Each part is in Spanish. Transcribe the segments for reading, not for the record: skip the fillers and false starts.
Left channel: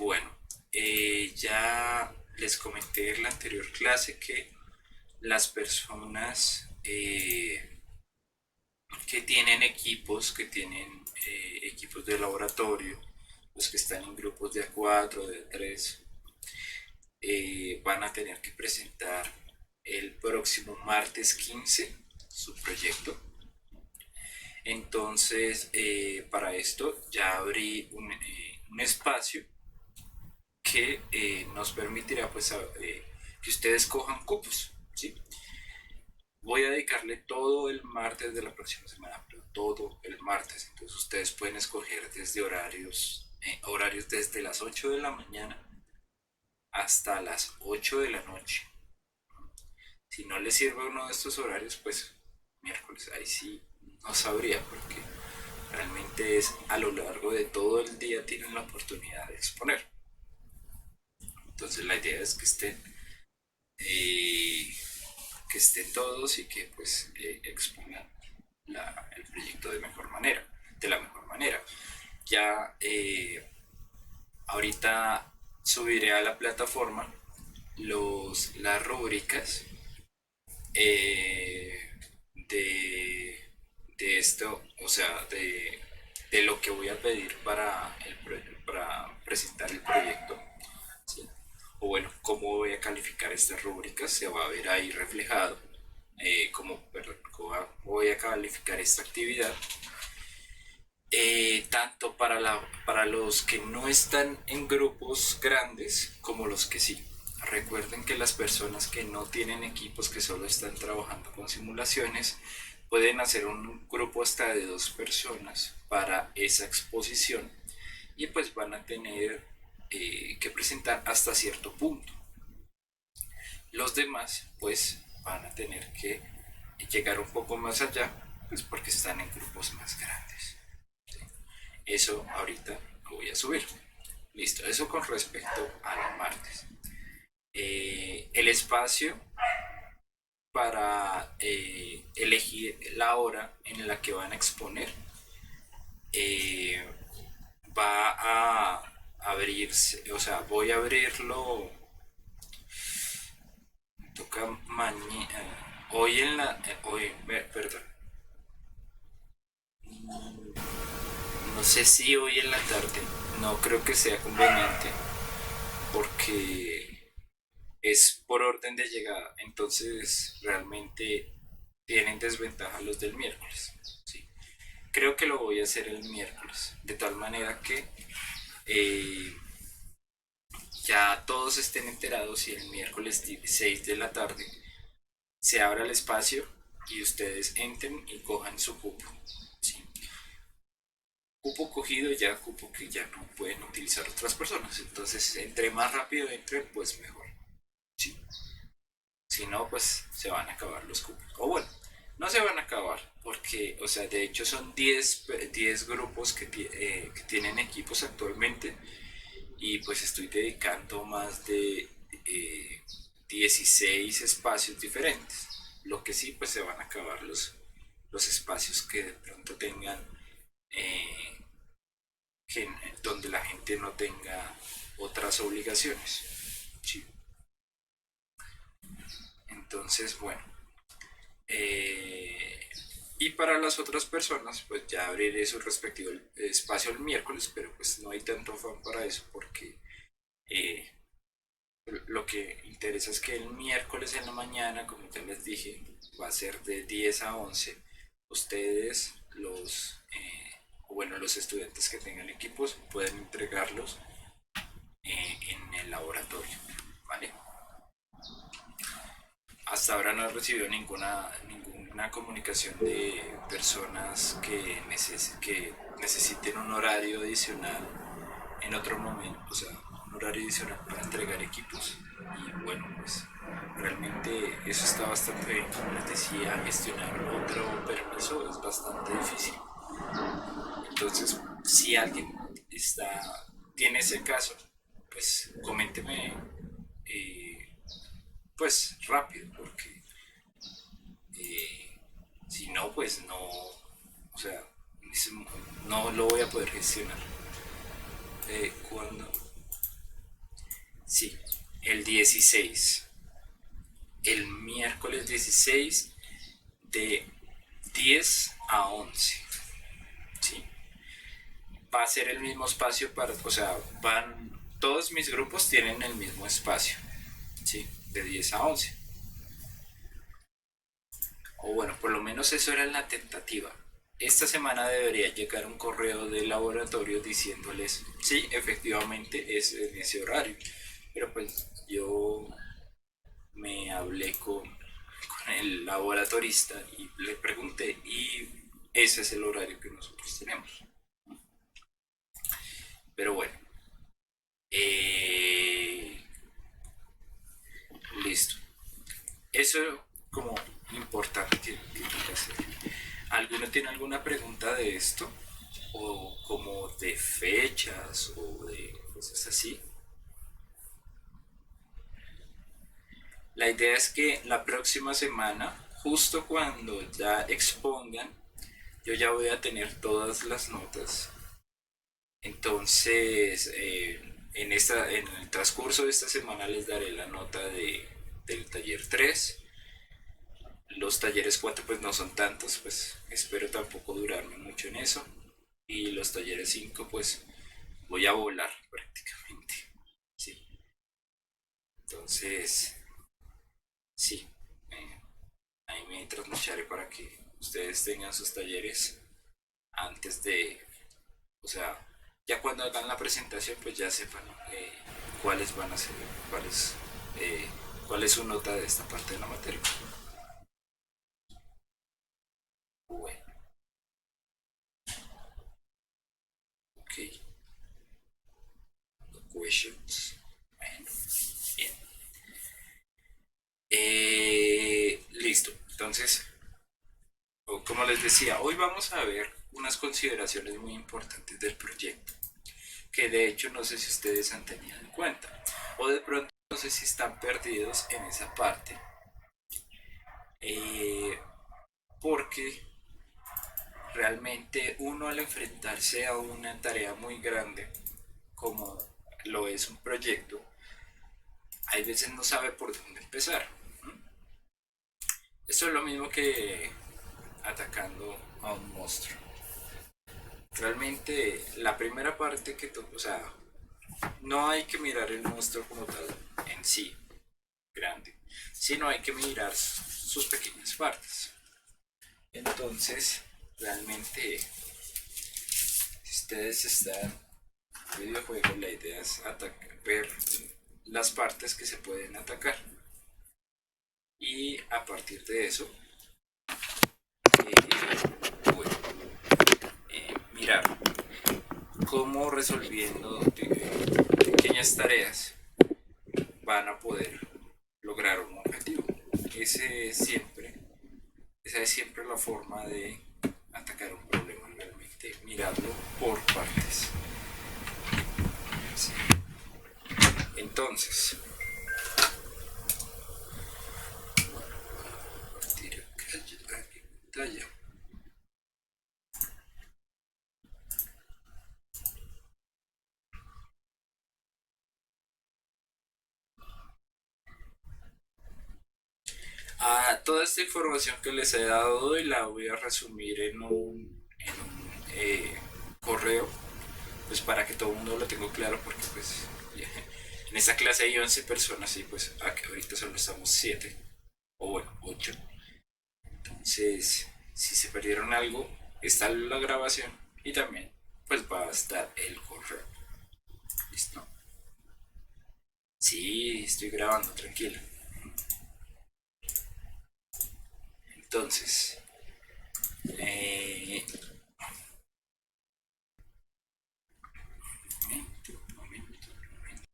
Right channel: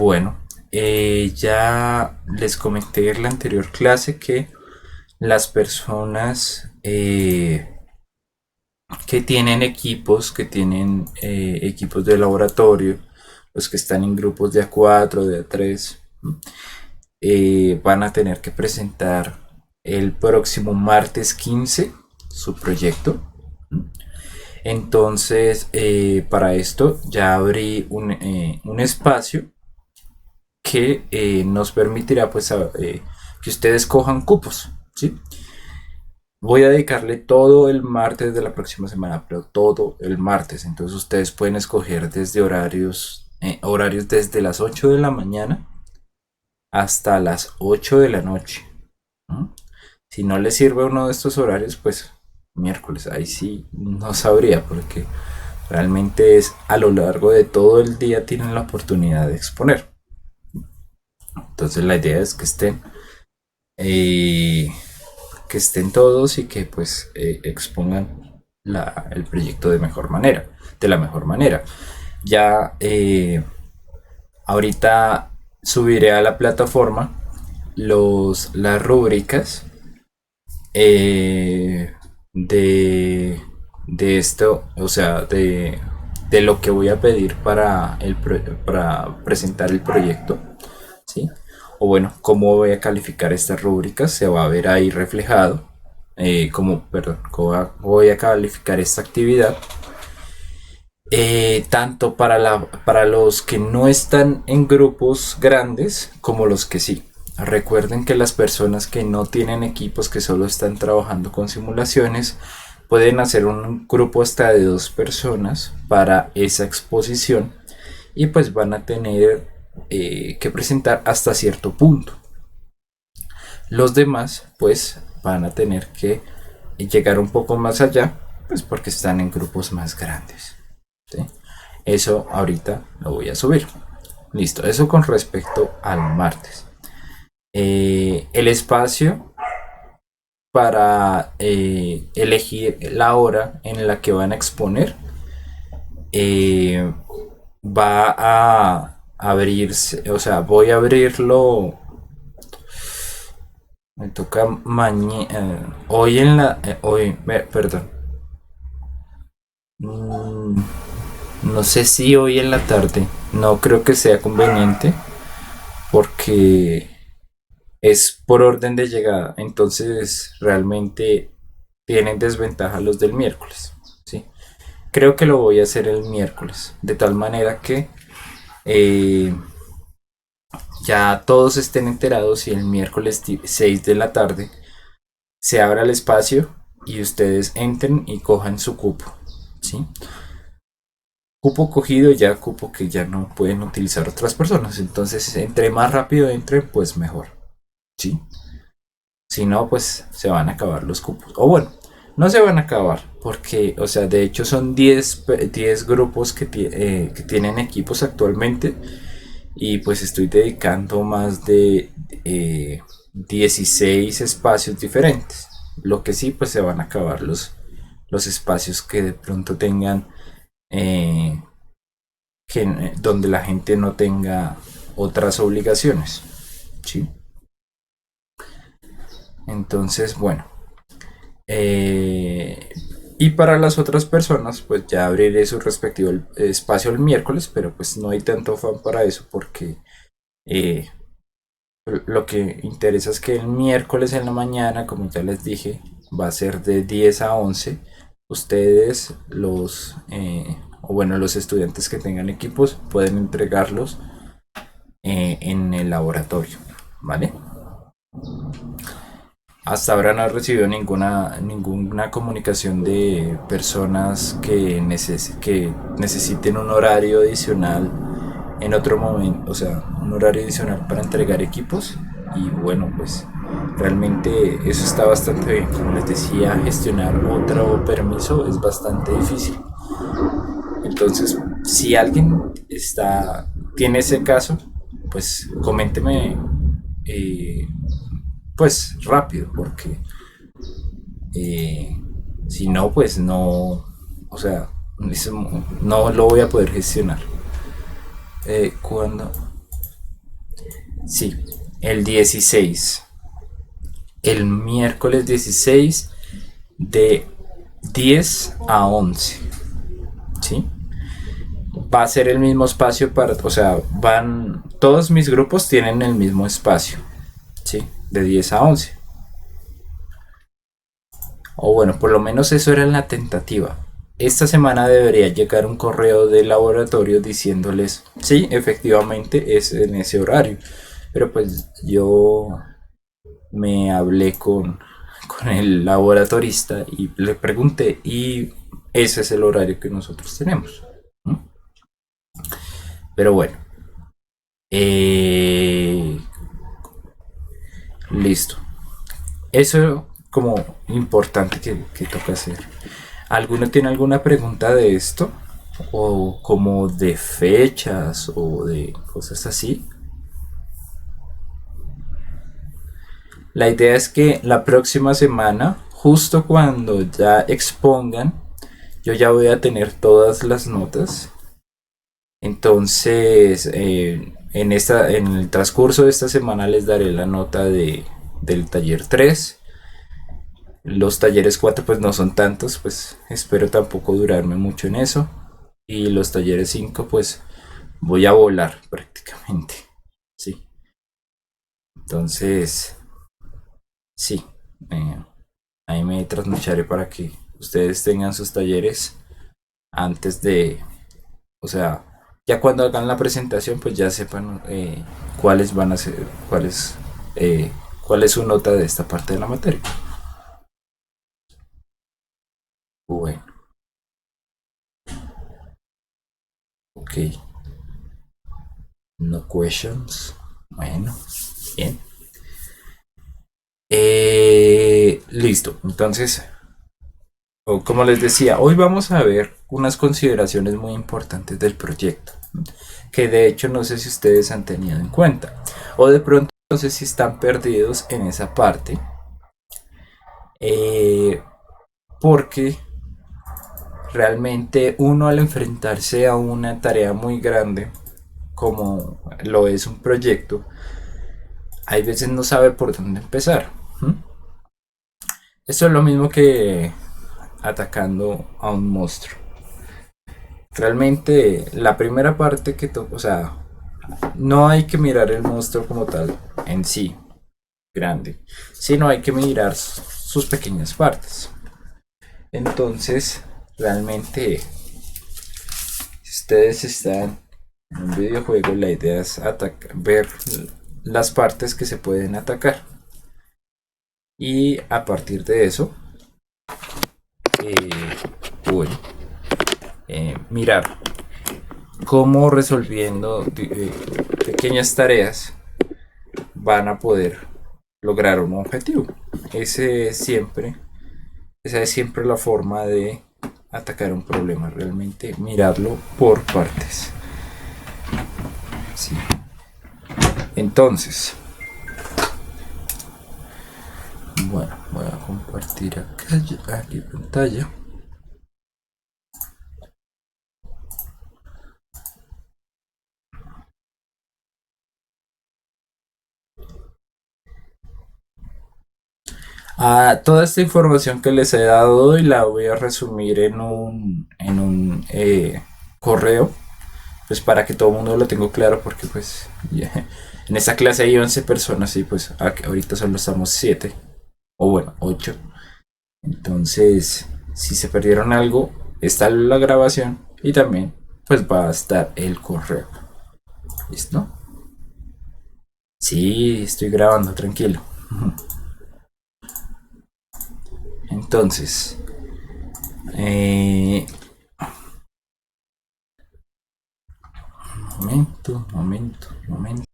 Bueno, ya les comenté en la anterior clase que las personas que tienen equipos, equipos de laboratorio, los que están en grupos de A4, de A3, van a tener que presentar el próximo martes 15 su proyecto. Entonces, para esto ya abrí un espacio que nos permitirá que ustedes cojan cupos, ¿sí? Voy a dedicarle todo el martes de la próxima semana, pero todo el martes. Entonces ustedes pueden escoger desde horarios desde las 8 de la mañana hasta las 8 de la noche, ¿no? Si no les sirve uno de estos horarios, pues miércoles, ahí sí no sabría, porque realmente es a lo largo de todo el día tienen la oportunidad de exponer. Entonces la idea es eh, que estén todos y que pues expongan el proyecto de la mejor manera. Ya ahorita subiré a la plataforma las rúbricas eh, de, de esto, o sea, de lo que voy a pedir para presentar el proyecto, ¿sí? O bueno, cómo voy a calificar estas rúbricas, se va a ver ahí reflejado, cómo voy a calificar esta actividad, tanto para los que no están en grupos grandes como los que sí. Recuerden que las personas que no tienen equipos, que solo están trabajando con simulaciones, pueden hacer un grupo hasta de 2 personas para esa exposición y pues van a tener que presentar hasta cierto punto. Los demás pues van a tener que llegar un poco más allá, pues porque están en grupos más grandes, ¿sí? Eso ahorita lo voy a subir. Listo, eso con respecto al martes. El espacio para elegir la hora en la que van a exponer eh, va a abrirse, o sea, voy a abrirlo. Me toca mañana. Hoy en la. Perdón. Mm, no sé si hoy en la tarde. No creo que sea conveniente porque es por orden de llegada. Entonces realmente tienen desventaja los del miércoles. ¿Sí? Creo que lo voy a hacer el miércoles. De tal manera que eh, ya todos estén enterados y el miércoles 6 de la tarde se abra el espacio y ustedes entren y cojan su cupo, ¿sí? Cupo cogido ya, cupo que ya no pueden utilizar otras personas. Entonces, entre más rápido entren, pues mejor, ¿sí? Si no, pues se van a acabar los cupos. O bueno, no se van a acabar, porque, o sea, de hecho son 10 grupos que tienen equipos actualmente y pues estoy dedicando más de 16 espacios diferentes. Lo que sí, pues se van a acabar los espacios que de pronto tengan, eh, donde la gente no tenga otras obligaciones, ¿sí? Entonces, bueno. eh, y para las otras personas, pues ya abriré su respectivo espacio el miércoles, pero pues no hay tanto afán para eso porque eh, lo que interesa es que el miércoles en la mañana, como ya les dije, va a ser de 10 a 11. Ustedes, o bueno, los estudiantes que tengan equipos, pueden entregarlos en el laboratorio, ¿vale? Hasta ahora no he recibido ninguna comunicación de personas que necesiten un horario adicional en otro momento, o sea, un horario adicional para entregar equipos. Y bueno, pues realmente eso está bastante bien. Como les decía, gestionar otro permiso es bastante difícil. Entonces, si alguien tiene ese caso, pues coménteme eh, pues rápido, porque eh, si no, pues no, o sea, no lo voy a poder gestionar. ¿Cuándo? Sí, el 16. El miércoles 16 de 10 a 11. ¿Sí? Va a ser el mismo espacio para, o sea, todos mis grupos tienen el mismo espacio, ¿sí? De 10 a 11. O bueno, por lo menos eso era en la tentativa. Esta semana debería llegar un correo del laboratorio diciéndoles, sí, efectivamente es en ese horario. Pero pues yo me hablé con el laboratorista y le pregunté y ese es el horario que nosotros tenemos. ¿No? Pero bueno, eh, listo. Eso como importante que toca hacer. ¿Alguno tiene alguna pregunta de esto? ¿O como de fechas o de cosas así? La idea es que la próxima semana, justo cuando ya expongan, yo ya voy a tener todas las notas. Entonces, en el transcurso de esta semana les daré la nota del taller 3. Los talleres 4 pues no son tantos, pues espero tampoco durarme mucho en eso. Y los talleres 5 pues voy a volar prácticamente. Sí. Entonces, sí. eh, ahí me trasnocharé para que ustedes tengan sus talleres antes de, o sea, ya cuando hagan la presentación pues ya sepan cuáles van a ser, cuáles, cuál es su nota de esta parte de la materia. Bueno, ok. No questions. Bueno, bien. Listo. Entonces, como les decía, hoy vamos a ver unas consideraciones muy importantes del proyecto, que de hecho no sé si ustedes han tenido en cuenta, o de pronto no sé si están perdidos en esa parte, eh, porque realmente uno al enfrentarse a una tarea muy grande, como lo es un proyecto, hay veces no sabe por dónde empezar. ¿Mm? Esto es lo mismo que atacando a un monstruo. Realmente la primera parte o sea, no hay que mirar el monstruo como tal en sí, grande, sino hay que mirar sus pequeñas partes. Entonces, realmente, si ustedes están en un videojuego, la idea es ver las partes que se pueden atacar. Y a partir de eso, bueno, mirar cómo resolviendo pequeñas tareas van a poder lograr un objetivo. Ese es siempre, esa es siempre la forma de atacar un problema, realmente mirarlo por partes. Sí. Entonces, bueno, voy a compartir acá, aquí pantalla. Toda esta información que les he dado hoy la voy a resumir en un correo, pues para que todo el mundo lo tenga claro, porque pues en esta clase hay 11 personas y pues ahorita solo estamos 7, o bueno, 8. Entonces, si se perdieron algo, está la grabación y también pues va a estar el correo. ¿Listo? Sí, estoy grabando, tranquilo. Entonces, eh, momento, momento, momento.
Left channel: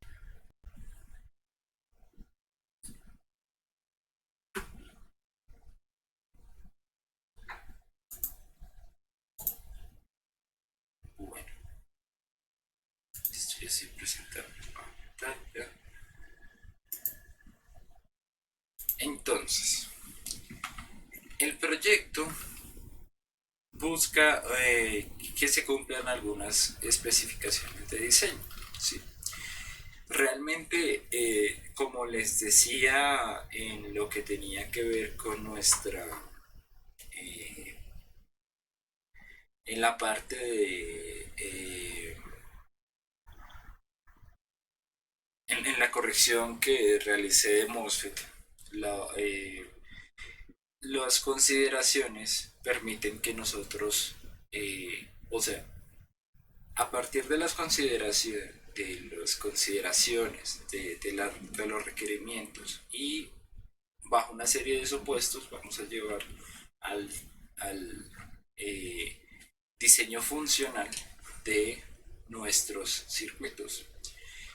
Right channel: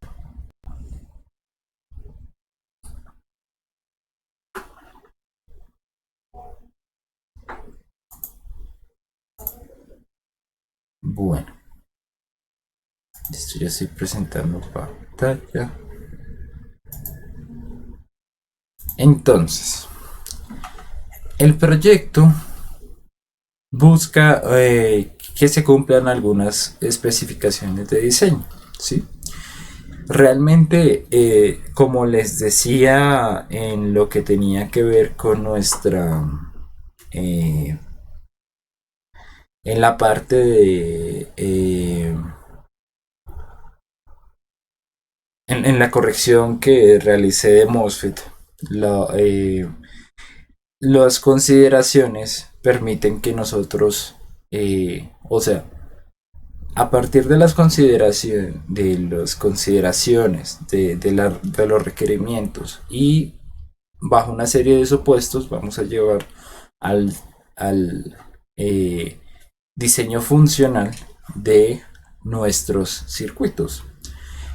Bueno, listo, ya estoy presentando pantalla. Entonces, el proyecto busca que se cumplan algunas especificaciones de diseño, ¿sí? Realmente, como les decía, en lo que tenía que ver con eh, en la parte en la corrección que realicé de MOSFET, la, las consideraciones permiten que nosotros, o sea, a partir de las consideraciones, de los requerimientos y bajo una serie de supuestos, vamos a llevar al, al diseño funcional de nuestros circuitos.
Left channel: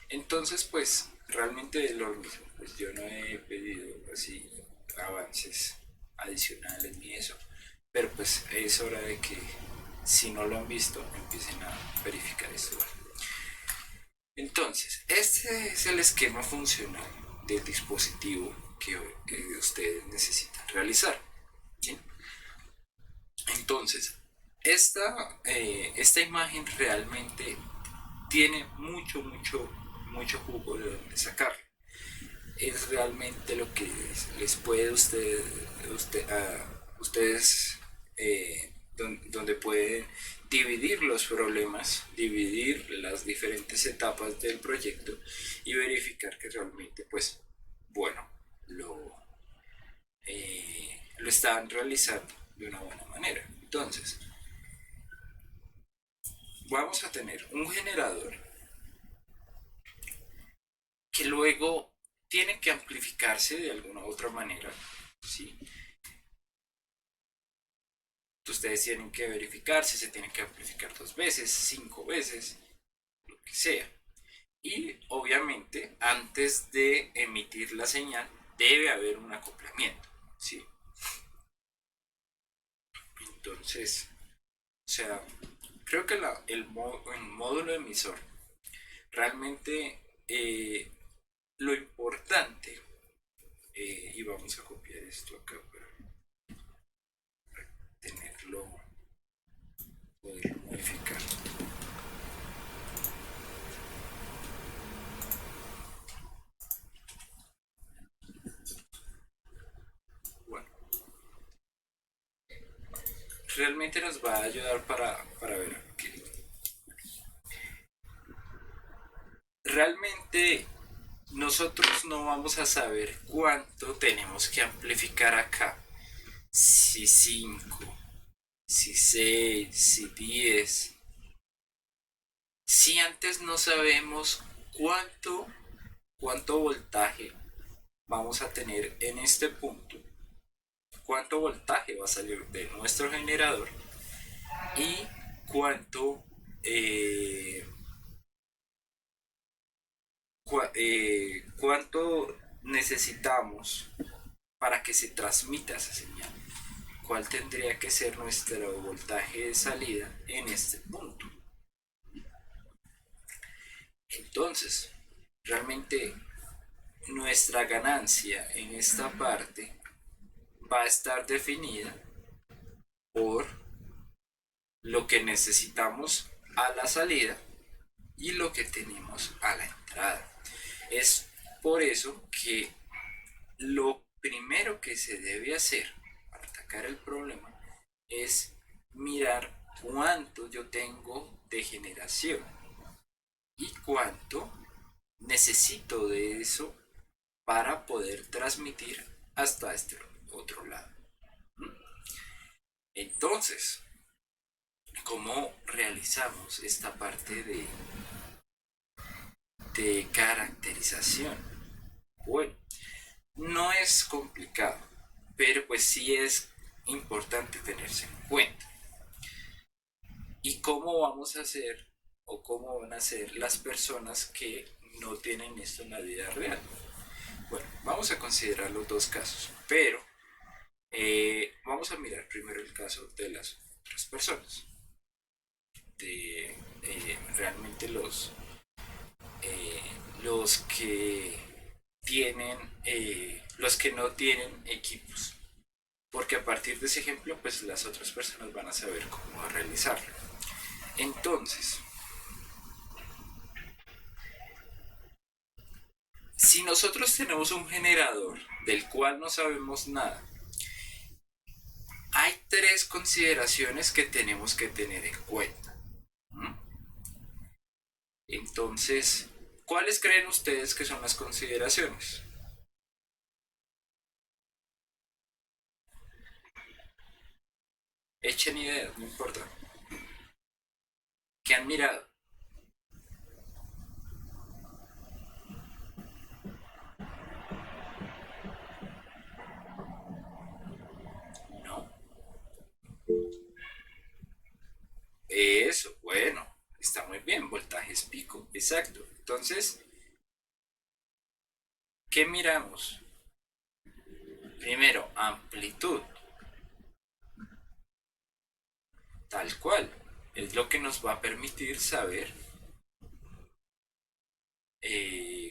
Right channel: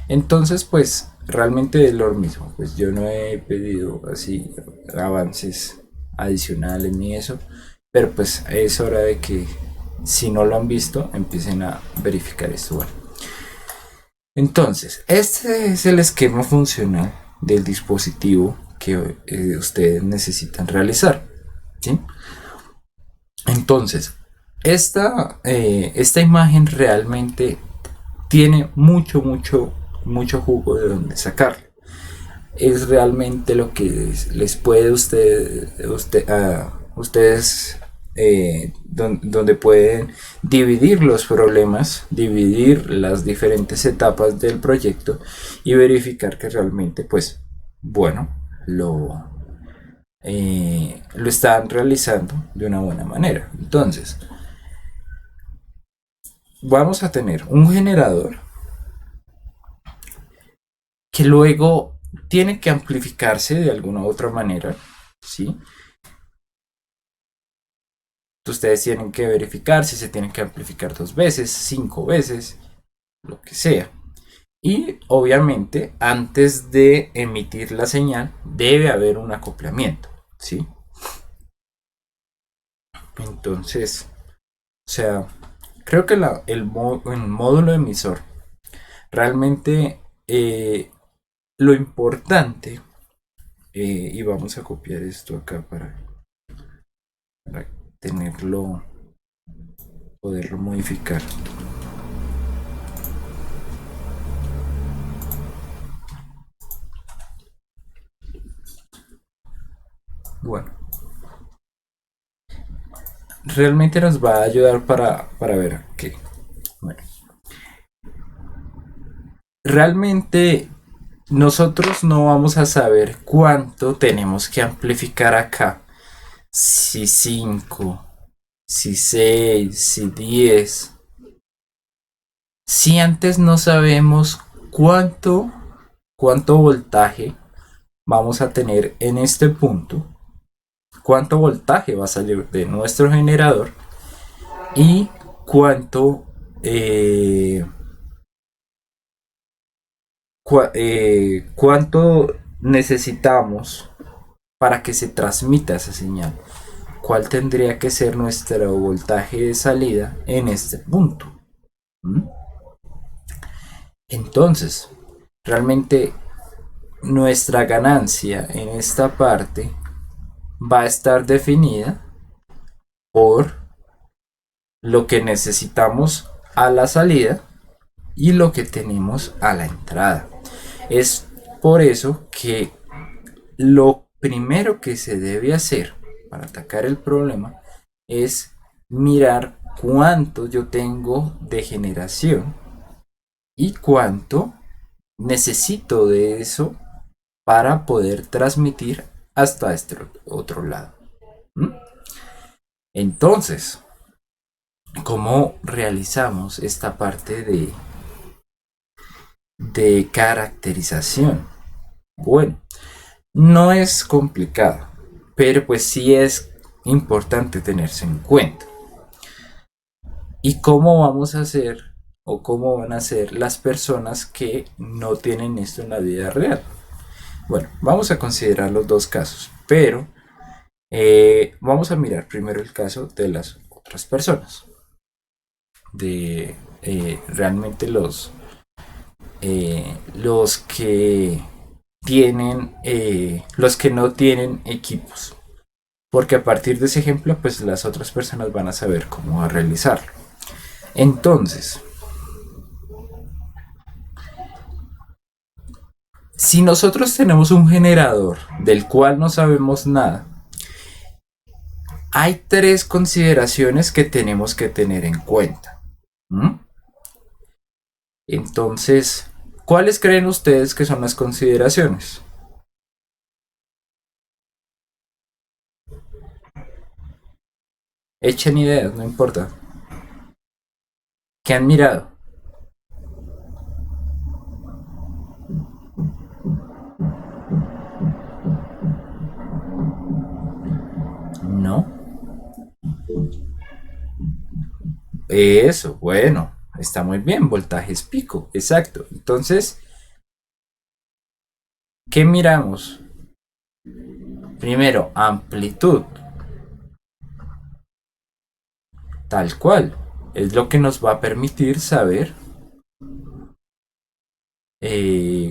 Entonces, pues realmente es lo mismo. Pues yo no he pedido así avances adicionales ni eso, pero pues es hora de que si no lo han visto, empiecen a verificar esto. Bueno, entonces, este es el esquema funcional del dispositivo que ustedes necesitan realizar. ¿Sí? Entonces, esta imagen realmente tiene mucho jugo de donde sacarle. Es realmente lo que les puede ustedes donde pueden dividir los problemas, dividir las diferentes etapas del proyecto y verificar que realmente, pues, bueno, lo están realizando de una buena manera. Entonces, vamos a tener un generador que luego tiene que amplificarse de alguna u otra manera, ¿sí? Ustedes tienen que verificar si se tiene que amplificar 2 veces, 5 veces, lo que sea. Y obviamente, antes de emitir la señal, debe haber un acoplamiento, ¿sí? Entonces, o sea, creo que el módulo emisor realmente lo importante, y vamos a copiar esto acá para tenerlo, poderlo modificar. Bueno, realmente nos va a ayudar para ver qué. Bueno, realmente nosotros no vamos a saber cuánto tenemos que amplificar acá. Si 5, si 6, si 10. Si antes no sabemos cuánto voltaje vamos a tener en este punto, cuánto voltaje va a salir de nuestro generador y cuánto cuánto necesitamos para que se transmita esa señal. ¿Cuál tendría que ser nuestro voltaje de salida en este punto? ¿Mm? Entonces, realmente nuestra ganancia en esta parte va a estar definida por lo que necesitamos a la salida y lo que tenemos a la entrada. Es por eso que lo primero que se debe hacer para atacar el problema es mirar cuánto yo tengo de generación y cuánto necesito de eso para poder transmitir hasta este otro lado. ¿Mm? Entonces, ¿cómo realizamos esta parte de caracterización? Bueno, no es complicado, pero pues sí es importante tenerse en cuenta. ¿Y cómo vamos a hacer o cómo van a ser las personas que no tienen esto en la vida real? Bueno, vamos a considerar los dos casos, pero vamos a mirar primero el caso de las otras personas, de realmente los que tienen, los que no tienen equipos. Porque a partir de ese ejemplo, pues las otras personas van a saber cómo realizarlo. Entonces, Si nosotros tenemos un generador del cual no sabemos nada, hay tres consideraciones que tenemos que tener en cuenta. ¿Mm? Entonces, ¿cuáles creen ustedes que son las consideraciones? Echen ideas, no importa. ¿Qué han mirado? No. Eso, bueno, está muy bien. Voltajes pico, exacto. Entonces, ¿qué miramos? Primero, amplitud, tal cual. Es lo que nos va a permitir saber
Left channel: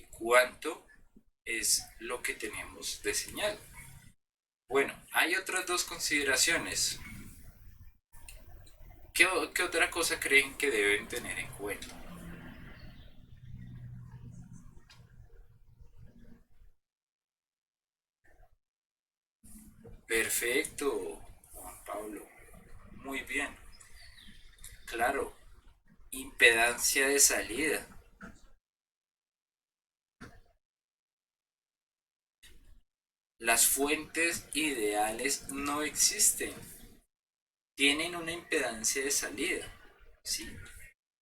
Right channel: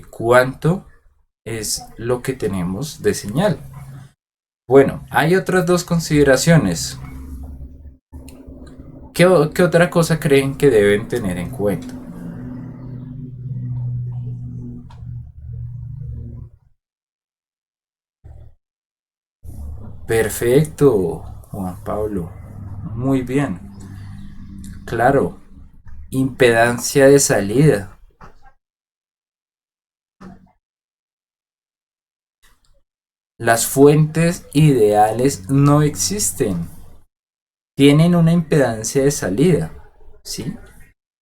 cuánto es lo que tenemos de señal. Bueno, hay otras dos consideraciones. ¿Qué otra cosa creen que deben tener en cuenta? Perfecto, Juan Pablo. Muy bien. Claro, impedancia de salida. Las fuentes ideales no existen. Tienen una impedancia de salida. ¿Sí?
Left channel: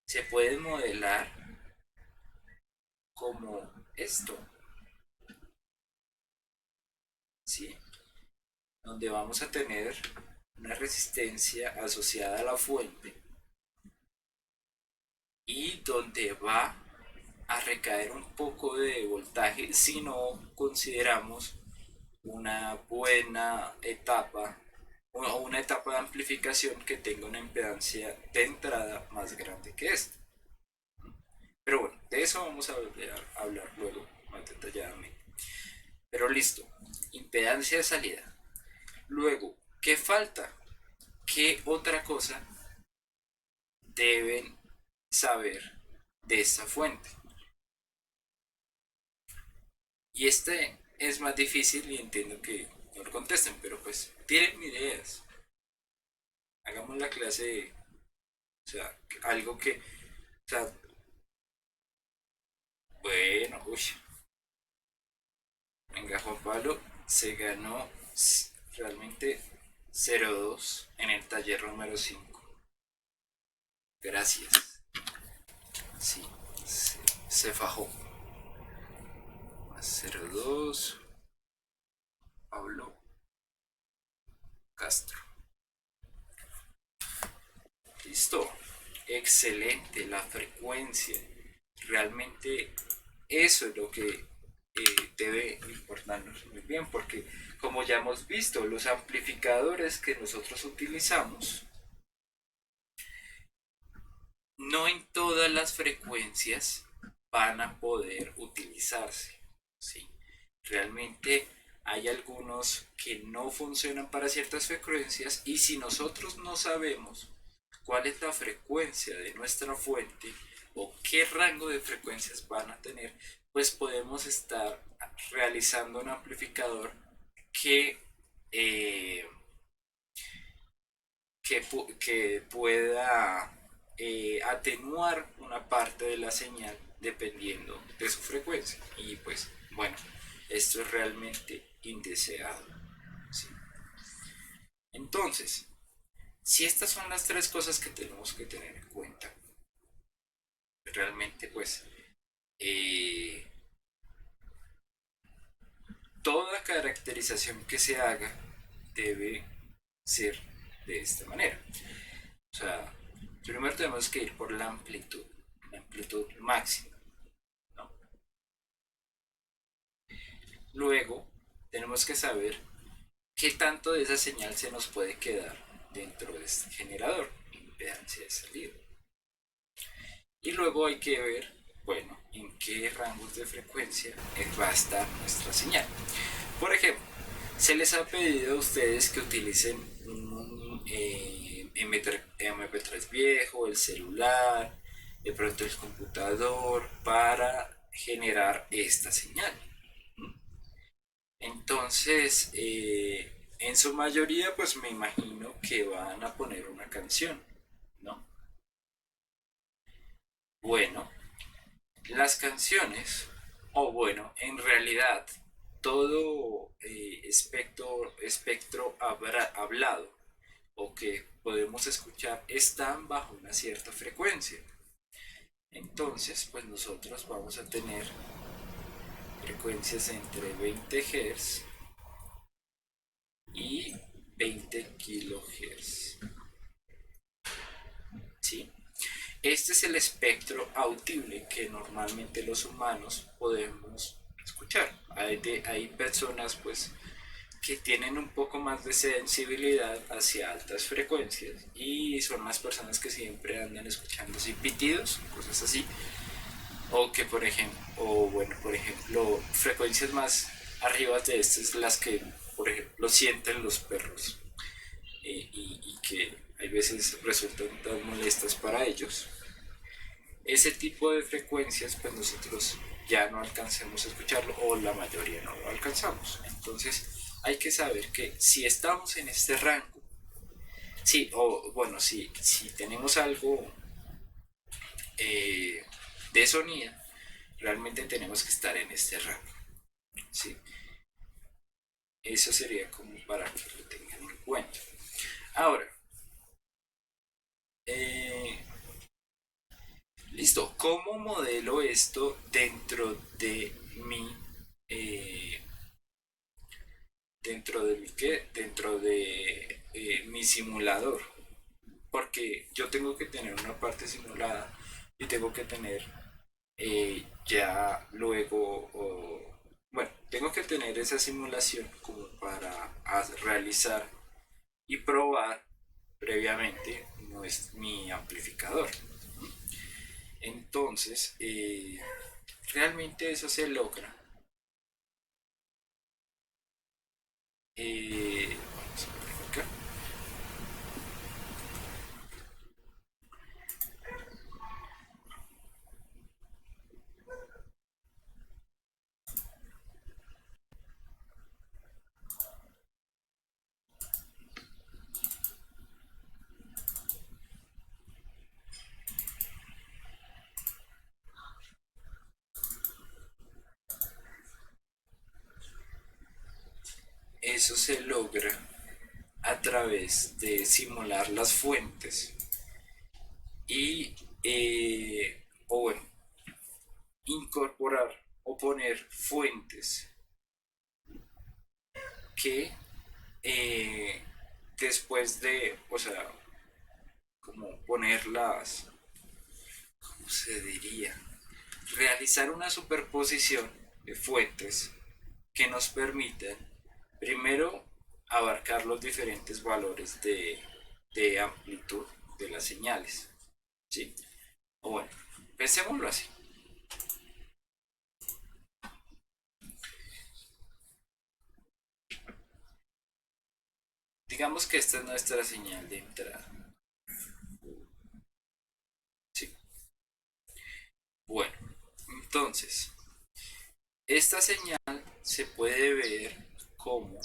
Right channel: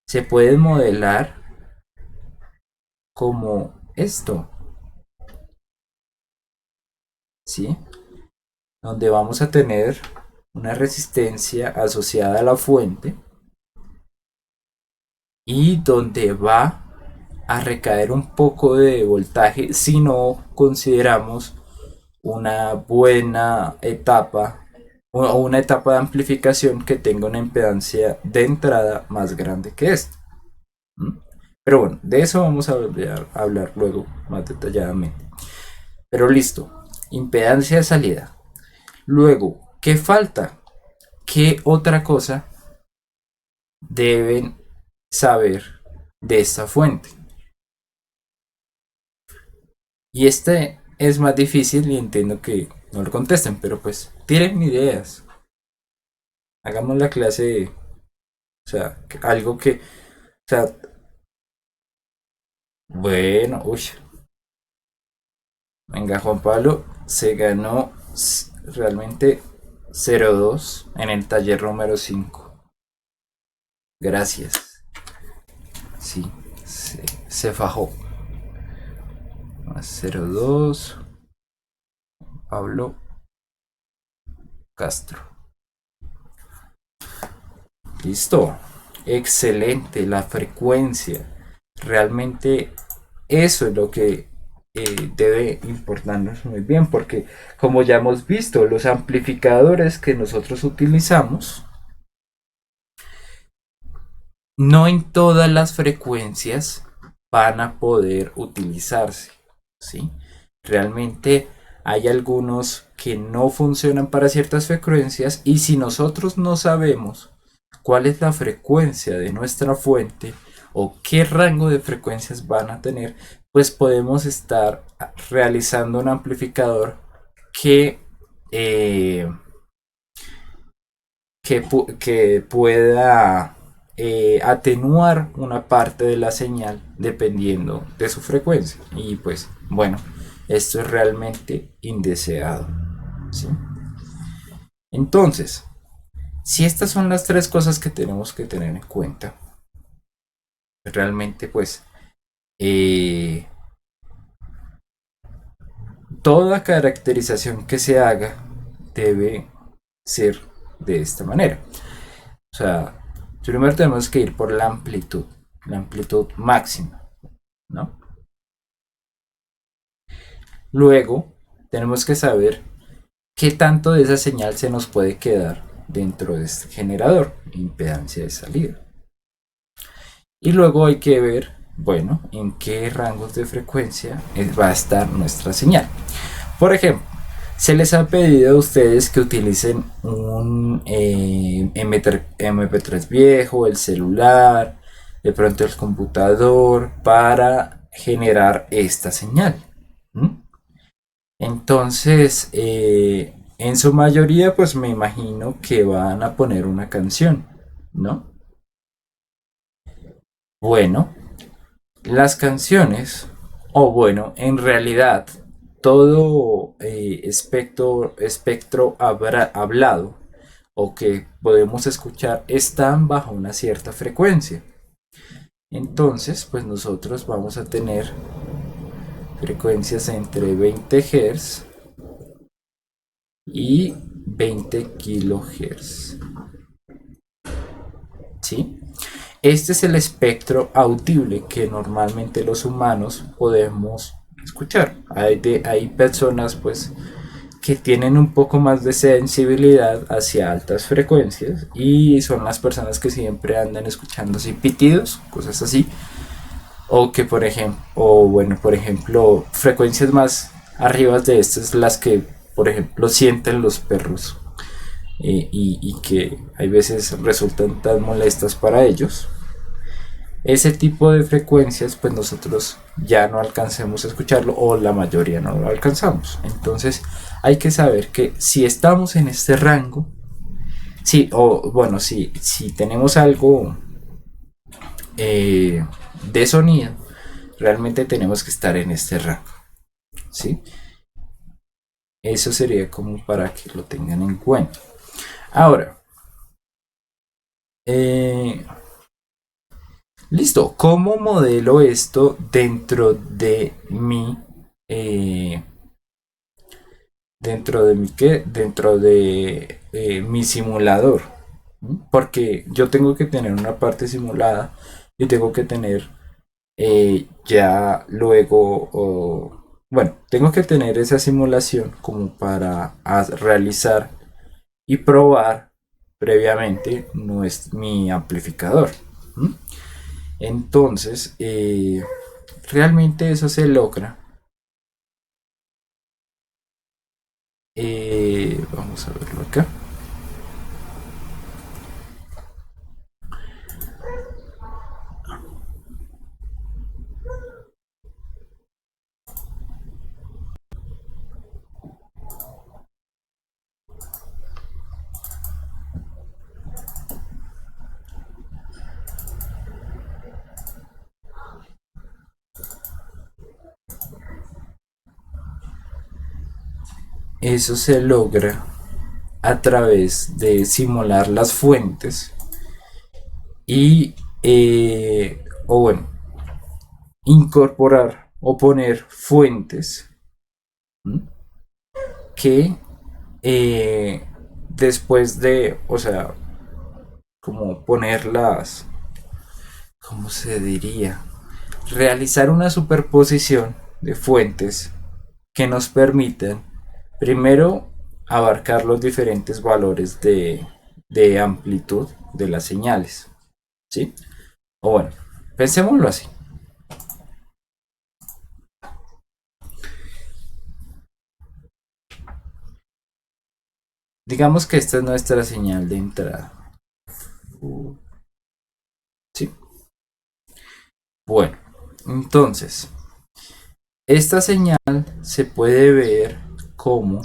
Se puede modelar como esto. ¿Sí? Donde vamos a tener una resistencia asociada a la fuente y donde va a recaer un poco de voltaje si no consideramos una buena etapa o una etapa de amplificación que tenga una impedancia de entrada más grande que esta. ¿Mm? Pero bueno, de eso vamos a hablar luego más detalladamente. Pero listo, impedancia de salida. Luego, ¿qué falta? ¿Qué otra cosa deben saber de esta fuente? Y este es más difícil y entiendo que no lo contesten, pero pues tienen ideas. Hagamos la clase de, o sea, algo que, o sea, bueno, uy, venga, Juan Pablo se ganó realmente 0-2 en el taller número 5. Gracias. Sí, se fajó. 0-2, Pablo Castro. Listo. Excelente, la frecuencia. Realmente eso es lo que debe importarnos muy bien, porque como ya hemos visto, los amplificadores que nosotros utilizamos, no en todas las frecuencias van a poder utilizarse, ¿sí? Realmente hay algunos que no funcionan para ciertas frecuencias y si nosotros no sabemos cuál es la frecuencia de nuestra fuente o qué rango de frecuencias van a tener, pues podemos estar realizando un amplificador que, eh, que pueda atenuar una parte de la señal dependiendo de su frecuencia. Y pues bueno, esto es realmente indeseado. ¿Sí? Entonces, si estas son las tres cosas que tenemos que tener en cuenta, realmente pues eh, toda caracterización que se haga debe ser de esta manera. O sea, primero tenemos que ir por la amplitud máxima, ¿no? Luego tenemos que saber qué tanto de esa señal se nos puede quedar dentro de este generador, impedancia de salida. Y luego hay que ver, bueno, en qué rangos de frecuencia va a estar nuestra señal. Por ejemplo, se les ha pedido a ustedes que utilicen un MP3 viejo, el celular, de pronto el computador, para generar esta señal. ¿Mm? Entonces, en su mayoría, pues me imagino que van a poner una canción, ¿no? Bueno, las canciones, o bueno, en realidad, todo espectro hablado o que podemos escuchar están bajo una cierta frecuencia. Entonces, pues nosotros vamos a tener frecuencias entre 20 Hz y 20 kilohertz. ¿Sí? Este es el espectro audible que normalmente los humanos podemos escuchar. Hay personas pues que tienen un poco más de sensibilidad hacia altas frecuencias y son las personas que siempre andan escuchando así pitidos, cosas así, o que por ejemplo, o bueno, por ejemplo, frecuencias más arriba de estas las que por ejemplo sienten los perros, y que hay veces resultan tan molestas para ellos. Ese tipo de frecuencias pues nosotros ya no alcancemos a escucharlo o la mayoría no lo alcanzamos. Entonces hay que saber que si estamos en este rango, sí, o bueno, si tenemos algo eh, de sonido, realmente tenemos que estar en este rango, ¿sí? Eso sería como para que lo tengan en cuenta. Ahora, eh, listo, ¿cómo modelo esto eh, dentro de mi simulador? Porque yo tengo que tener una parte simulada y tengo que tener ya luego, bueno, tengo que tener esa simulación como para realizar y probar previamente no es mi amplificador. ¿Mm? Entonces, realmente eso se logra. Vamos a verlo acá. Eso se logra a través de simular las fuentes y, o bueno, incorporar o poner fuentes, ¿m? Que después de, o sea, como ponerlas, ¿cómo se diría? Realizar una superposición de fuentes que nos permitan primero abarcar los diferentes valores de amplitud de las señales, ¿sí? O bueno, pensémoslo así. Digamos que esta es nuestra señal de entrada, ¿sí? Bueno, entonces, esta señal se puede ver como,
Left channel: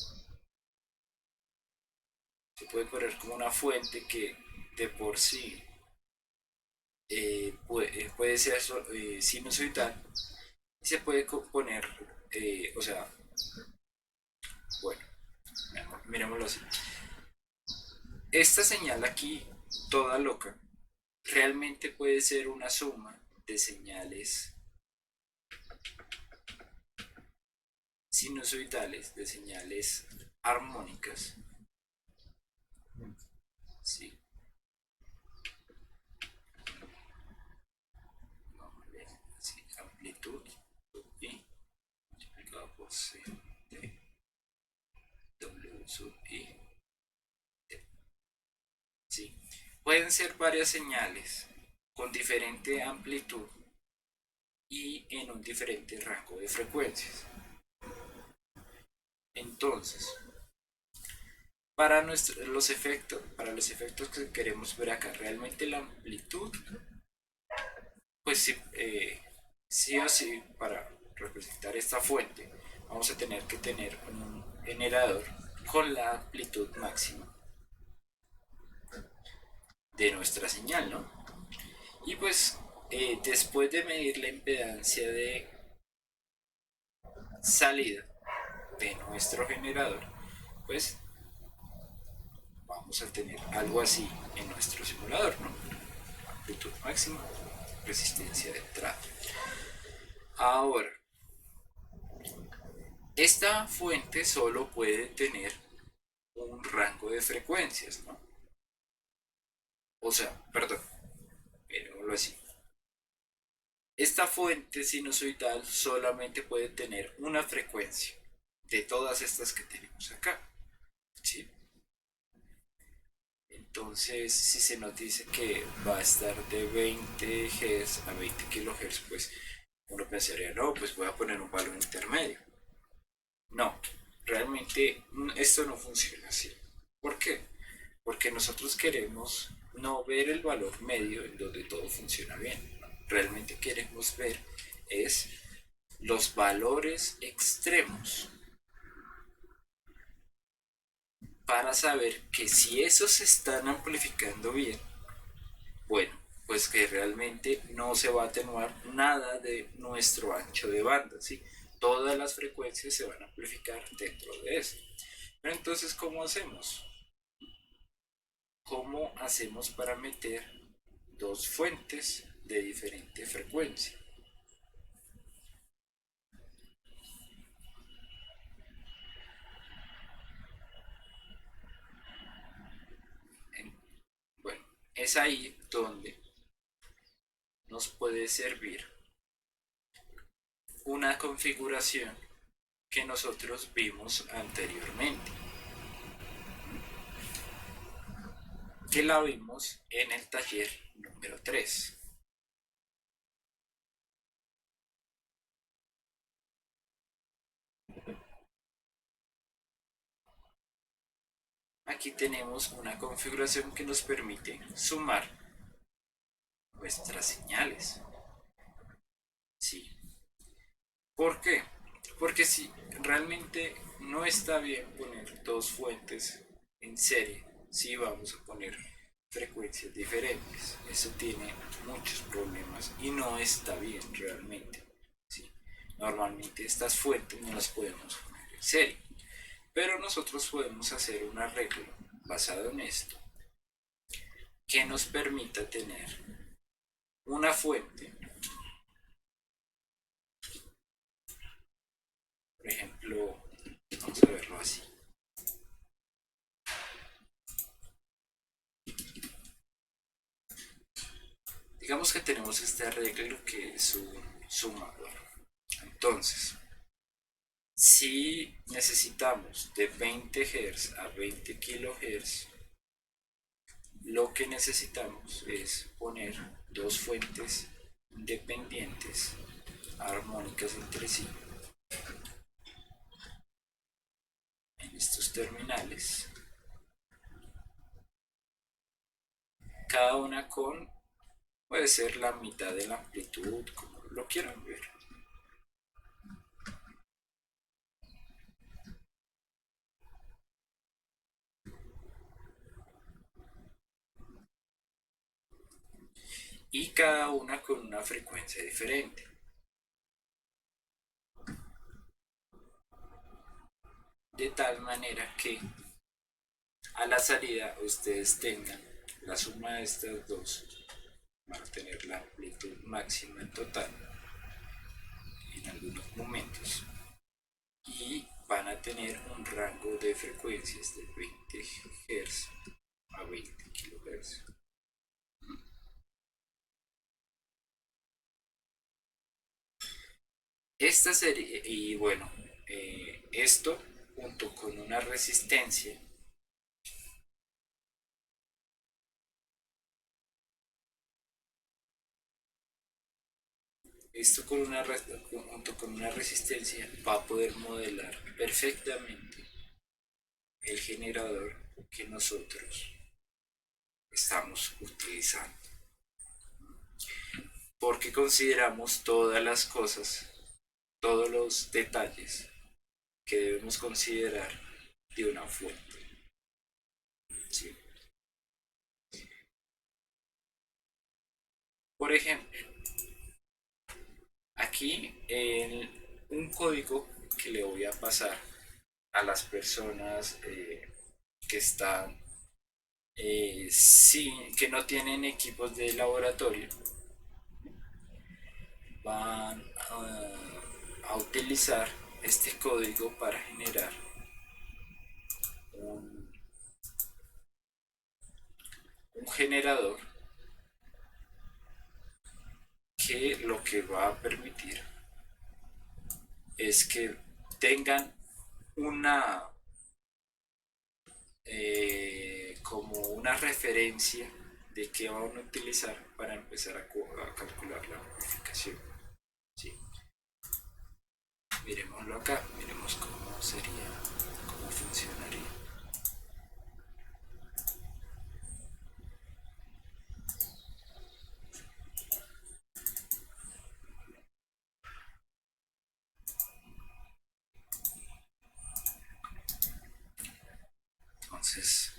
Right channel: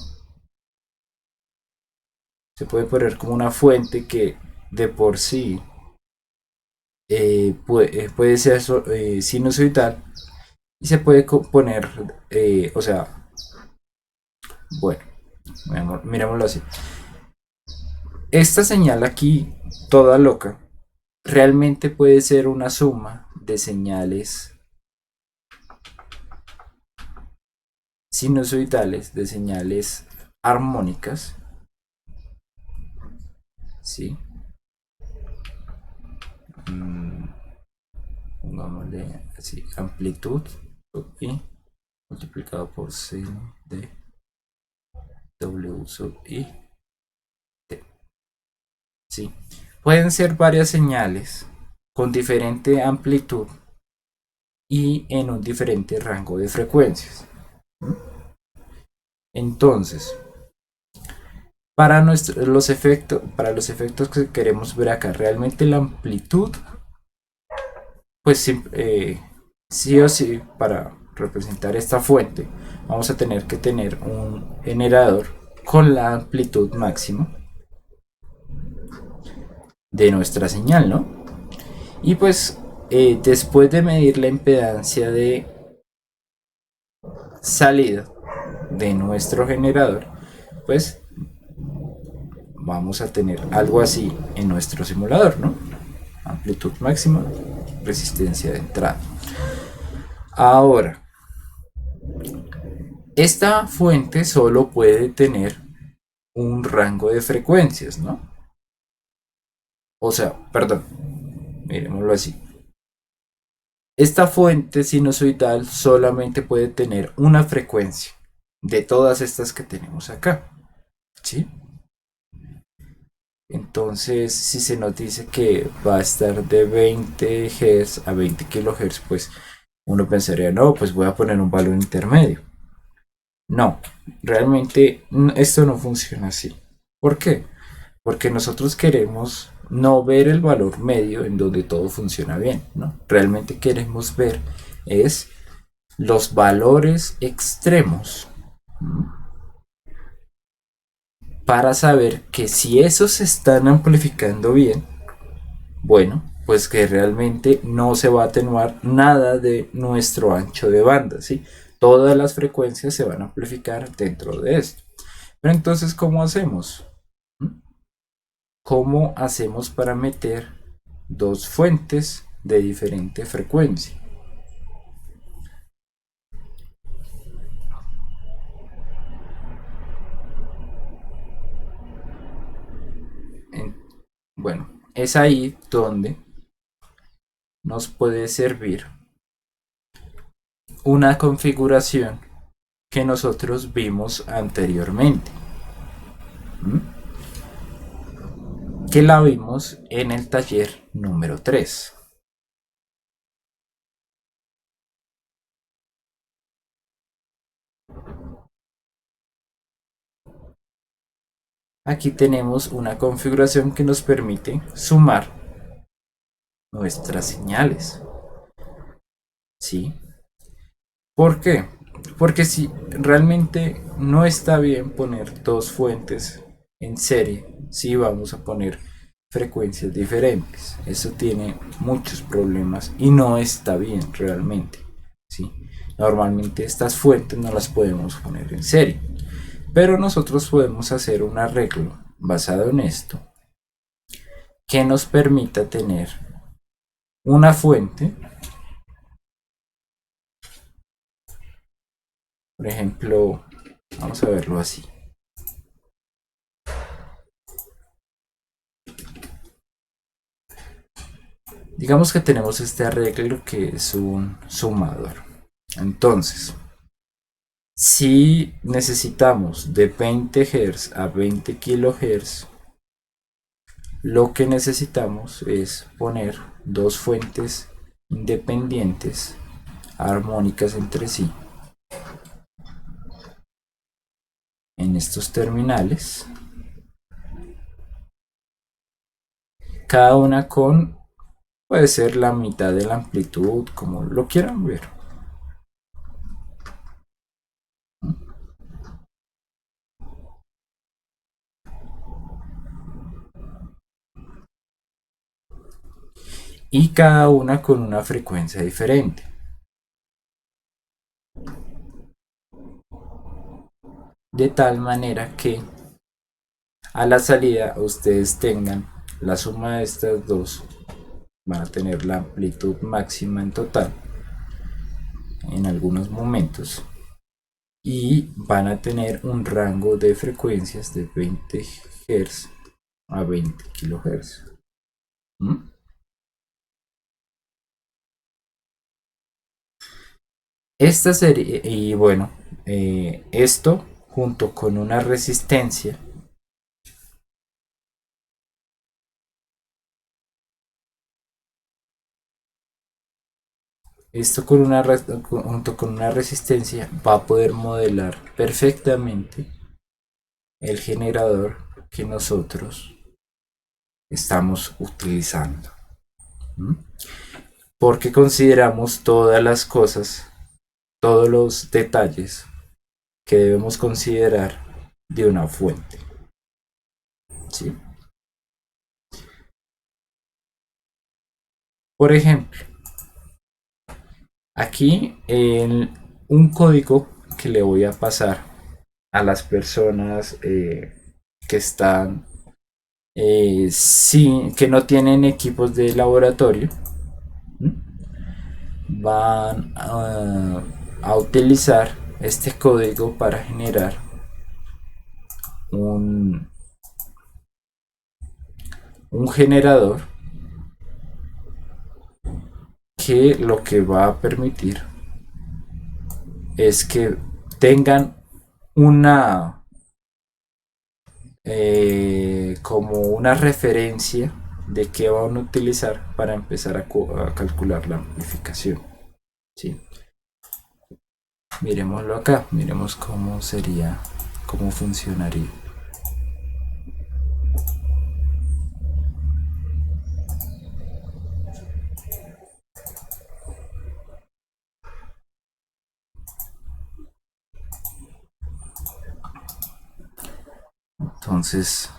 se puede poner como una fuente que de por sí puede ser sinusoidal y se puede poner, o sea, bueno, miremoslo así. Esta señal aquí, toda loca, realmente puede ser una suma de señales sinusoidales, de señales armónicas, ¿sí? Mm, pongámosle así, amplitud sub i multiplicado por c de w sub i t, ¿sí? Pueden ser varias señales con diferente amplitud y en un diferente rango de frecuencias. Entonces, para los efectos que queremos ver acá, realmente la amplitud, pues Sí o sí, para representar esta fuente, vamos a tener que tener un generador con la amplitud máxima de nuestra señal, ¿no? Y pues después de medir la impedancia de salida de nuestro generador, pues vamos a tener algo así en nuestro simulador, ¿no? Amplitud máxima, resistencia de entrada. Ahora, esta fuente solo puede tener un rango de frecuencias, ¿no? O sea, perdón, miremoslo así. Esta fuente sinusoidal solamente puede tener una frecuencia de todas estas que tenemos acá, ¿sí? Entonces, si se nos dice que va a estar de 20 Hz a 20 kHz, pues uno pensaría, no, pues voy a poner un valor intermedio. No, realmente esto no funciona así. ¿Por qué? Porque nosotros queremos no ver el valor medio en donde todo funciona bien, ¿no? Realmente queremos ver es los valores extremos para saber que si esos se están amplificando bien, bueno, pues que realmente no se va a atenuar nada de nuestro ancho de banda, ¿sí? Todas las frecuencias se van a amplificar dentro de esto. Pero entonces, ¿cómo hacemos? ¿Cómo hacemos para meter dos fuentes de diferente frecuencia? En- bueno, es ahí donde nos puede servir una configuración que nosotros vimos anteriormente, ¿m? Que la vimos en el taller número 3. Aquí tenemos una configuración que nos permite sumar nuestras señales, ¿sí? ¿Por qué? Porque si realmente no está bien poner dos fuentes en serie, si vamos a poner frecuencias diferentes. Eso tiene muchos problemas y no está bien realmente, ¿sí? Normalmente estas fuentes no las podemos poner en serie, pero nosotros podemos hacer un arreglo basado en esto que nos permita tener una fuente, por ejemplo, vamos a verlo así. Digamos que tenemos este arreglo que es un sumador. Entonces, si necesitamos de 20 Hz a 20 kHz, lo que necesitamos es poner dos fuentes independientes, armónicas entre sí, en estos terminales, cada una con, puede ser la mitad de la amplitud, como lo quieran ver. Y cada una con una frecuencia diferente. De tal manera que a la salida ustedes tengan la suma de estas dos, van a tener la amplitud máxima en total en algunos momentos y van a tener un rango de frecuencias de 20 Hz a 20 kHz. ¿Mm? Esta serie, y bueno, esto junto con una resistencia, esto con una, junto con una resistencia va a poder modelar perfectamente el generador que nosotros estamos utilizando. ¿Mm? porque consideramos todas las cosas, todos los detalles que debemos considerar de una fuente. ¿Sí? Por ejemplo, aquí en un código que le voy a pasar a las personas que están que no tienen equipos de laboratorio, van a utilizar este código para generar un, un generador que lo que va a permitir es que tengan una como una referencia de qué van a utilizar para empezar a calcular la amplificación. ¿Sí? Miremoslo acá, miremos cómo sería, cómo funcionaría. Entonces,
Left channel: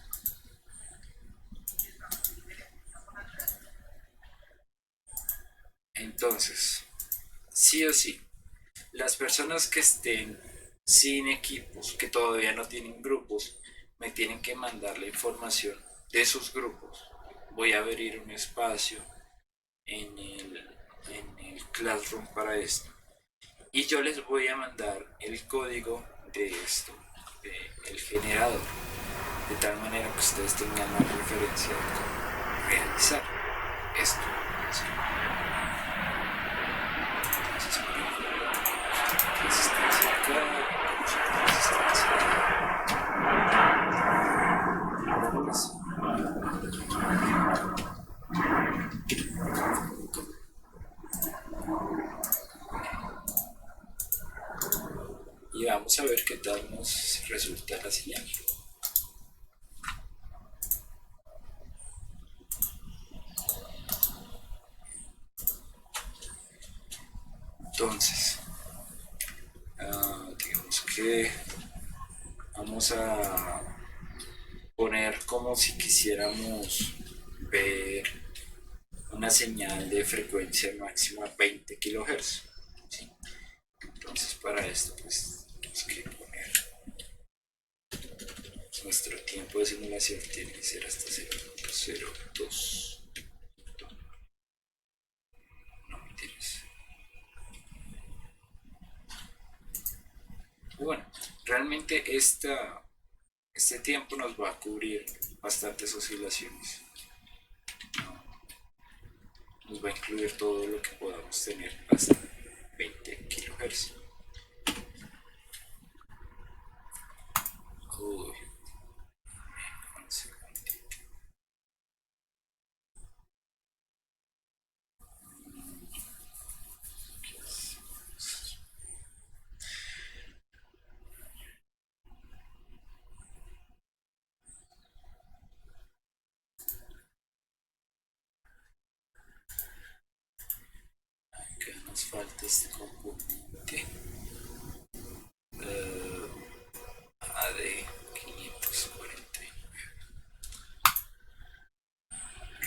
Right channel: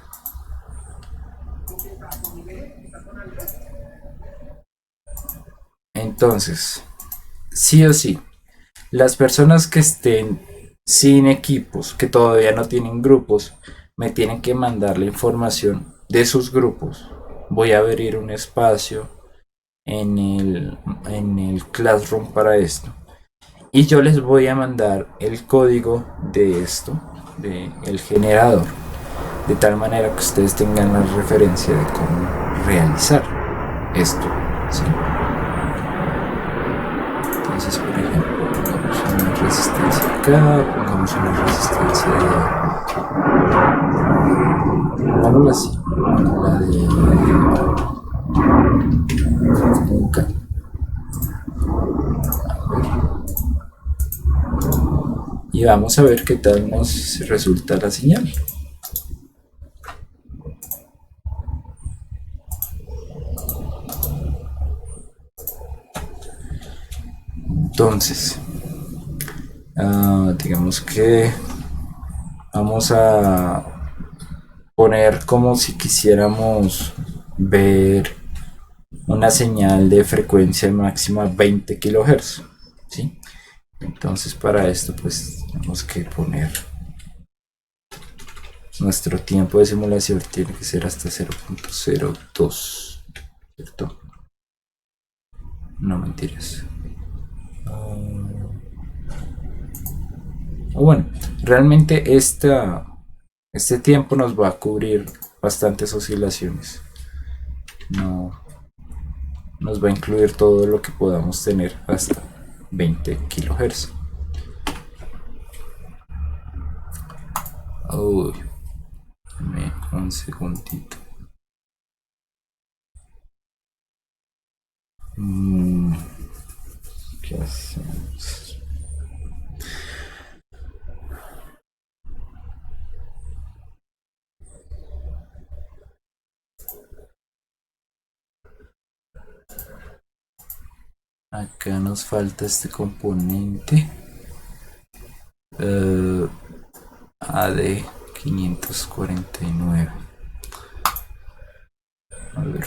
entonces, sí o sí, las personas que estén sin equipos, que todavía no tienen grupos, me tienen que mandar la información de sus grupos. Voy a abrir un espacio en el Classroom para esto. Y yo les voy a mandar el código de esto, de el generador, de tal manera que ustedes tengan la referencia de cómo realizar esto. ¿Sí? Entonces, por ejemplo, pongamos una resistencia acá, pongamos una resistencia, pongámosla así, la de nunca. Y vamos a ver qué tal nos resulta la señal. Entonces, digamos que vamos a poner como si quisiéramos ver una señal de frecuencia máxima 20 kHz. ¿Sí? Entonces para esto pues tenemos que poner nuestro tiempo de simulación tiene que ser hasta 0.02, ¿cierto? No mentiras. Bueno, realmente este tiempo nos va a cubrir bastantes oscilaciones. No nos va a incluir todo lo que podamos tener hasta 20 kHz. Uy, dame un segundito. ¿Qué hacemos? Acá nos falta este componente AD 549. A ver.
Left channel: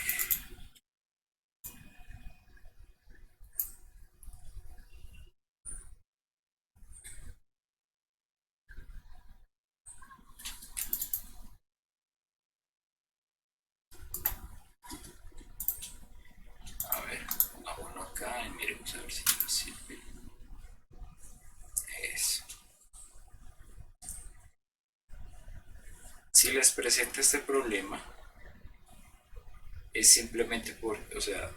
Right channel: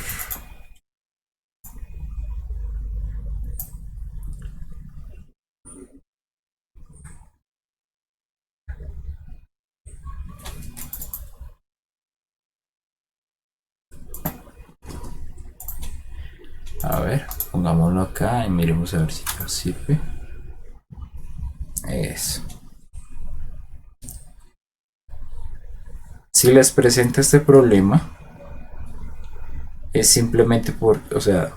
A ver, pongámoslo acá y miremos a ver si nos sirve. Eso. Si les presenta este problema, es simplemente por, o sea,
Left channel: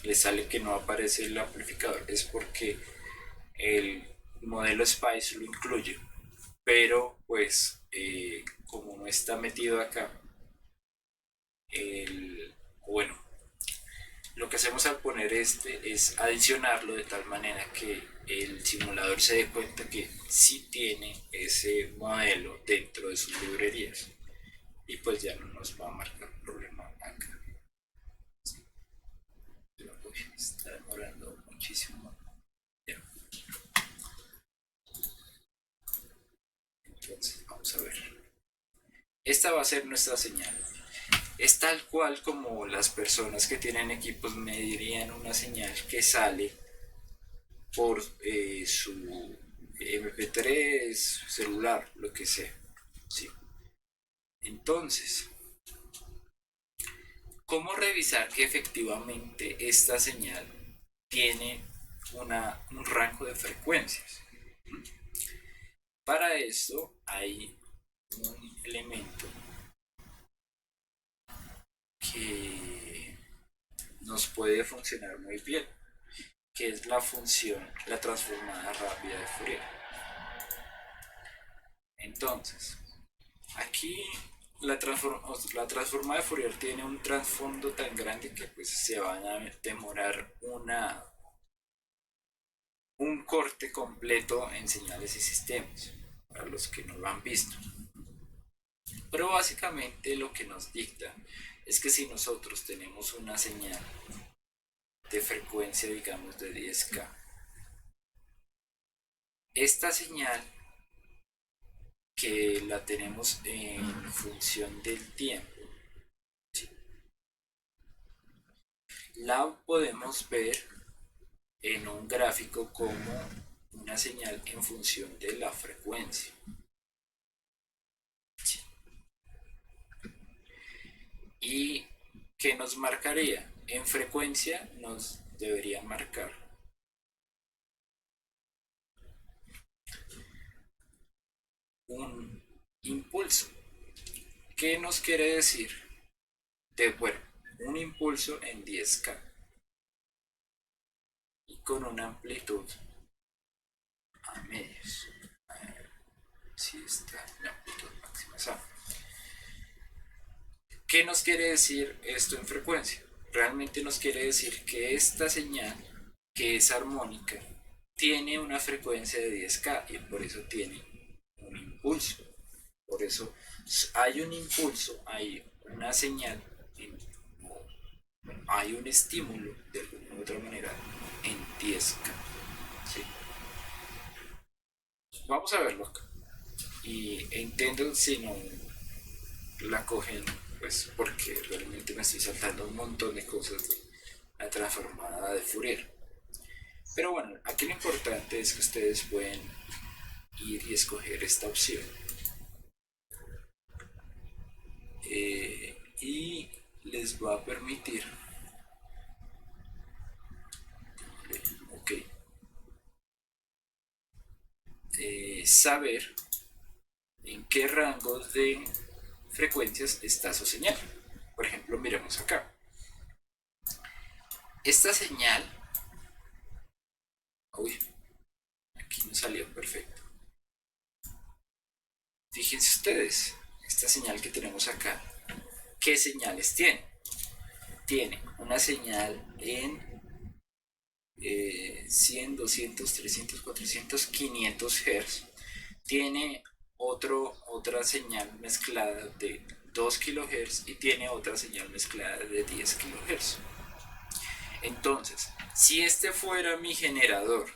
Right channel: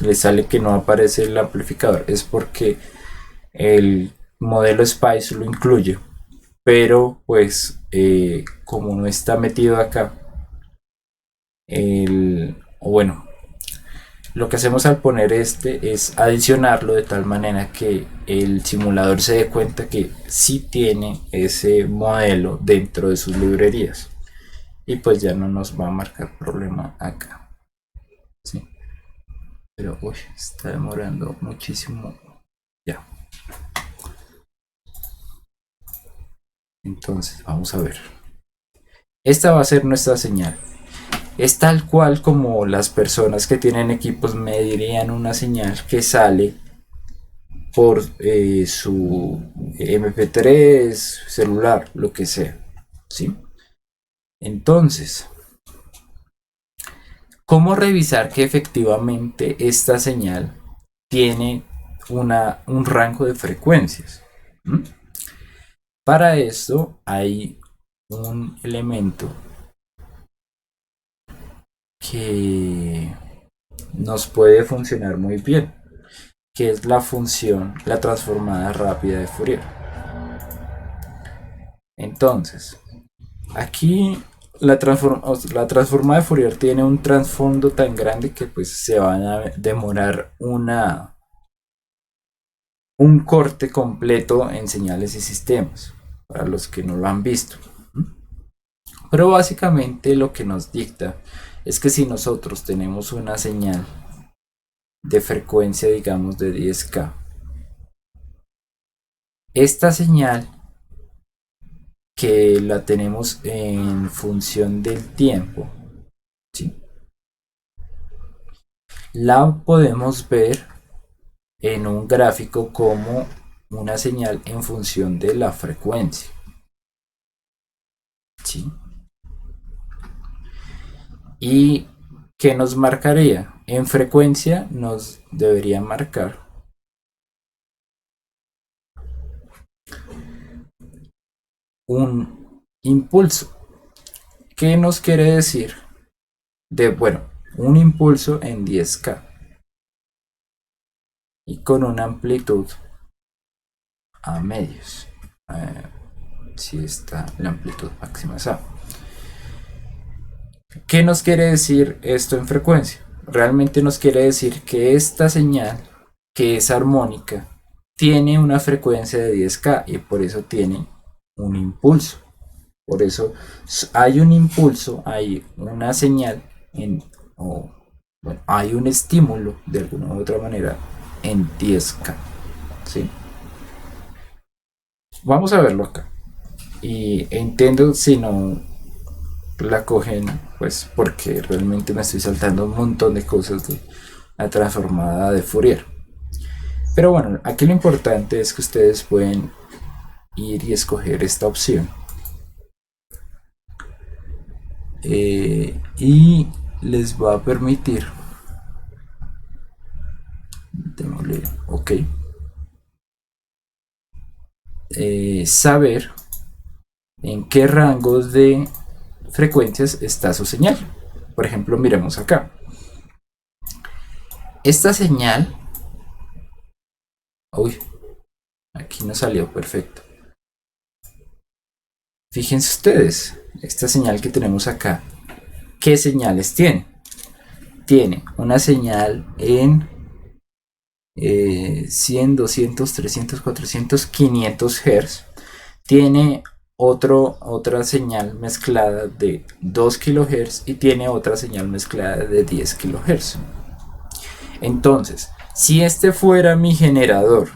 les sale que no aparece el amplificador, es porque el modelo Spice lo incluye, pero pues como no está metido acá, o bueno, lo que hacemos al poner este es adicionarlo de tal manera que el simulador se dé cuenta que sí tiene ese modelo dentro de sus librerías y pues ya no nos va a marcar problema acá. ¿Sí? Pero uy, está demorando muchísimo. Ya. Entonces, vamos a ver. Esta va a ser nuestra señal. Es tal cual como las personas que tienen equipos medirían una señal que sale por su MP3, celular, lo que sea. ¿Sí? Entonces, ¿cómo revisar que efectivamente esta señal tiene un rango de frecuencias? ¿Mm? Para esto hay un elemento que nos puede funcionar muy bien, que es la función, la transformada rápida de Fourier. Entonces, aquí la transformada de Fourier tiene un trasfondo tan grande que pues se van a demorar un corte completo en señales y sistemas, para los que no lo han visto. Pero básicamente lo que nos dicta es que si nosotros tenemos una señal de frecuencia, digamos, de 10K, esta señal que la tenemos en función del tiempo, ¿sí? La podemos ver en un gráfico como una señal en función de la frecuencia, ¿sí? ¿Y qué nos marcaría? En frecuencia nos debería marcar un impulso. ¿Qué nos quiere decir? Bueno, un impulso en 10K y con una amplitud a medios. Eh, si está la amplitud máxima es A. ¿Qué nos quiere decir esto en frecuencia? Realmente nos quiere decir que esta señal, que es armónica, tiene una frecuencia de 10K y por eso tiene un impulso. Por eso hay un impulso, hay una señal o bueno, hay un estímulo de alguna u otra manera en 10K. ¿Sí? Vamos a verlo acá. Y entiendo si no la cogen, pues porque realmente me estoy saltando un montón de cosas de la transformada de Fourier. Pero bueno, aquí lo importante es que ustedes pueden ir y escoger esta opción. Y les va a permitir, démosle ok, saber en qué rangos de frecuencias está su señal. Por ejemplo, miremos acá. Esta señal, uy, aquí no salió perfecto. Fíjense ustedes, esta señal que tenemos acá, ¿qué señales tiene? Tiene una señal en 100, 200, 300, 400, 500 Hz. Tiene otra señal mezclada de 2 kHz y tiene otra señal mezclada de 10 kHz. Entonces, si este fuera mi generador,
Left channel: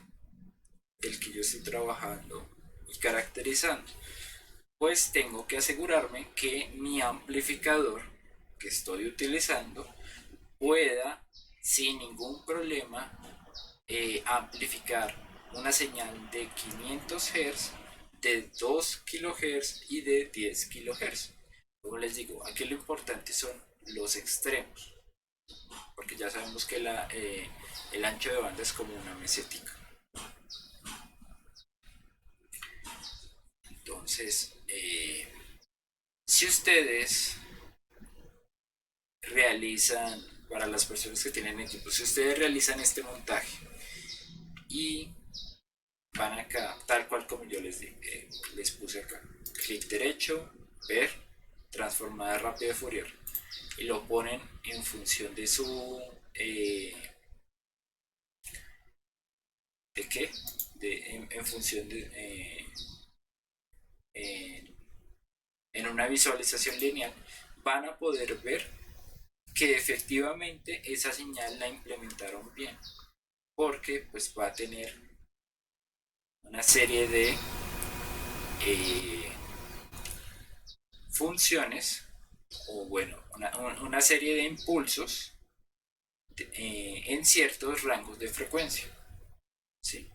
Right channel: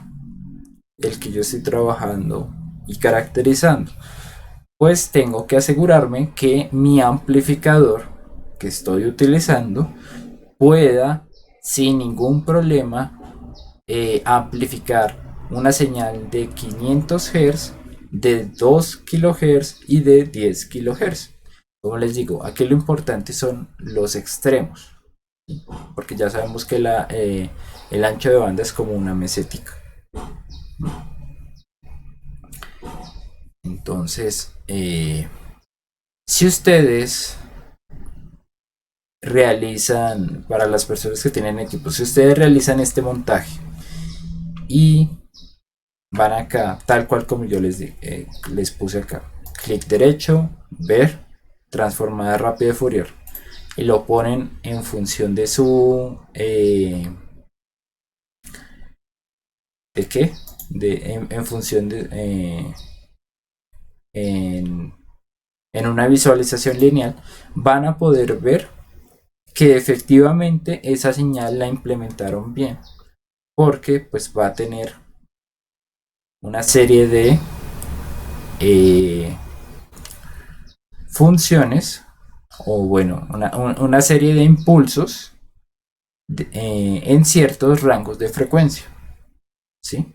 el que yo estoy trabajando y caracterizando, pues tengo que asegurarme que mi amplificador que estoy utilizando pueda sin ningún problema amplificar una señal de 500 Hz, de 2 kHz y de 10 kHz. Como les digo, aquí lo importante son los extremos, porque ya sabemos que el ancho de banda es como una mesética. Entonces, si ustedes realizan, para las personas que tienen equipos, si ustedes realizan este montaje y van acá, tal cual como yo les puse acá, clic derecho, ver, transformada rápida de Fourier, y lo ponen en función de su, ¿de qué? En función de, en, en una visualización lineal, van a poder ver que efectivamente esa señal la implementaron bien, porque pues va a tener una serie de eh, funciones, o bueno, una serie de impulsos en ciertos rangos de frecuencia, ¿sí?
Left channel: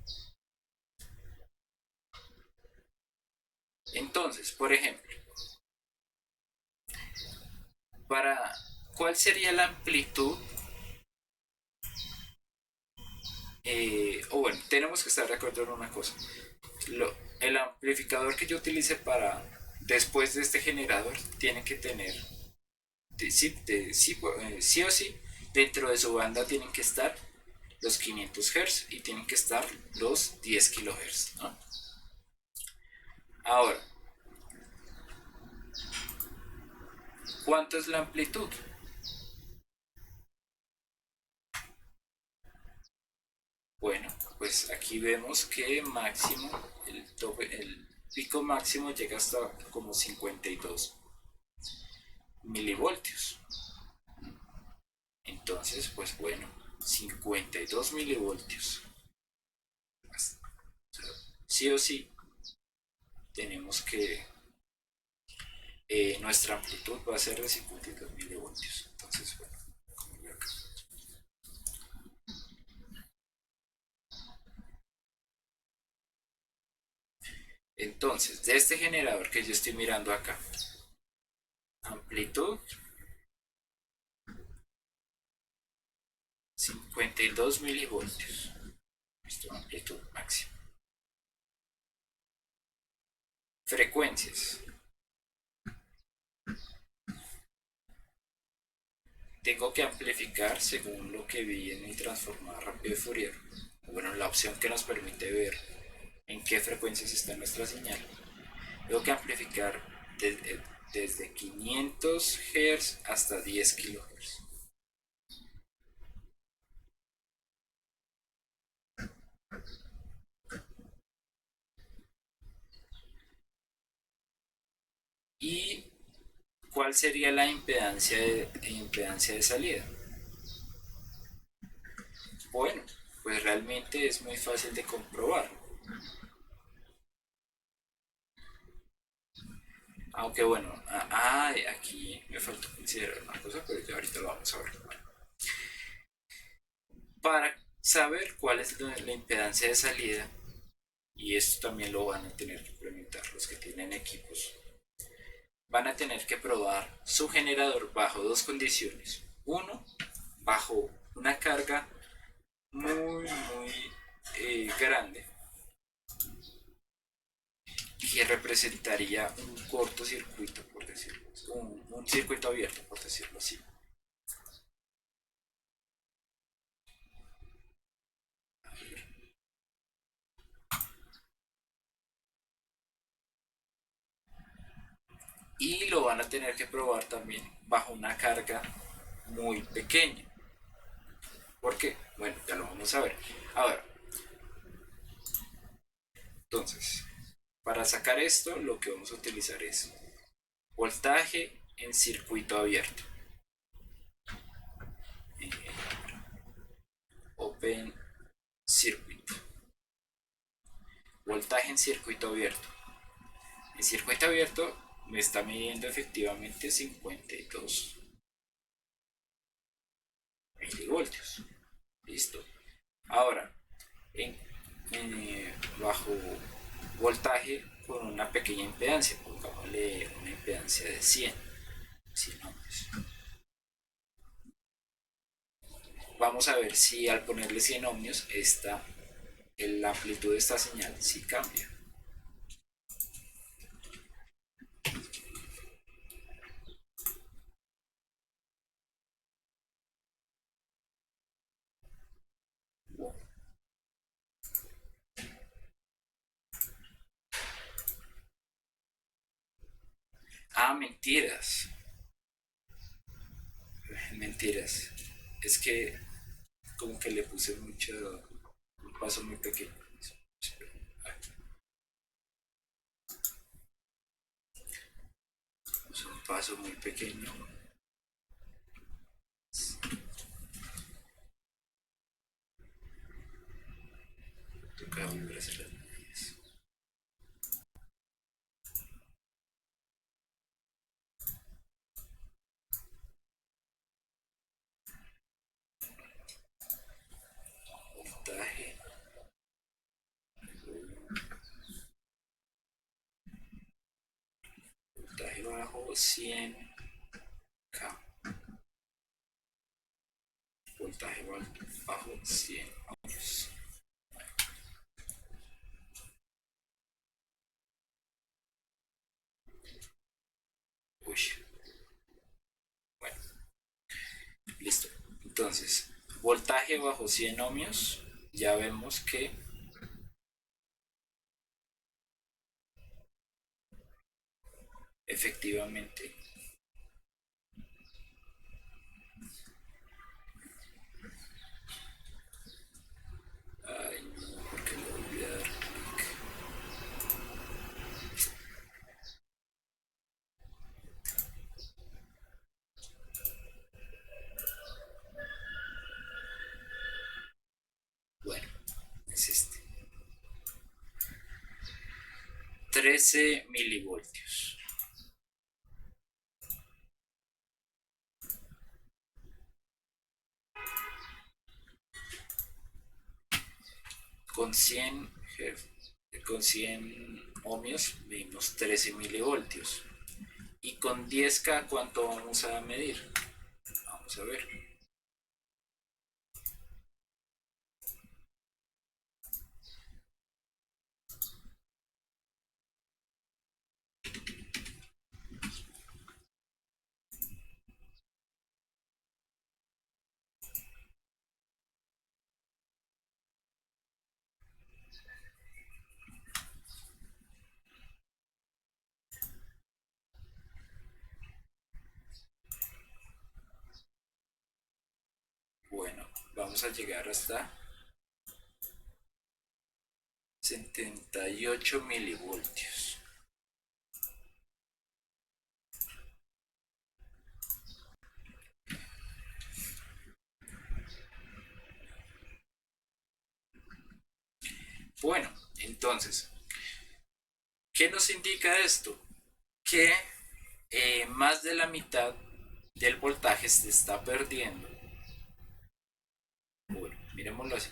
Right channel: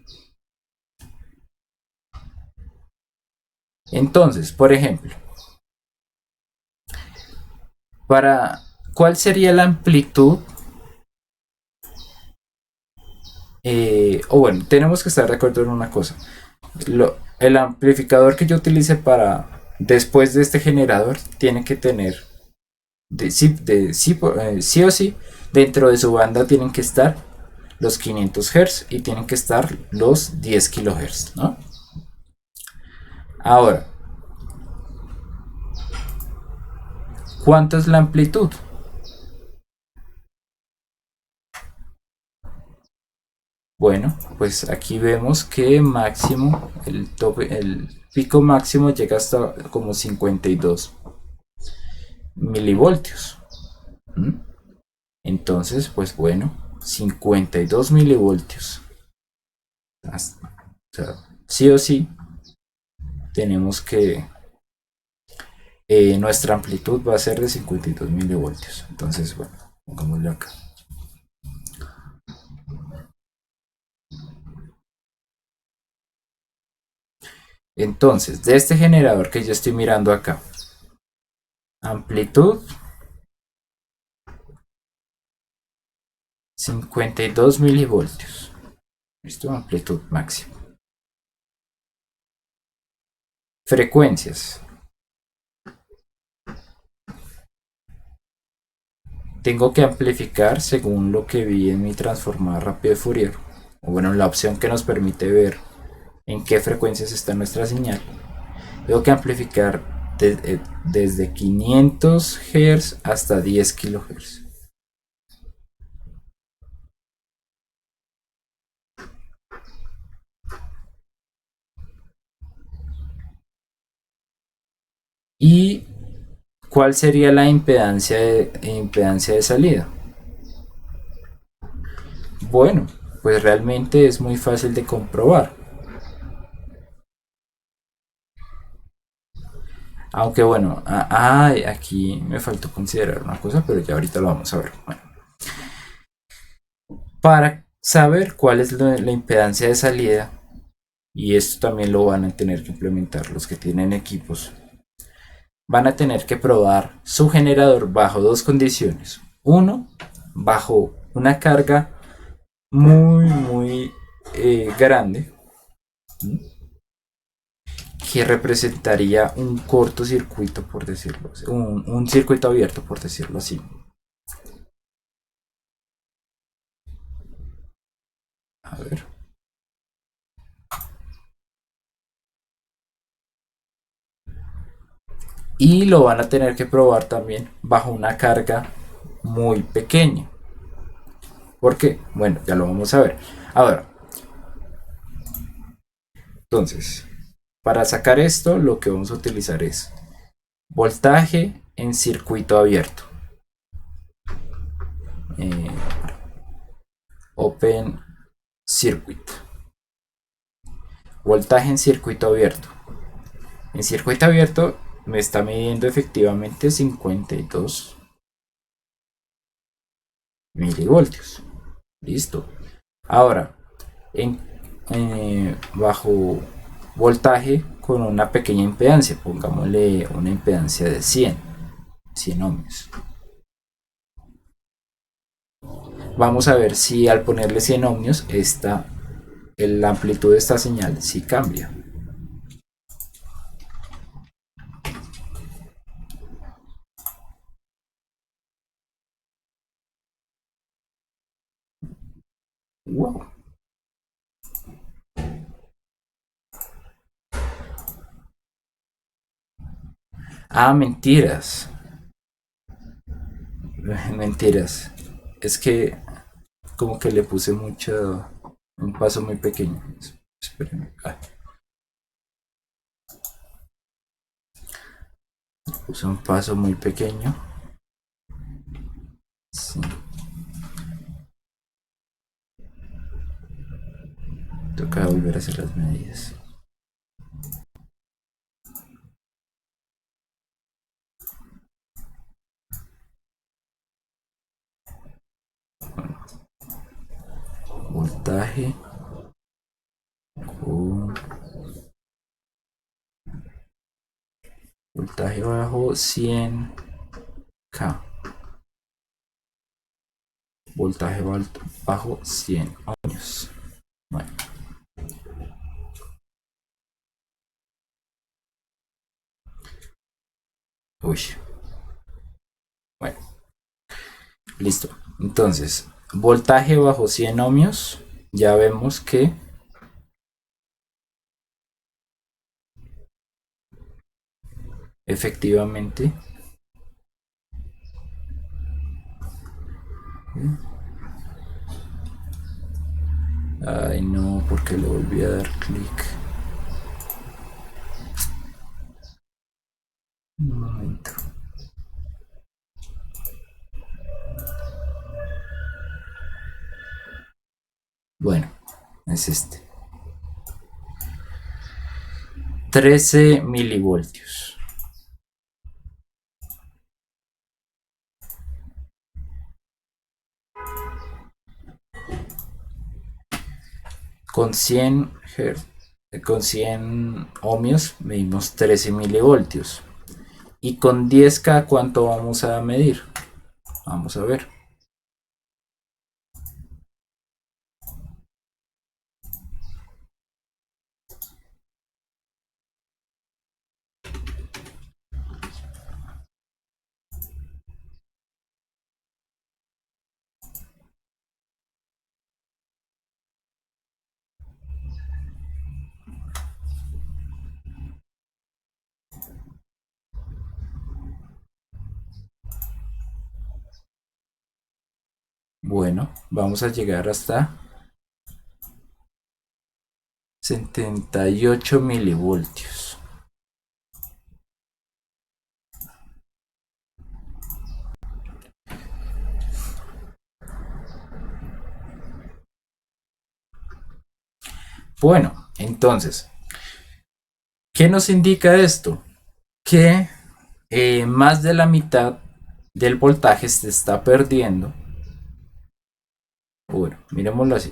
Entonces, por ejemplo, para ¿cuál sería la amplitud? O bueno, tenemos que estar de acuerdo en una cosa. El amplificador que yo utilice para después de este generador tiene que tener sí o sí, dentro de su banda tienen que estar los 500 Hz y tienen que estar los 10 kHz, ¿no? Ahora, ¿cuánto es la amplitud? Bueno, pues aquí vemos que máximo, el pico máximo llega hasta como 52 milivoltios. ¿Mm? Entonces, pues bueno, 52 milivoltios. O sea, sí o sí, tenemos que nuestra amplitud va a ser de 52 milivoltios. Entonces, bueno, pongámoslo acá. Entonces, de este generador que yo estoy mirando acá, amplitud 52 milivoltios. ¿Listo? Amplitud máxima. Frecuencias. Tengo que amplificar según lo que vi en mi transformador rápido de Fourier. O bueno, la opción que nos permite ver en qué frecuencias está nuestra señal. Tengo que amplificar desde 500 Hz hasta 10 kHz. ¿Y cuál sería la impedancia de salida? Bueno, pues realmente es muy fácil de comprobar. Aunque bueno, aquí me faltó considerar una cosa, pero ya ahorita lo vamos a ver. Bueno, para saber cuál es la impedancia de salida, y esto también lo van a tener que implementar los que tienen equipos, van a tener que probar su generador bajo dos condiciones. Uno, bajo una carga muy grande, que representaría un cortocircuito, por decirlo así, un circuito abierto, por decirlo así. A ver. Y lo van a tener que probar también bajo una carga muy pequeña. ¿Por qué? Bueno, ya lo vamos a ver. Ahora, entonces, para sacar esto, lo que vamos a utilizar es voltaje en circuito abierto. Eh, Open Circuit. Voltaje en circuito abierto. En circuito abierto me está midiendo efectivamente 52 milivoltios. Listo. Ahora, en, bajo voltaje con una pequeña impedancia, pongámosle una impedancia de 100 ohmios. Vamos a ver si al ponerle 100 ohmios la amplitud de esta señal sí cambia. Wow. Ah, mentiras. Mentiras. Es que como que le puse mucho, un paso muy pequeño. Espérenme. Puse un paso muy pequeño. Sí. Toca volver a hacer las medidas. Voltaje con voltaje bajo 100K. Voltaje bajo 100 ohmios. Bueno, uy, bueno, listo. Entonces, voltaje bajo 100 ohmios. Ya vemos que efectivamente. Ay, no, porque le volví a dar clic. Un momento. Bueno, es este. 13 milivoltios. Con 100 con 100 ohmios medimos 13 milivoltios. Y con 10K, ¿cuánto vamos a medir? Vamos a ver. Bueno, vamos a llegar hasta 78 milivoltios. Bueno, entonces, ¿qué nos indica esto? Que más de la mitad del voltaje se está perdiendo. Bueno, miremoslo así.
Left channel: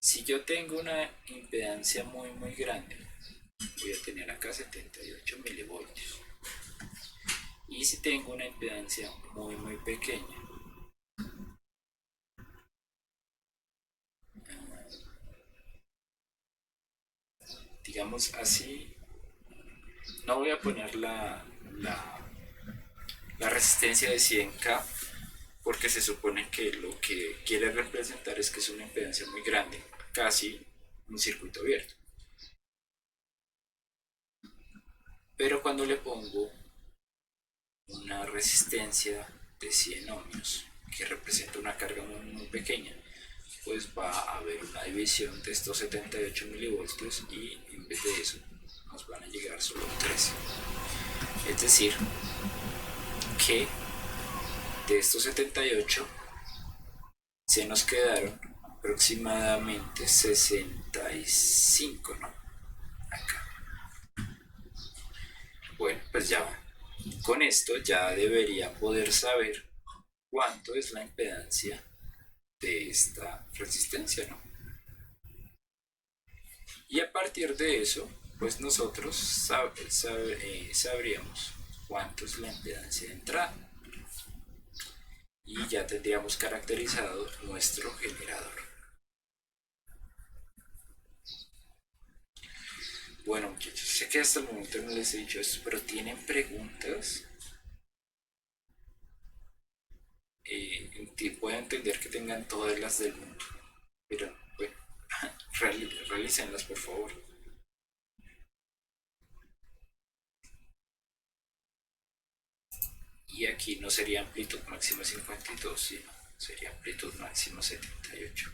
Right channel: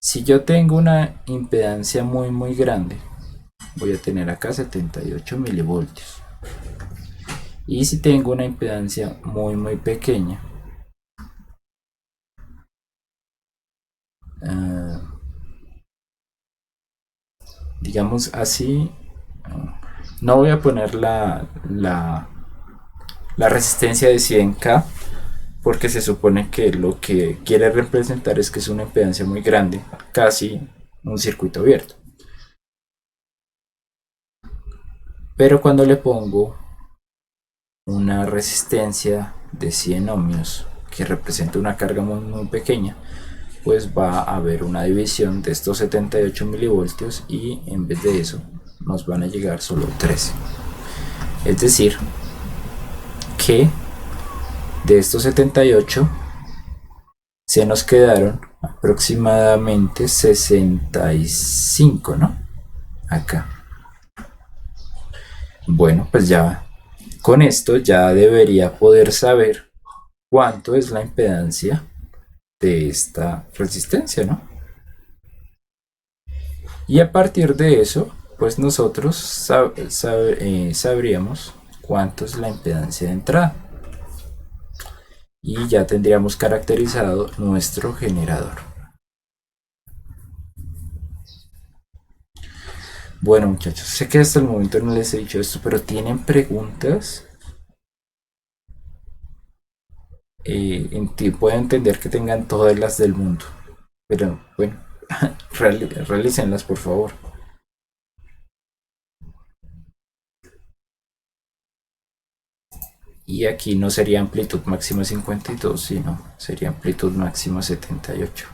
Si yo tengo una impedancia muy grande, voy a tener acá 78 milivoltios. Y si tengo una impedancia muy pequeña, uh, digamos así, no voy a poner la resistencia de 100K porque se supone que lo que quiere representar es que es una impedancia muy grande, casi un circuito abierto. Pero cuando le pongo una resistencia de 100 ohmios que representa una carga muy pequeña, pues va a haber una división de estos 78 milivoltios y en vez de eso nos van a llegar solo 13. Es decir, que de estos 78 se nos quedaron aproximadamente 65, ¿no? Acá. Bueno, pues ya con esto ya debería poder saber cuánto es la impedancia de esta resistencia, ¿no? Y a partir de eso, pues nosotros sabríamos cuánto es la impedancia de entrada. Y ya tendríamos caracterizado nuestro generador. Bueno, muchachos, sé que hasta el momento no les he dicho esto, pero ¿tienen preguntas? Puedo entender que tengan todas las del mundo, pero bueno, realícenlas por favor. Y aquí no sería amplitud máxima 52, sino sería amplitud máxima 78.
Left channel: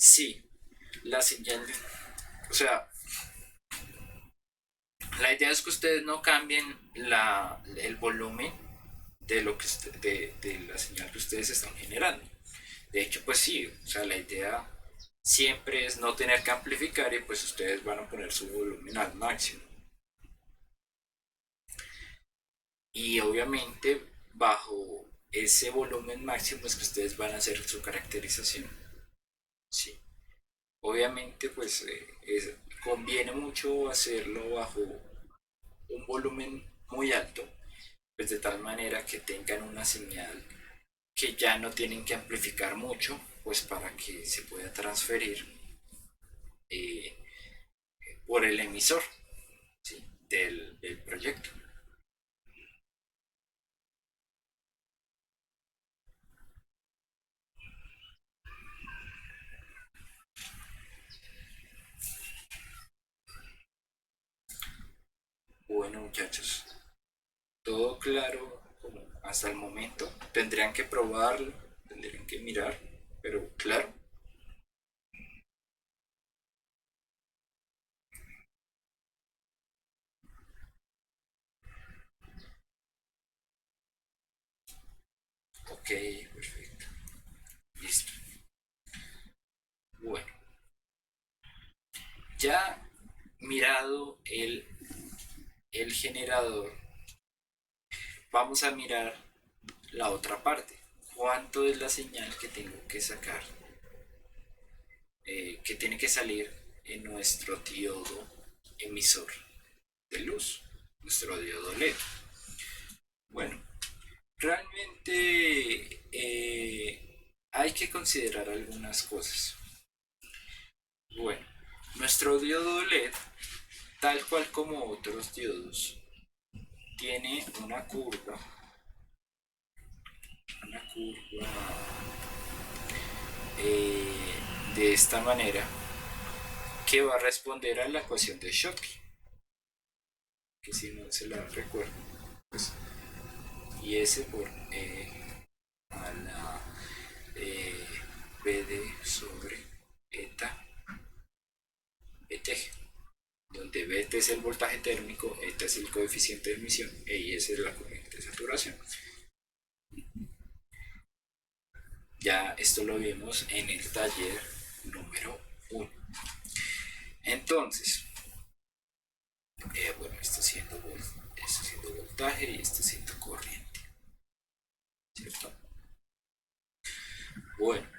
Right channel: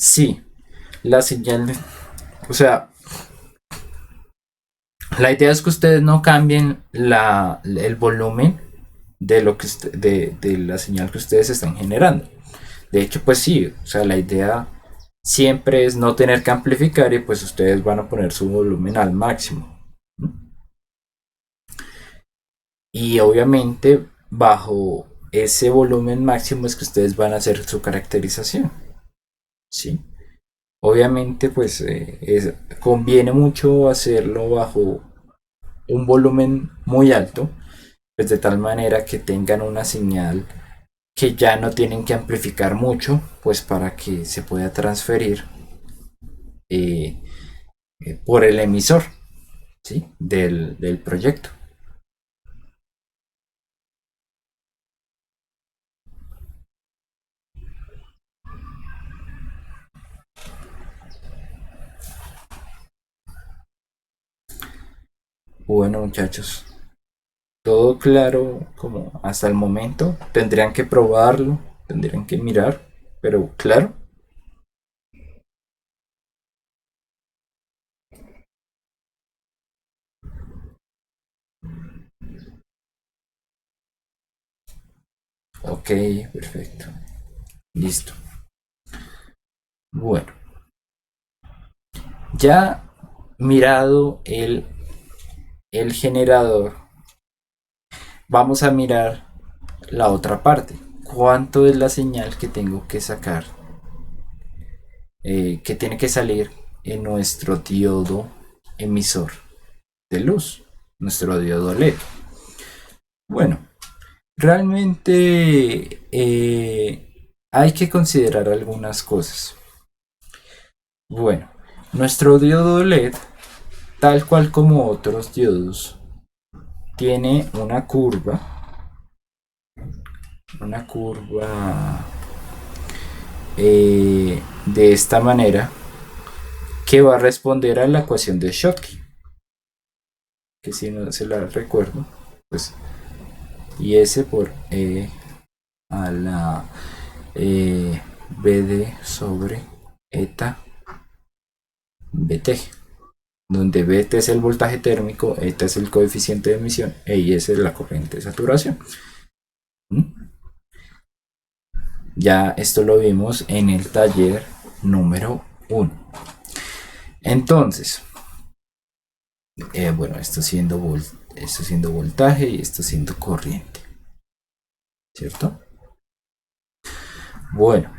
Sí, la señal, o sea, la idea es que ustedes no cambien el volumen de lo que de la señal que ustedes están generando. De hecho, pues sí, o sea, la idea siempre es no tener que amplificar y pues ustedes van a poner su volumen al máximo. Y obviamente bajo ese volumen máximo es que ustedes van a hacer su caracterización. ¿Sí? Obviamente pues conviene mucho hacerlo bajo un volumen muy alto, pues de tal manera que tengan una señal que ya no tienen que amplificar mucho, pues para que se pueda transferir eh, por el emisor, ¿sí? Del proyecto. Bueno, muchachos, todo claro como hasta el momento. Tendrían que probarlo, tendrían que mirar, pero claro. Ok, perfecto. Listo. Bueno, ya mirado el generador, vamos a mirar la otra parte. ¿Cuánto es la señal que tengo que sacar? Que tiene que salir en nuestro diodo emisor de luz, nuestro diodo LED. Bueno, realmente hay que considerar algunas cosas. Bueno, nuestro diodo LED, tal cual como otros diodos, tiene una curva de esta manera que va a responder a la ecuación de Schottky, que si no se la recuerdo, pues y S por E a la BD sobre eta BT, donde BT es el voltaje térmico, eta es el coeficiente de emisión e IS es la corriente de saturación. ¿Mm? Ya esto lo vimos en el taller número 1. Entonces, bueno, esto siendo voltaje y esto siendo corriente, ¿cierto? Bueno,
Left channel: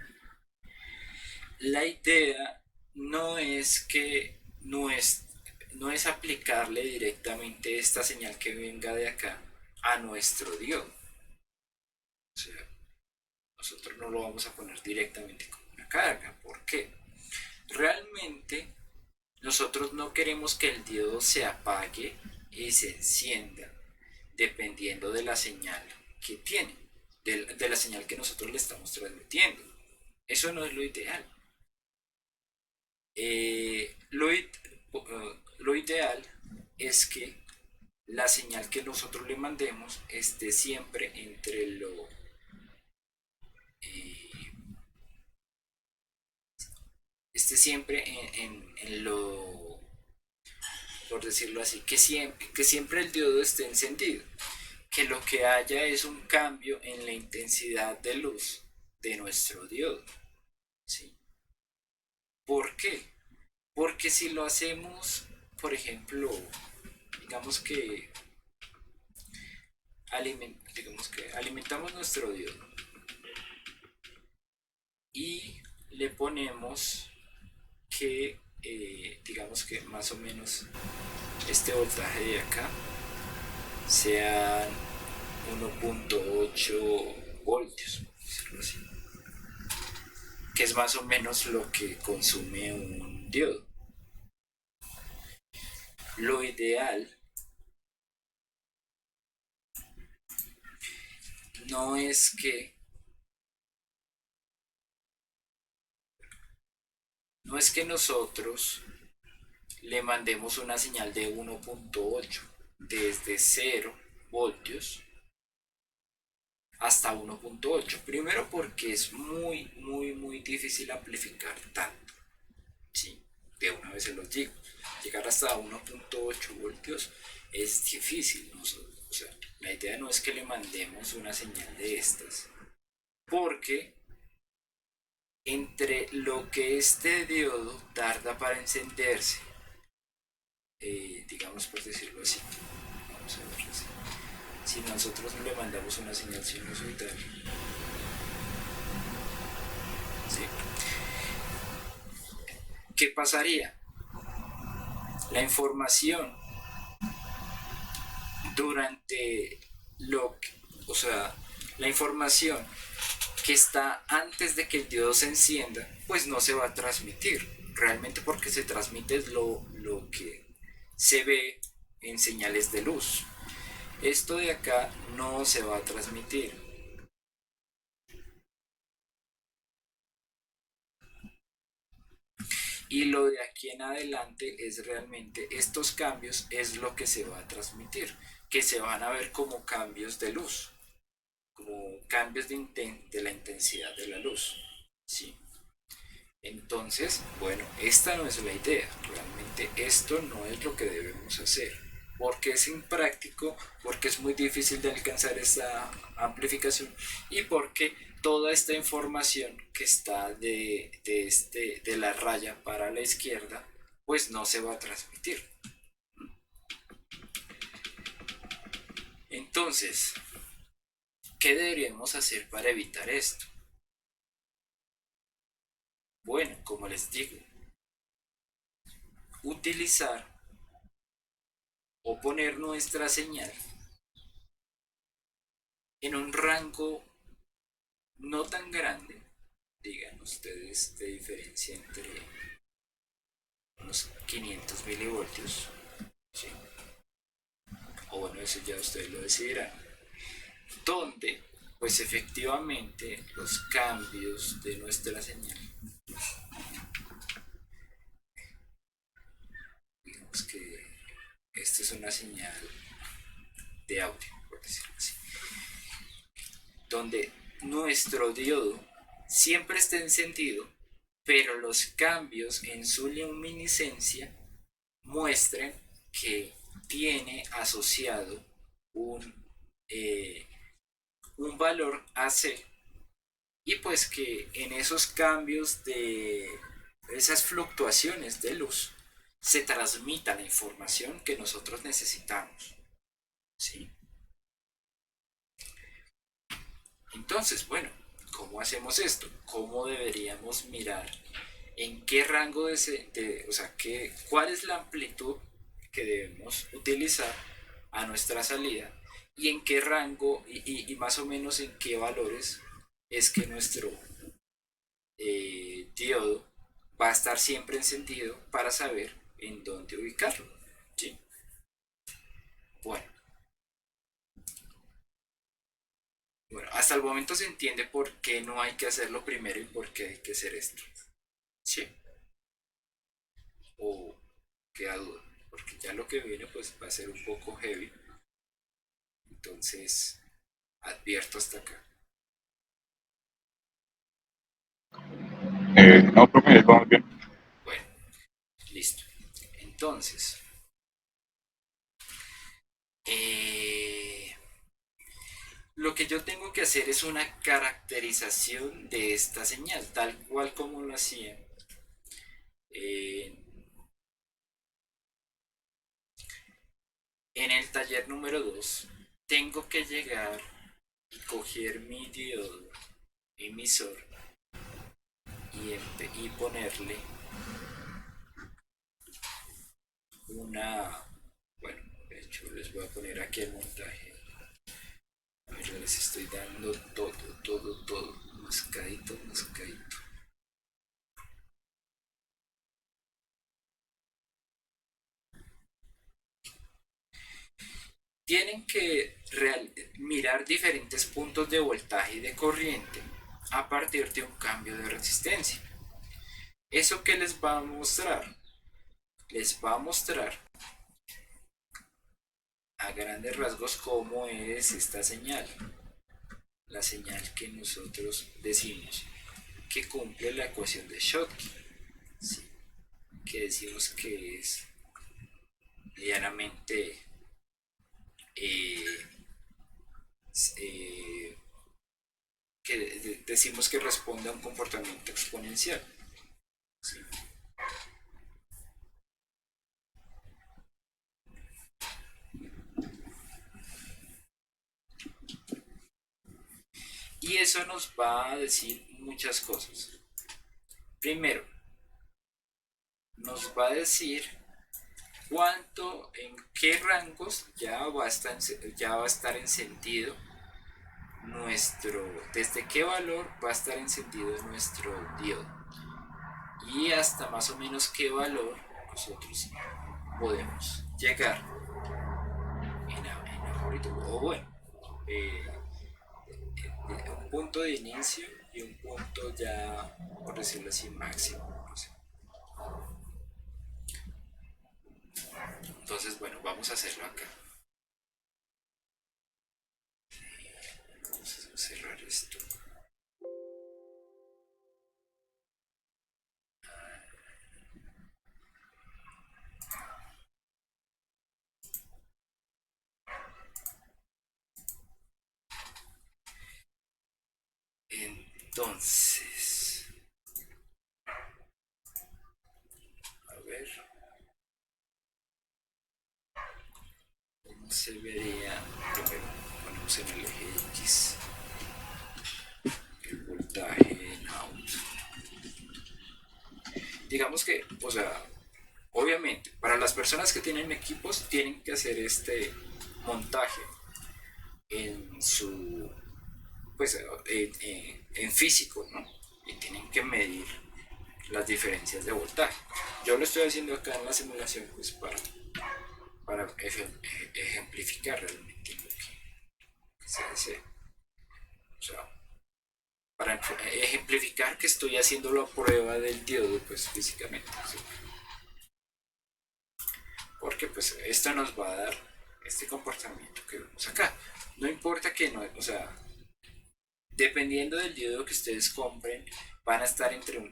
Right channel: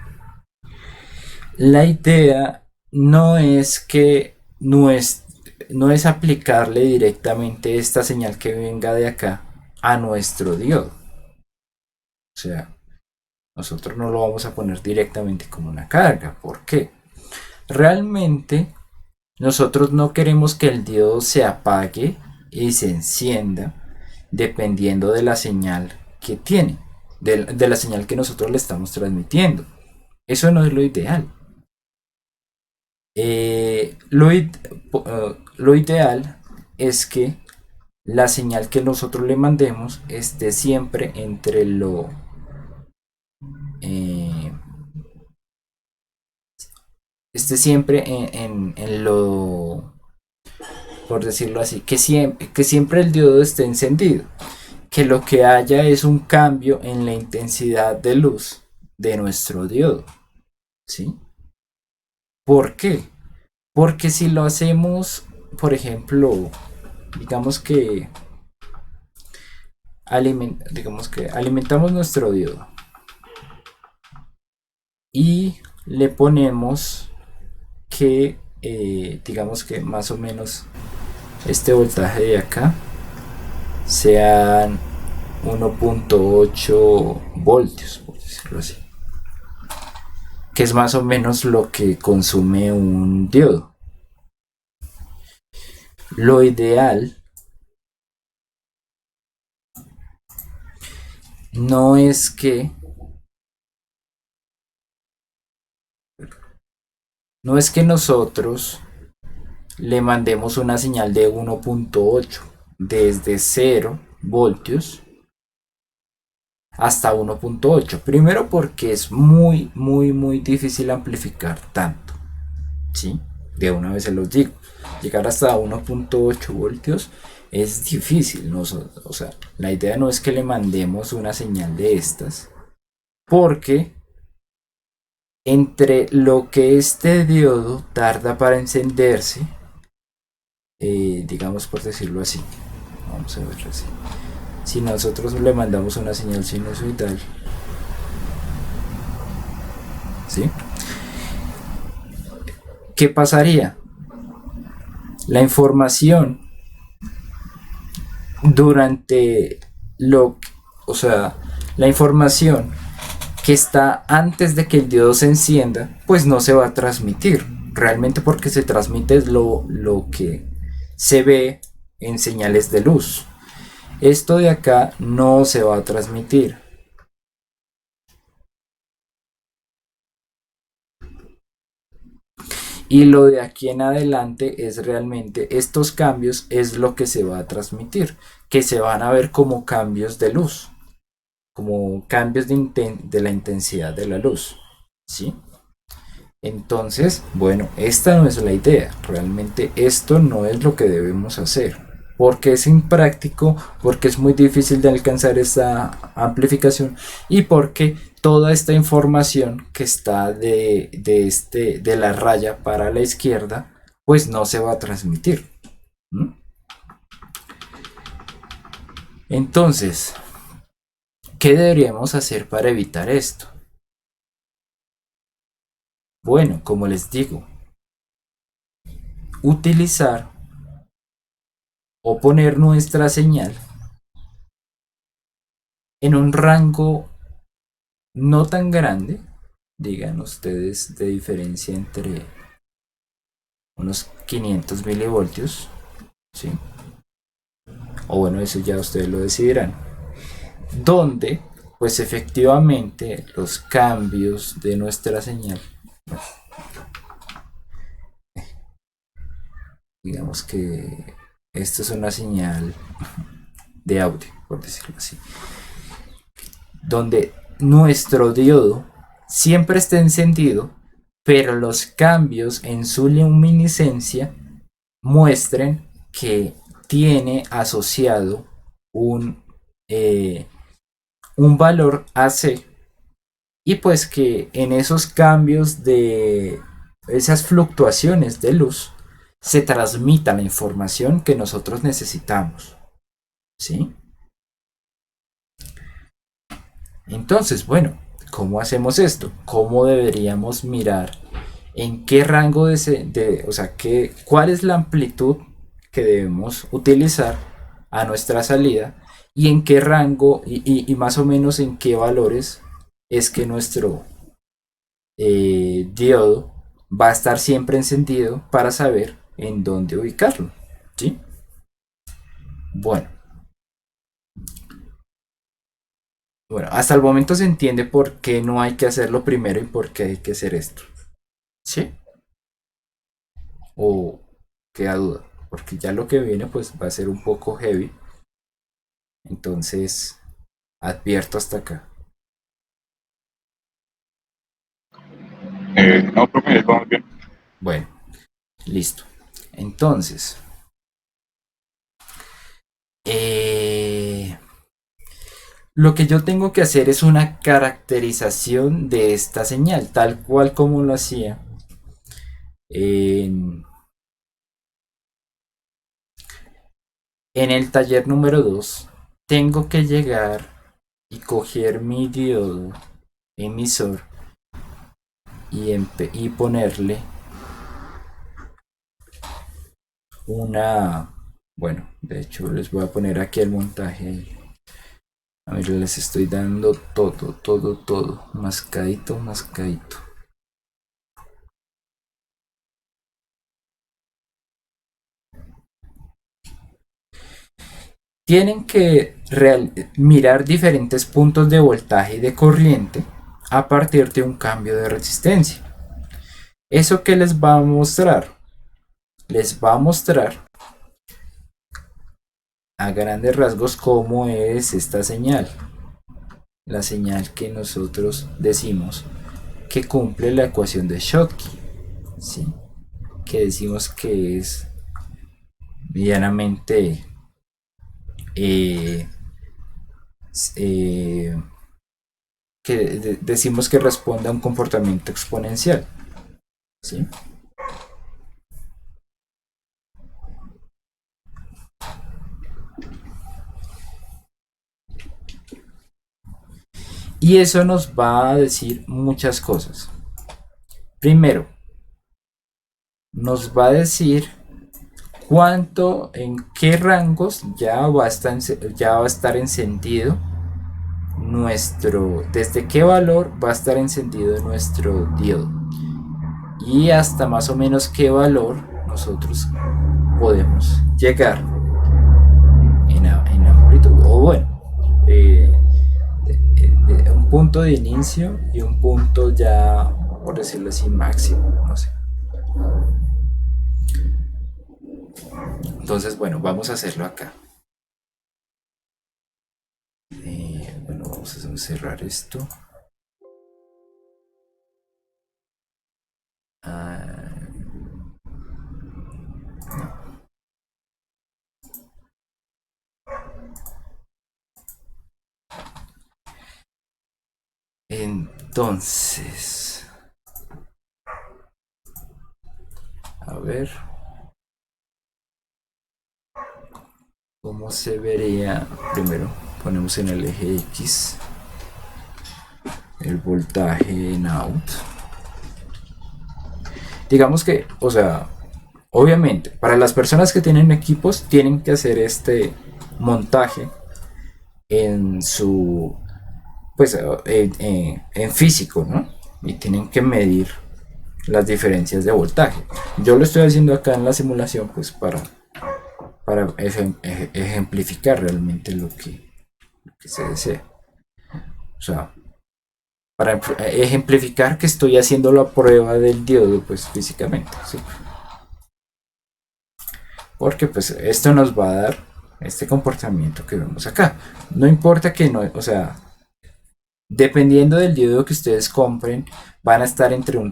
la idea no es que no es aplicarle directamente esta señal que venga de acá a nuestro diodo. O sea, nosotros no lo vamos a poner directamente como una carga. ¿Por qué? Realmente nosotros no queremos que el diodo se apague y se encienda dependiendo de la señal que tiene, de la señal que nosotros le estamos transmitiendo. Eso no es lo ideal. Eh, lo, lo ideal es que la señal que nosotros le mandemos esté siempre entre eh, esté siempre en lo, por decirlo así, que siempre el diodo esté encendido, que lo que haya es un cambio en la intensidad de luz de nuestro diodo, ¿sí? ¿Por qué? Porque si lo hacemos, por ejemplo, digamos que digamos que alimentamos nuestro diodo y le ponemos que digamos que más o menos este voltaje de acá sean 1.8 voltios, por decirlo así, que es más o menos lo que consume un diodo. Lo ideal no es que no es que nosotros le mandemos una señal de 1.8 desde 0 voltios hasta 1.8. Primero porque es muy, muy, muy difícil amplificar tanto. ¿Sí? De una vez se los digo. Llegar hasta 1.8 voltios es difícil. ¿No? O sea, la idea no es que le mandemos una señal de estas. Porque entre lo que este diodo tarda para encenderse, digamos por decirlo así, vamos a ver así. Si nosotros le mandamos una señal sinusoidal, ¿sí? ¿Qué pasaría? La información durante lo, o sea, la información que está antes de que el diodo se encienda, pues no se va a transmitir. Realmente porque se transmite lo que se ve en señales de luz. Esto de acá no se va a transmitir. Y lo de aquí en adelante es realmente estos cambios es lo que se va a transmitir, que se van a ver como cambios de luz, como cambios de la intensidad de la luz, ¿sí? Entonces, bueno, esta no es la idea, realmente esto no es lo que debemos hacer, porque es impráctico, porque es muy difícil de alcanzar esta amplificación y porque toda esta información que está de la raya para la izquierda, pues no se va a transmitir. ¿Mm? Entonces, ¿qué deberíamos hacer para evitar esto? Bueno, como les digo, utilizar o poner nuestra señal en un rango no tan grande, digan ustedes, de diferencia entre unos 500 milivoltios, ¿sí? O bueno, eso ya ustedes lo decidirán, donde pues efectivamente los cambios de nuestra señal, digamos que esto es una señal de audio, por decirlo así, donde nuestro diodo siempre está encendido, pero los cambios en su luminiscencia muestren que tiene asociado un, eh, un valor AC y pues que en esos cambios de esas fluctuaciones de luz se transmita la información que nosotros necesitamos, ¿sí? Entonces, bueno, ¿cómo hacemos esto? ¿Cómo deberíamos mirar en qué rango o sea, cuál es la amplitud que debemos utilizar a nuestra salida y en qué rango y más o menos en qué valores es que nuestro diodo va a estar siempre encendido para saber en dónde ubicarlo? ¿Sí? Bueno, bueno, hasta el momento se entiende por qué no hay que hacerlo primero y por qué hay que hacer esto. ¿Sí? O queda duda, porque ya lo que viene pues va a ser un poco heavy, entonces advierto hasta acá. No, profe, vamos bien. Bueno, listo. Entonces, eh, lo que yo tengo que hacer es una caracterización de esta señal, tal cual como lo hacía en, en el taller número 2. Tengo que llegar y coger mi diodo emisor y ponerle una, bueno, de hecho les voy a poner aquí el montaje. A ver, les estoy dando todo, todo, todo, mascadito, mascadito. Tienen que mirar diferentes puntos de voltaje y de corriente a partir de un cambio de resistencia. ¿Eso qué les va a mostrar? Les va a mostrar a grandes rasgos cómo es esta señal. la señal que nosotros decimos que cumple la ecuación de Schottky, ¿sí? Que decimos que es medianamente eh, eh, decimos que responde a un comportamiento exponencial, ¿sí? Y eso nos va a decir muchas cosas. Primero, nos va a decir cuánto, en qué rangos ya va a estar encendido desde qué valor va a estar encendido nuestro diodo y hasta más o menos qué valor nosotros podemos llegar en amplitud, o bueno, un punto de inicio y un punto ya, por decirlo así, máximo, no sé. Entonces, bueno, vamos a hacerlo acá. Bueno, vamos a cerrar esto. Ah, entonces, a ver cómo se vería. Primero ponemos en el eje X el voltaje en out. Digamos que, o sea, obviamente, para las personas que tienen equipos, tienen que hacer este montaje en su, pues, en físico, ¿no? Y tienen que medir las diferencias de voltaje. Yo lo estoy haciendo acá en la simulación, pues, para ejemplificar realmente lo que se desea. O sea, para ejemplificar que estoy haciendo la prueba del diodo, pues, físicamente, ¿sí? Porque pues esto nos va a dar este comportamiento que vemos acá. No importa que no, o sea, dependiendo del diodo que ustedes compren, van a estar entre un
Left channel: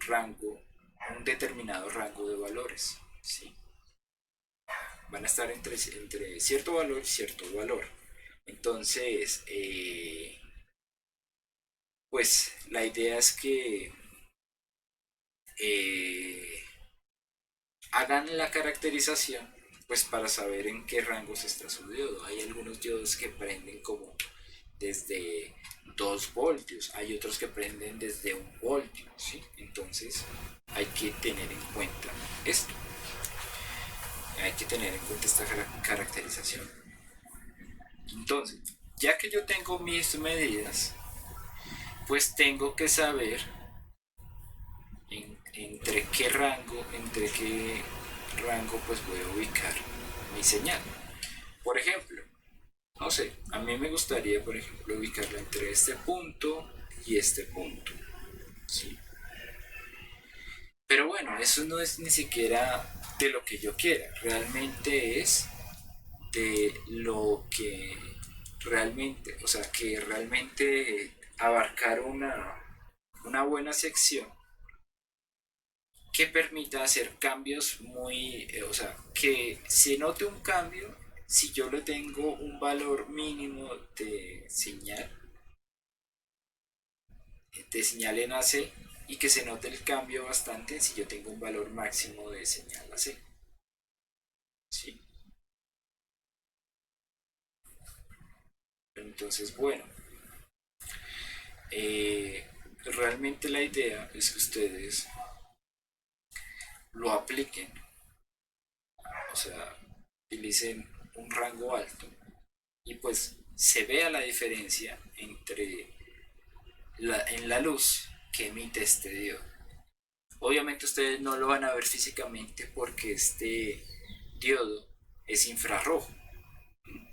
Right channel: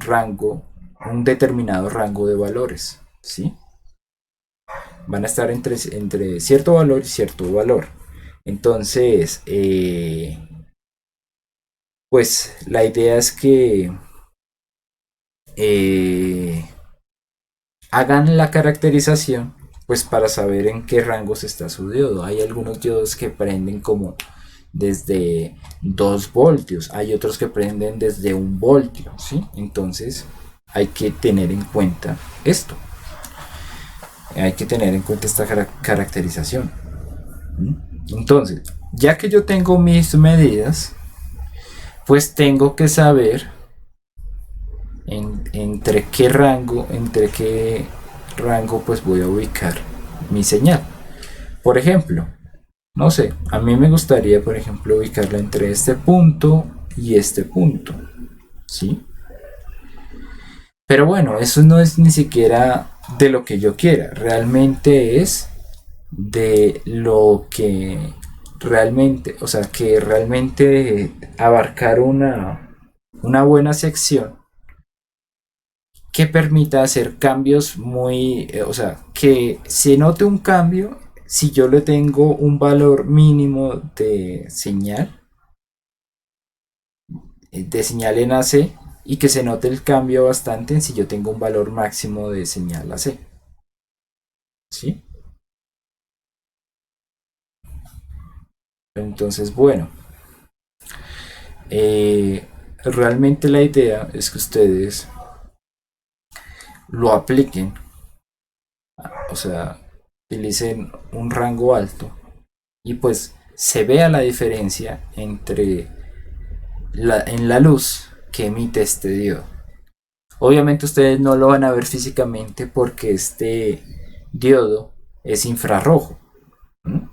determinado rango de valores, ¿sí? Van a estar entre cierto valor y cierto valor. Entonces, pues la idea es que eh, hagan la caracterización pues para saber en qué rangos está su diodo. Hay algunos diodos que prenden como desde 2 voltios, hay otros que prenden desde 1 voltio, ¿sí? Entonces hay que tener en cuenta esto, hay que tener en cuenta esta caracterización. Entonces, ya que yo tengo mis medidas, pues tengo que saber entre qué rango pues voy a ubicar mi señal. Por ejemplo, no sé, a mí me gustaría, por ejemplo, ubicarla entre este punto y este punto, ¿sí? Pero bueno, eso no es ni siquiera de lo que yo quiera, realmente es de lo que realmente, o sea, que realmente abarcar una buena sección que permita hacer cambios o sea, que se note un cambio si yo le tengo un valor mínimo de señal en AC, y que se note el cambio bastante si yo tengo un valor máximo de señal AC, ¿sí? Entonces, bueno, realmente la idea es que ustedes lo apliquen, o sea, utilicen un rango alto y pues se vea la diferencia en la luz que emite este diodo. Obviamente ustedes no lo van a ver físicamente porque este diodo es infrarrojo. ¿Mm?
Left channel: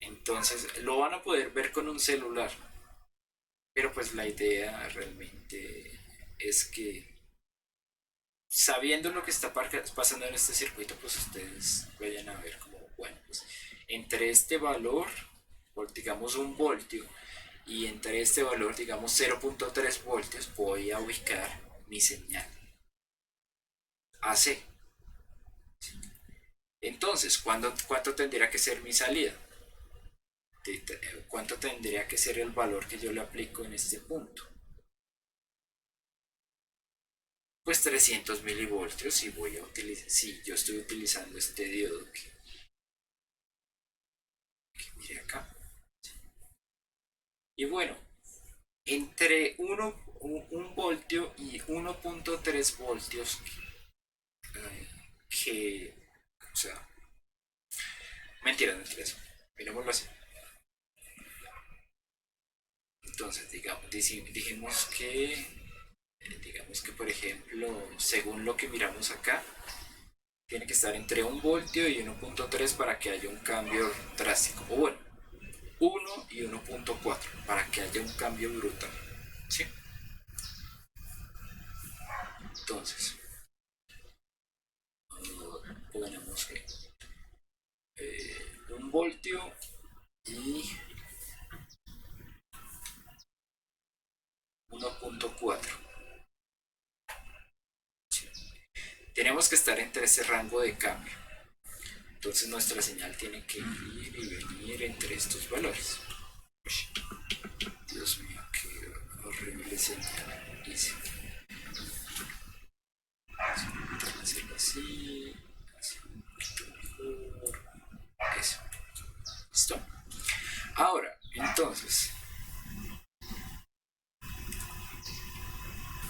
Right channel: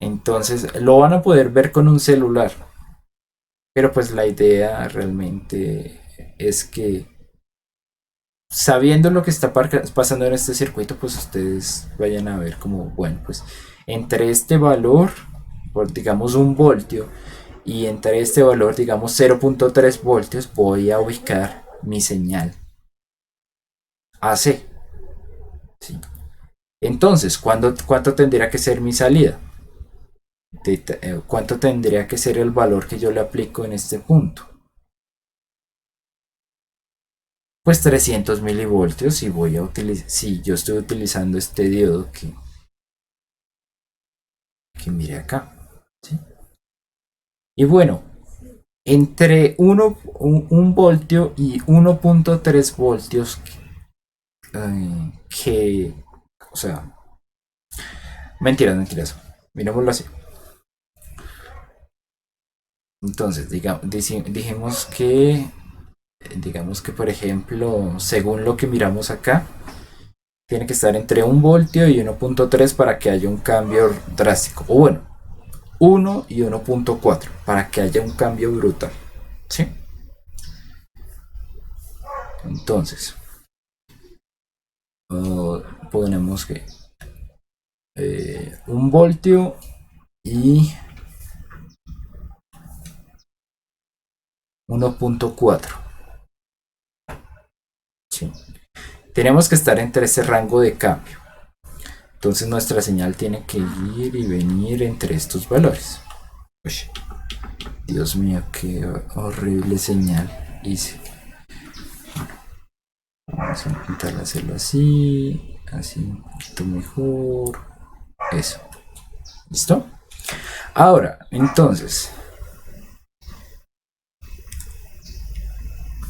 Entonces lo van a poder ver con un celular. Pero pues la idea realmente es que sabiendo lo que está pasando en este circuito, pues ustedes vayan a ver como, bueno, pues entre este valor, por digamos 1 voltio, y entre este valor, digamos 0.3 voltios, voy a ubicar mi señal AC. ¿Sí? Entonces, ¿cuánto tendría que ser mi salida? ¿Cuánto tendría que ser el valor que yo le aplico en este punto? Pues 300 milivoltios y voy a utilizar, si yo estoy utilizando este diodo que mire acá. ¿Sí? Y bueno, entre 1 voltio y 1.3 voltios, que, o sea, mentiras, mentiras, miremoslo así. Entonces, digamos que por ejemplo, según lo que miramos acá, tiene que estar entre 1 voltio y 1.3 para que haya un cambio drástico. O bueno, 1 y 1.4 para que haya un cambio brutal. ¿Sí? Entonces, ponemos que 1 voltio y 1.4. ¿Sí? Tenemos que estar entre ese rango de cambio. Entonces nuestra señal tiene que ir y venir entre estos valores. Uy, Dios mío, qué horrible señal hice. Vamos a intentar hacerlo así, así un poquito mejor. Eso. ¿Listo? Ahora, entonces,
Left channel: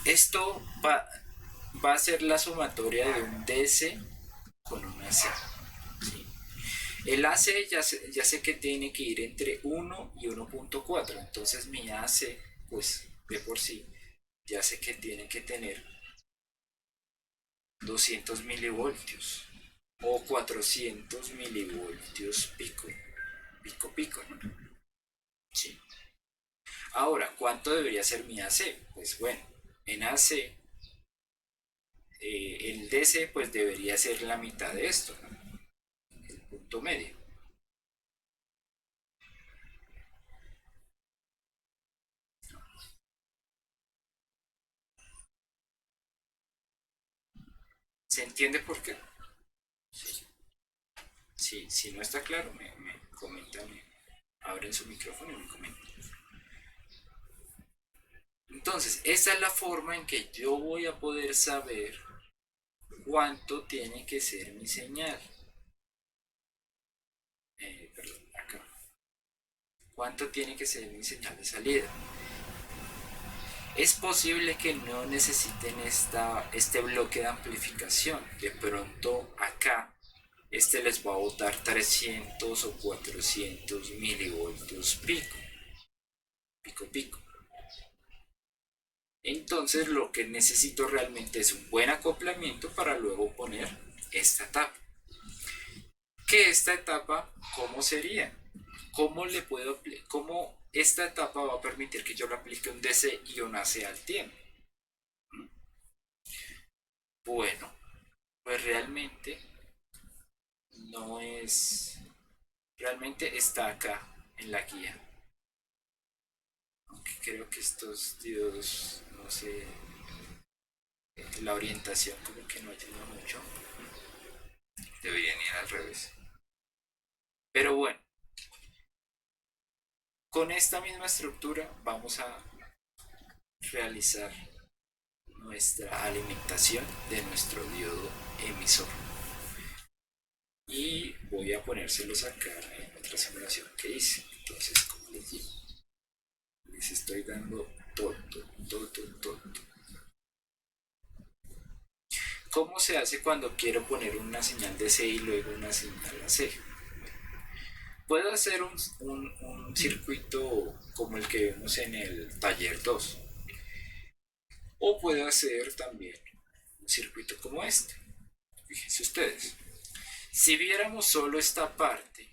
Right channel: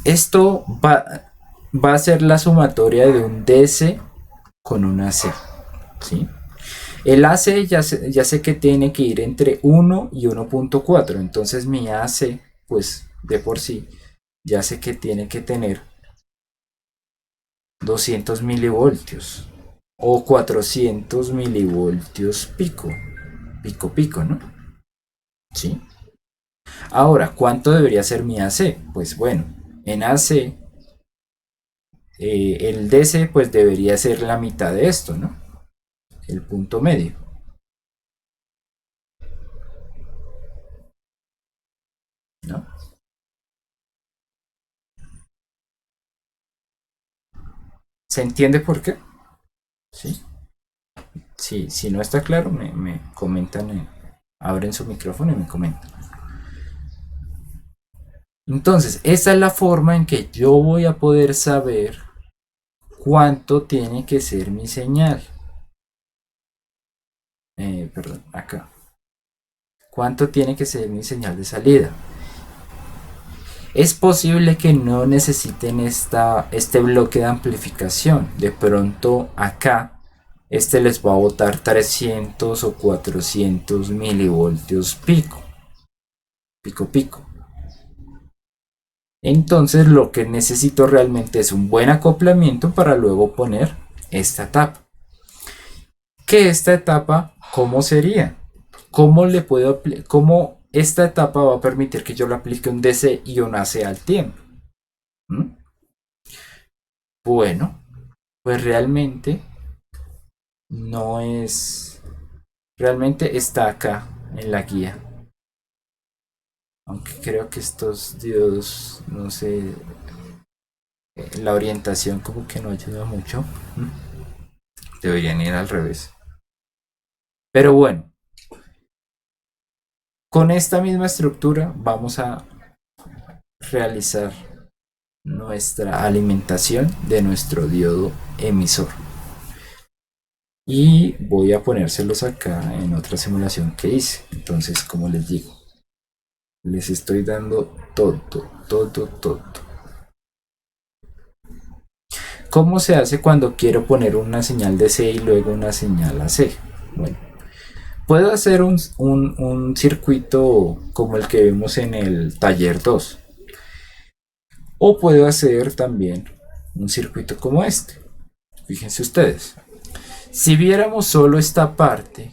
esto va a ser la sumatoria de un DC con un AC. ¿Sí? El AC ya sé que tiene que ir entre 1 y 1.4. Entonces mi AC, pues de por sí, ya sé que tiene que tener 200 milivoltios o 400 milivoltios pico. Pico, pico, ¿no? ¿Sí? Ahora, ¿cuánto debería ser mi AC? Pues bueno, en AC, el DC pues debería ser la mitad de esto, ¿no? El punto medio, ¿no? ¿Se entiende por qué? Sí. Sí, si no está claro, me comentan, abren su micrófono y me comentan. Entonces, esa es la forma en que yo voy a poder saber cuánto tiene que ser mi señal. Perdón, acá. ¿Cuánto tiene que ser mi señal de salida? Es posible que no necesiten este bloque de amplificación. De pronto acá, este les va a botar 300 o 400 milivoltios pico. Pico, pico. Entonces lo que necesito realmente es un buen acoplamiento para luego poner esta etapa. ¿Qué esta etapa cómo sería? ¿Cómo esta etapa va a permitir que yo le aplique un DC y un AC al tiempo? ¿Mm? Bueno, pues no es, realmente está acá en la guía. Aunque creo que estos diodos, no sé, la orientación como que no ayuda mucho. ¿Mm? Deberían ir al revés. Pero bueno, con esta misma estructura vamos a realizar nuestra alimentación de nuestro diodo emisor. Y voy a ponérselos acá en otra simulación que hice. Entonces, como les digo, les estoy dando todo, todo, todo. ¿Cómo se hace cuando quiero poner una señal de C y luego una señal AC? Bueno, puedo hacer un circuito como el que vimos en el taller 2. O puedo hacer también un circuito como este. Fíjense ustedes. Si viéramos solo esta parte,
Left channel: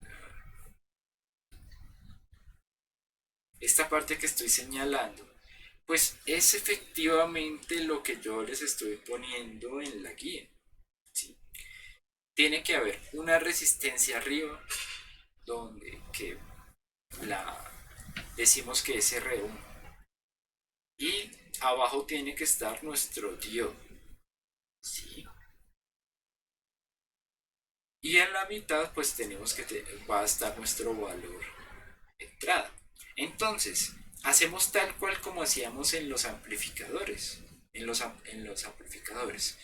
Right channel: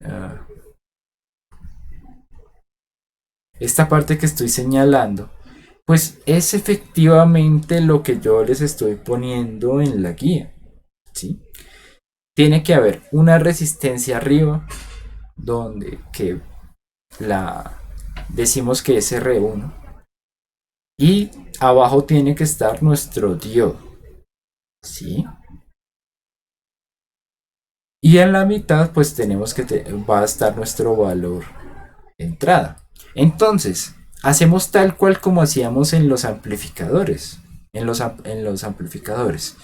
uh, esta parte que estoy señalando, pues es efectivamente lo que yo les estoy poniendo en la guía. ¿Sí? Tiene que haber una resistencia arriba donde que la decimos que es R1 y abajo tiene que estar nuestro diodo, ¿sí? Y en la mitad pues tenemos que va a estar nuestro valor de entrada. Entonces, hacemos tal cual como hacíamos en los amplificadores. En los amplificadores.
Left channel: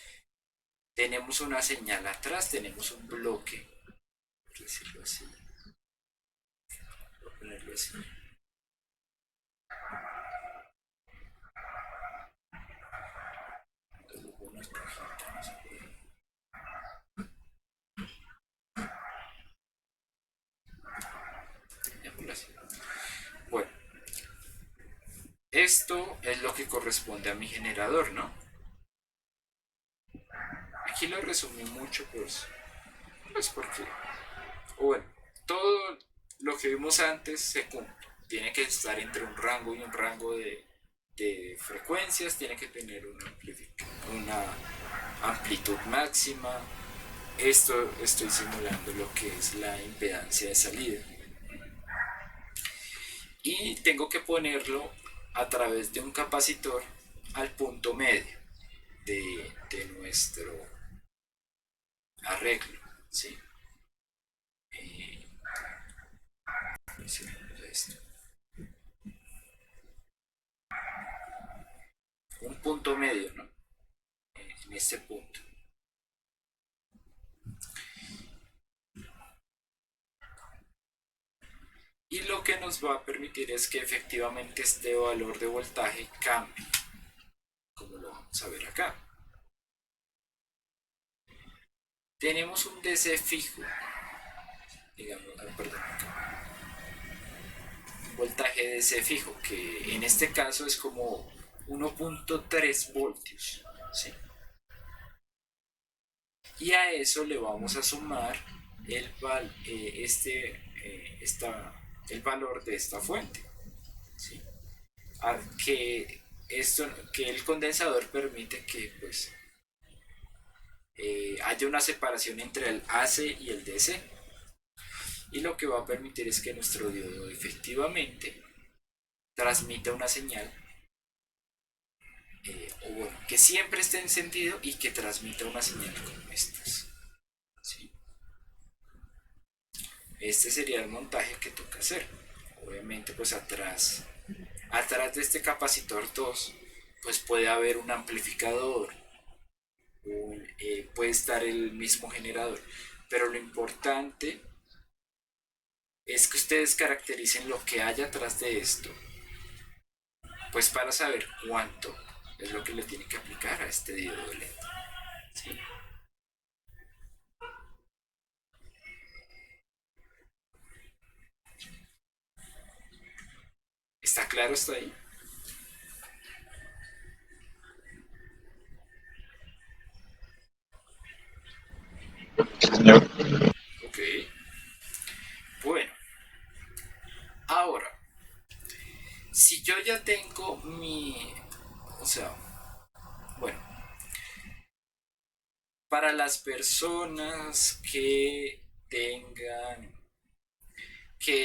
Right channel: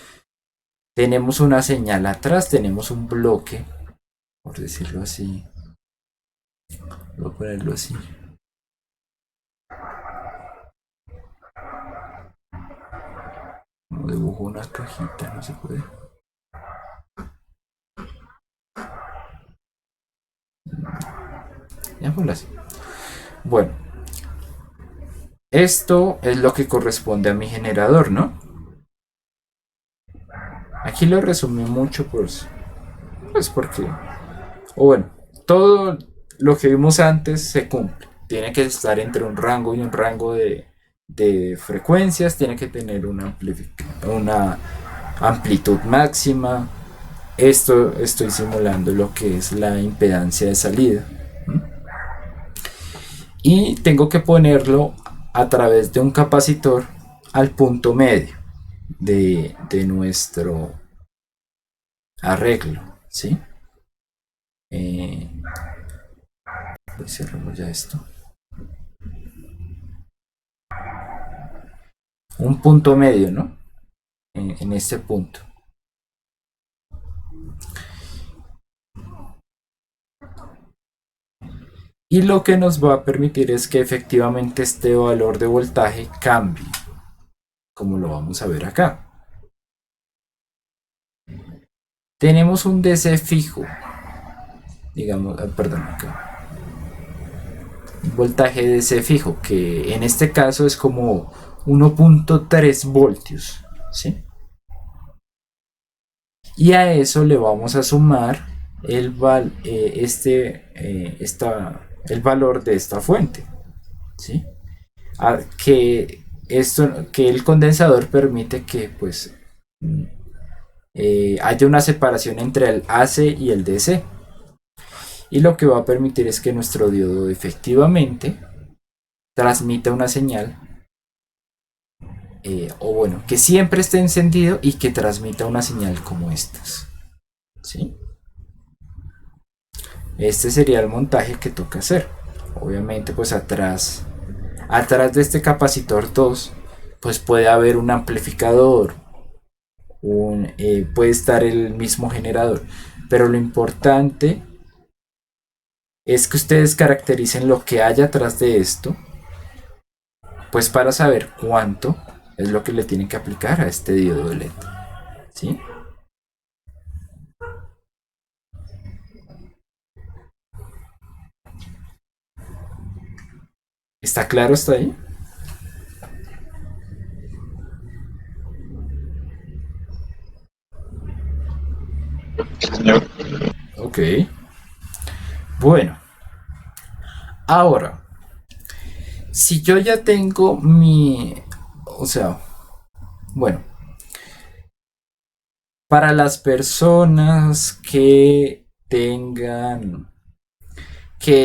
Tenemos una señal atrás, tenemos un bloque, por decirlo así. Voy a ponerlo así. Como dibujo una cajita, no se puede. Ya ponlo así. Bueno, esto es lo que corresponde a mi generador, ¿no? Aquí lo resumí mucho, pues porque, o bueno, todo lo que vimos antes se cumple. Tiene que estar entre un rango y un rango de frecuencias, tiene que tener una amplitud máxima. Esto estoy simulando lo que es la impedancia de salida. Y tengo que ponerlo a través de un capacitor al punto medio de nuestro arreglo, ¿sí? Eh, cerramos ya esto. Un punto medio, ¿no? En este punto. Y lo que nos va a permitir es que efectivamente este valor de voltaje cambie, como lo vamos a ver acá. Tenemos un DC fijo, digamos, perdón, acá. Un voltaje DC fijo, que en este caso es como 1.3 voltios, ¿sí? Y a eso le vamos a sumar el valor de esta fuente, ¿sí? Que el condensador permite que pues haya una separación entre el AC y el DC, y lo que va a permitir es que nuestro diodo efectivamente transmita una señal, o bueno, que siempre esté encendido y que transmita una señal como estas, ¿sí? Este sería el montaje que toca hacer. Obviamente pues atrás de este capacitor 2 pues puede haber un amplificador, puede estar el mismo generador, pero lo importante es que ustedes caractericen lo que hay atrás de esto, pues para saber cuánto es lo que le tienen que aplicar a este diodo LED, ¿sí? ¿Está claro hasta ahí? Señor. Ok. Bueno, ahora, si yo ya tengo o sea, bueno, para las personas que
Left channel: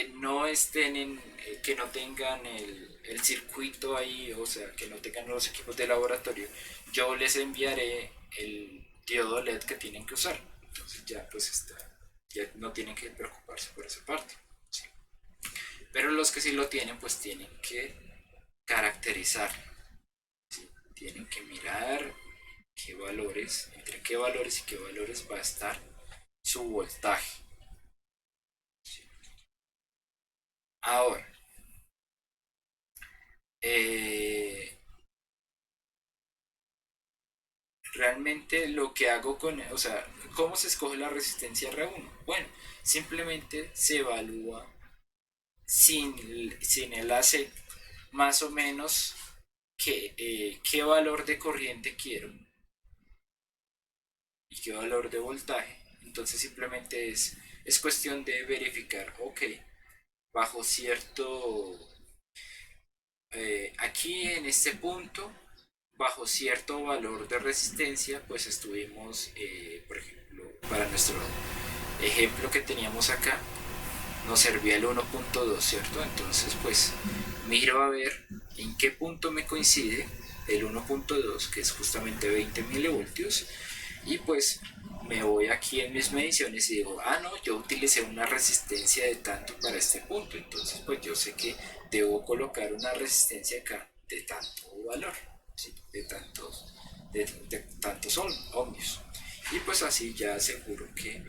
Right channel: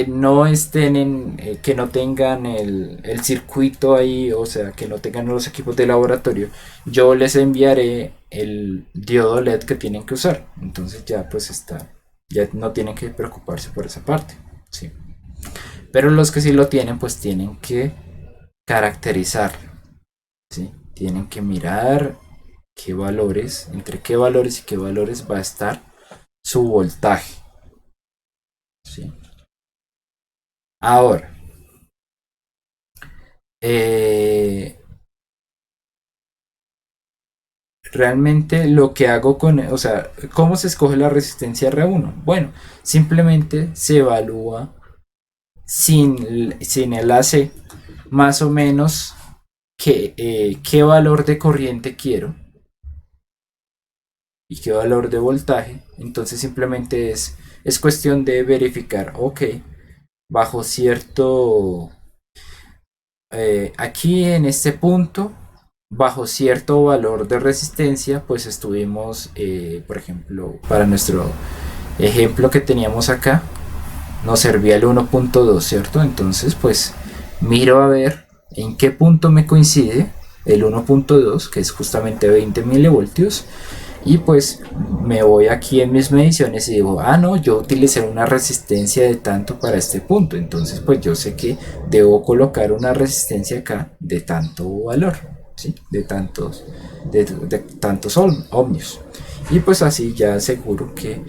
no estén que no tengan el circuito ahí, o sea, que no tengan los equipos de laboratorio, yo les enviaré el diodo LED que tienen que usar. Entonces ya pues está, ya no tienen que preocuparse por esa parte, sí. Pero los que sí lo tienen, pues tienen que caracterizarlo, ¿sí? Tienen que mirar qué valores, entre qué valores y qué valores va a estar su voltaje, ¿sí? Ahora, eh, realmente lo que hago o sea, ¿cómo se escoge la resistencia R1? Bueno, simplemente se evalúa sin el AC más o menos qué valor de corriente quiero y qué valor de voltaje. Entonces simplemente es cuestión de verificar, ok, bajo cierto, aquí en este punto, bajo cierto valor de resistencia, pues estuvimos, por ejemplo, para nuestro ejemplo que teníamos acá, nos servía el 1.2, ¿cierto? Entonces, pues miro a ver en qué punto me coincide el 1.2, que es justamente 20 milivoltios, y pues me voy aquí en mis mediciones y digo, ah, no, yo utilicé una resistencia de tanto para este punto, entonces pues yo sé que debo colocar una resistencia acá de tanto valor, ¿sí? De tantos ohmios. Y pues así ya aseguro que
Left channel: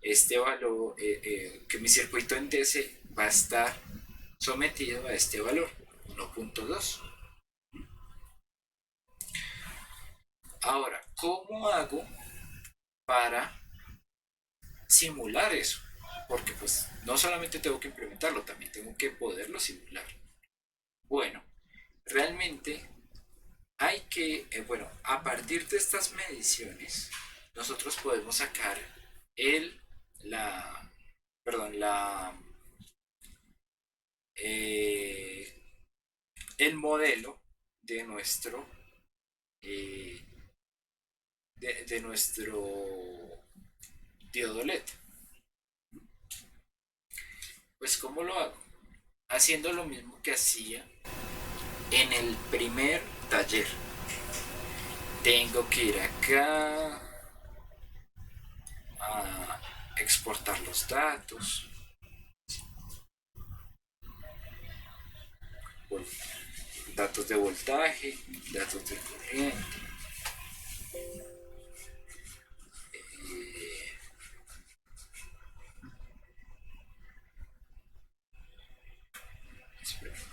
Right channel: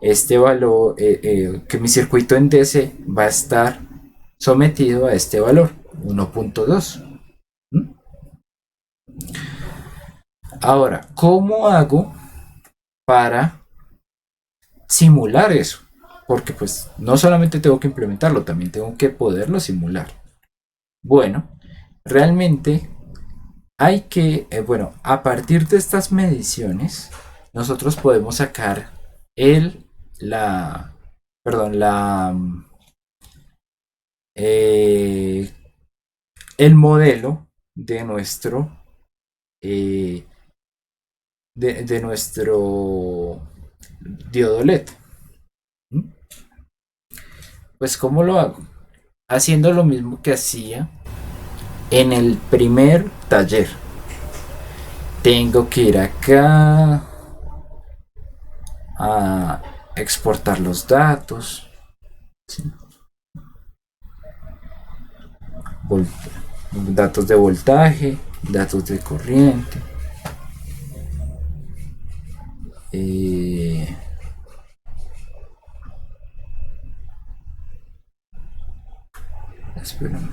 este valor, que mi circuito en DC va a estar sometido a este valor, 1.2. Ahora, ¿cómo hago para simular eso? Porque pues no solamente tengo que implementarlo, también tengo que poderlo simular. Bueno, realmente hay que, bueno, a partir de estas mediciones, nosotros podemos sacar el, la, perdón, eh, el modelo de nuestro, eh, de nuestro diodo LED. Pues, ¿cómo lo hago? Haciendo lo mismo que hacía en el primer taller. Tengo que ir acá a exportar los datos, ¿sí? Datos de voltaje, datos de corriente. Eh, esperen.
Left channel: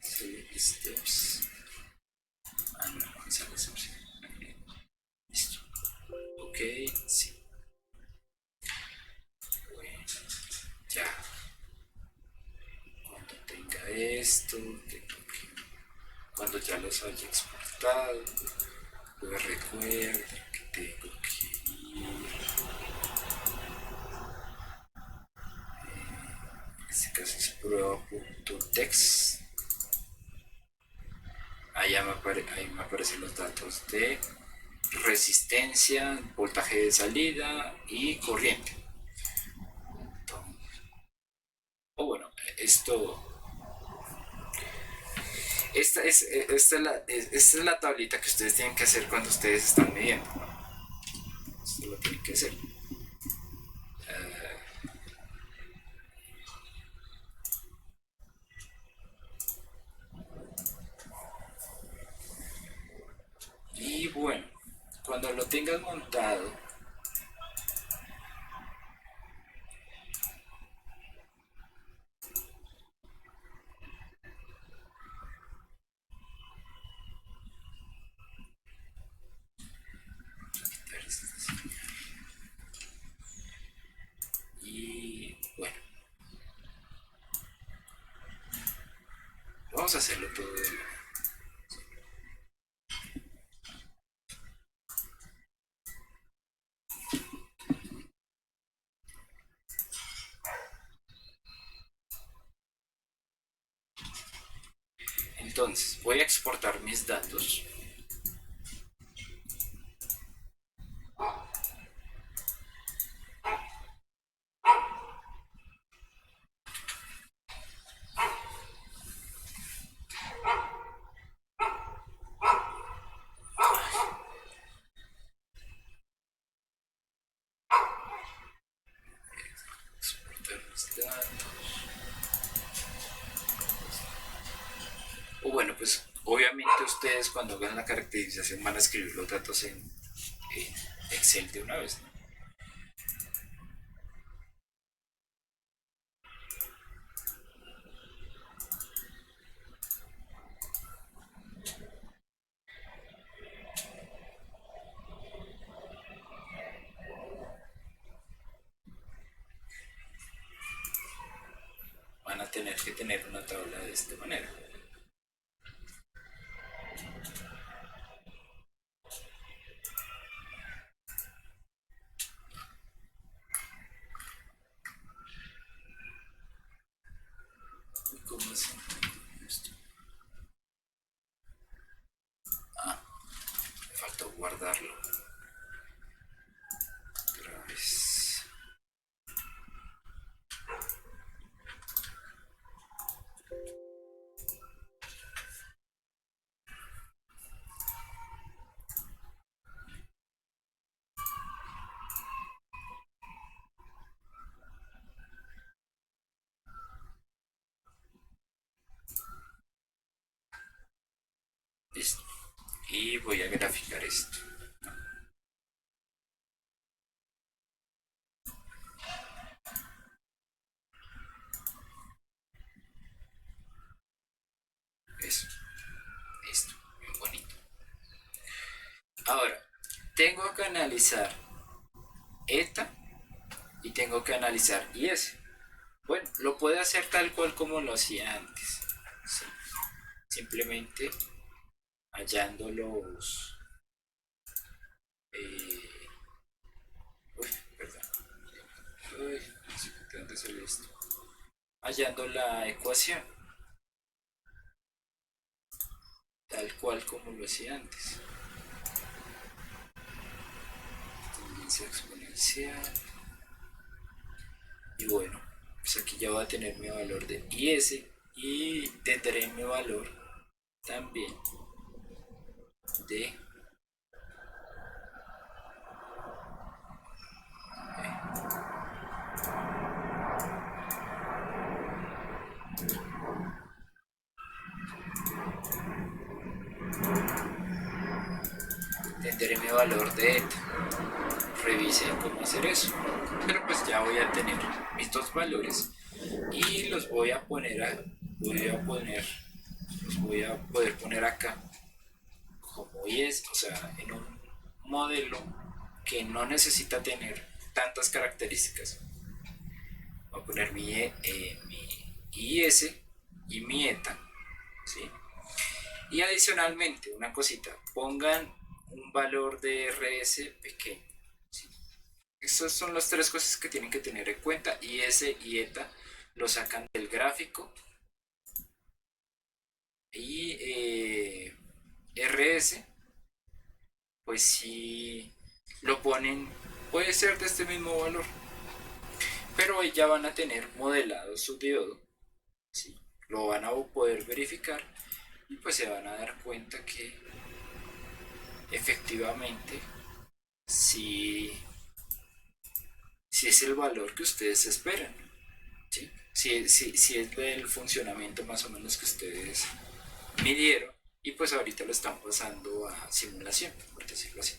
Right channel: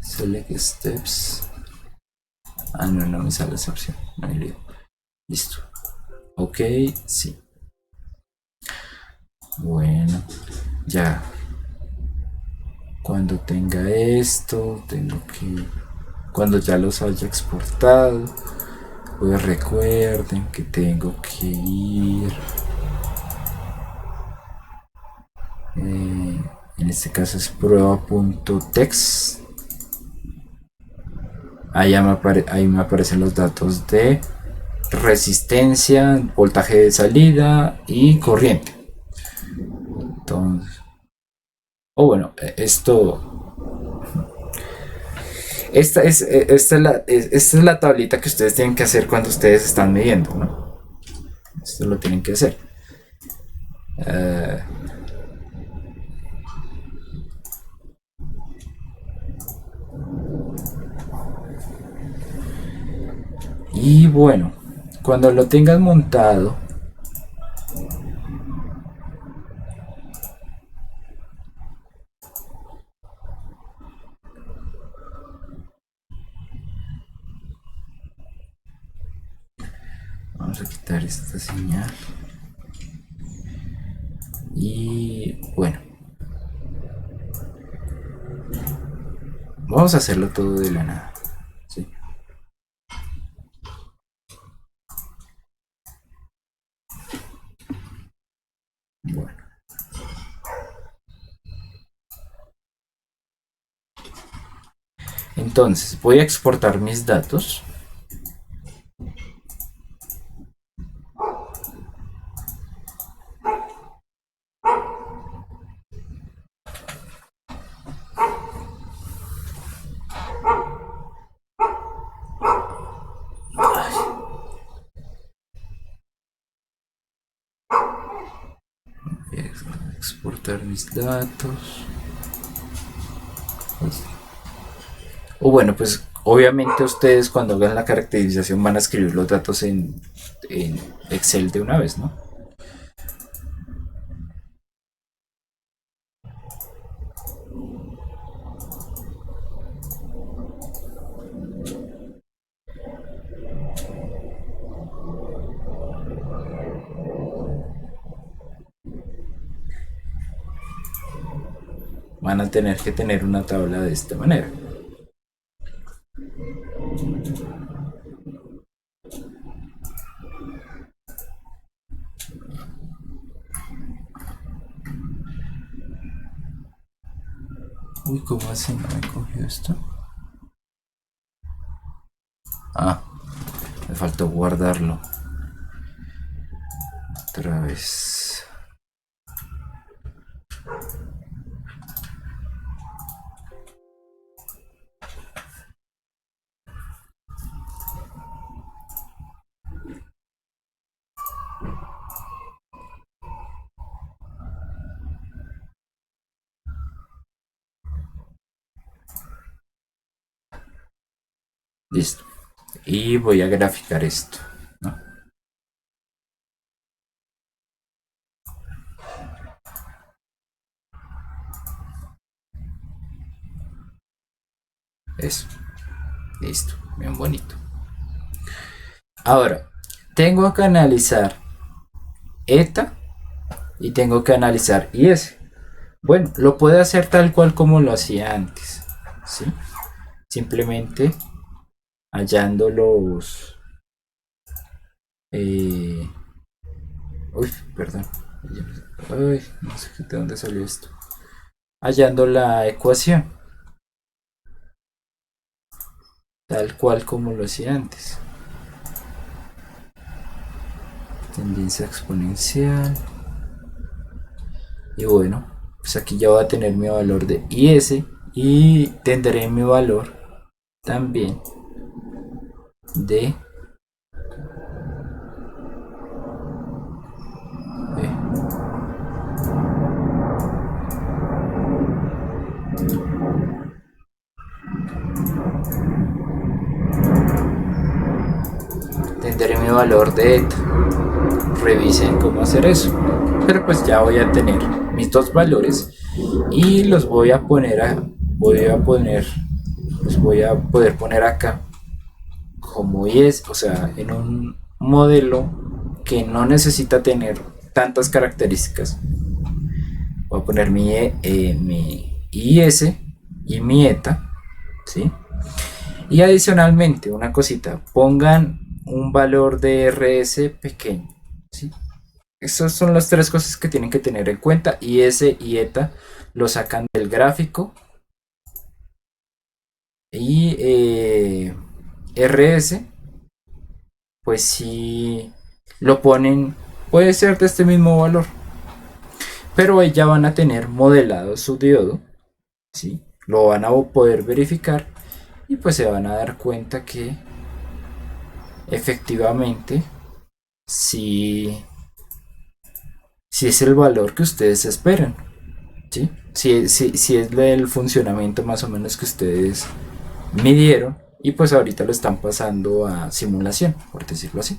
Select steps. Ah, no, no me sale esa opción. No hay lío. Listo. Ok, sí. Bueno, ya. Cuando tenga esto, tengo que. Cuando ya los haya exportado, pues recuerden que tengo que ir. En este caso es prueba.text. Ahí me aparecen los datos de resistencia, voltaje de salida y corriente. Entonces, bueno, esta es la tablita que ustedes tienen que hacer cuando ustedes están midiendo, ¿no? Esto lo tienen que hacer. Y bueno, cuando lo tengas montado, vamos a quitar esta señal. Y bueno, vamos a hacerlo todo de la nada, ¿sí? Bueno, entonces voy a exportar mis datos. Voy a exportar mis datos. O bueno, pues obviamente ustedes cuando hagan la caracterización van a escribir los datos en Excel de una vez, ¿no? Van a tener que tener una tabla de esta manera. Uy, ¿cómo así no me cogió esto? Ah, me faltó guardarlo. Otra vez. Listo. Y voy a graficar esto, ¿no? Eso. Listo. Bien bonito. Ahora, tengo que analizar eta y tengo que analizar is. Bueno, lo puedo hacer tal cual como lo hacía antes, ¿sí? Simplemente hallando los... eh, uy, perdón. Uy, no sé de dónde salió esto. Hallando la ecuación, tal cual como lo hacía antes. Tendencia exponencial. Y bueno, pues aquí ya voy a tener mi valor de is y tendré mi valor también de tendré mi valor de eta. Revisen cómo hacer eso. Pero pues ya voy a tener mis dos valores y los voy a poner los voy a poder poner acá como es, o sea, en un modelo que no necesita tener tantas características. Voy a poner mi IS y mi ETA, ¿sí? Y adicionalmente, una cosita, pongan un valor de RS pequeño, ¿sí? Esas son las tres cosas que tienen que tener en cuenta. IS y ETA lo sacan del gráfico. Y RS, pues si lo ponen, puede ser de este mismo valor. Pero ya van a tener modelado su diodo, ¿sí? Lo van a poder verificar y pues se van a dar cuenta que efectivamente si, si es el valor que ustedes esperan, ¿sí? Si es el funcionamiento más o menos que ustedes midieron y pues ahorita lo están pasando a simulación, por decirlo así.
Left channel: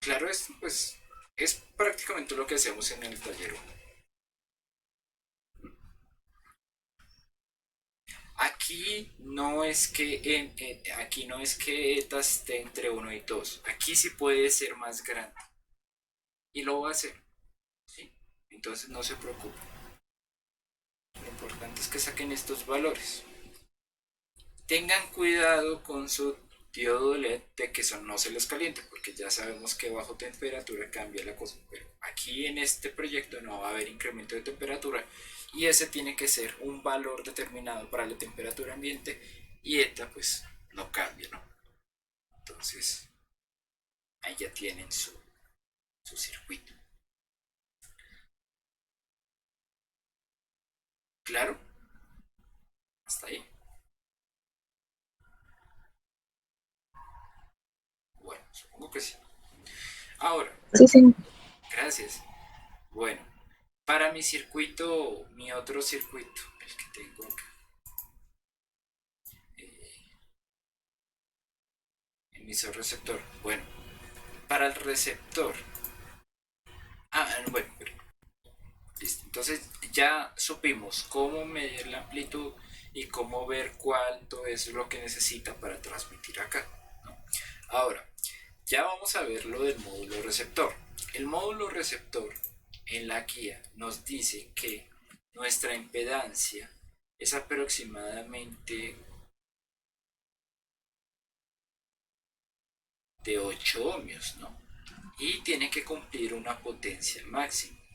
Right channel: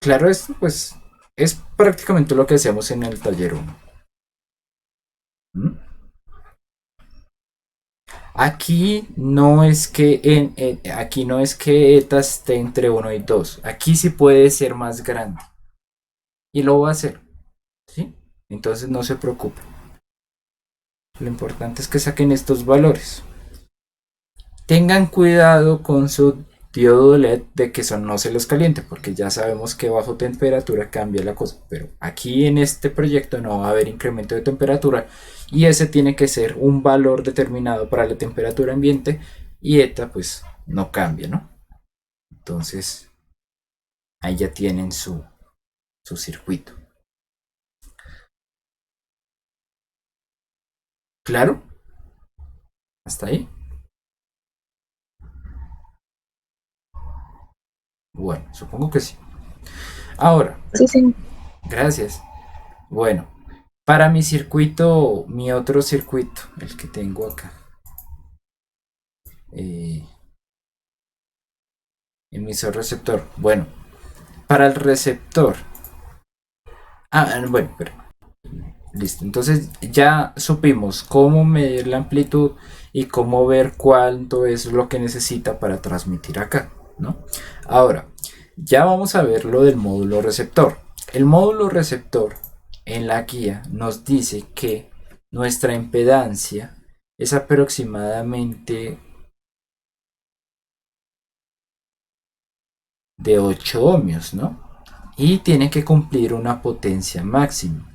Claro, esto pues es prácticamente lo que hacemos en el taller 1. Aquí no es que ETA esté entre 1 y 2. Aquí sí puede ser más grande. Y lo va a hacer. ¿Sí? Entonces no se preocupe. Lo importante es que saquen estos valores. Tengan cuidado con su diodo LED de que eso no se los caliente, porque ya sabemos que bajo temperatura cambia la cosa. Pero aquí en este proyecto no va a haber incremento de temperatura y ese tiene que ser un valor determinado para la temperatura ambiente y ETA pues no cambia, ¿no? Entonces ahí ya tienen su circuito. ¿Claro? ¿Hasta ahí? Bueno, supongo que sí. Ahora, Sí, sí. gracias. Bueno, para mi circuito, mi otro circuito, el que tengo acá, eh, emisor receptor. Bueno, para el receptor. Bueno, pero listo. Entonces ya supimos cómo medir la amplitud y cómo ver cuánto es lo que necesita para transmitir acá, ¿no? Ahora, ya vamos a ver lo del módulo receptor. El módulo receptor en la guía nos dice que nuestra impedancia es aproximadamente de 8 ohmios, ¿no? Y tiene que cumplir una potencia máxima,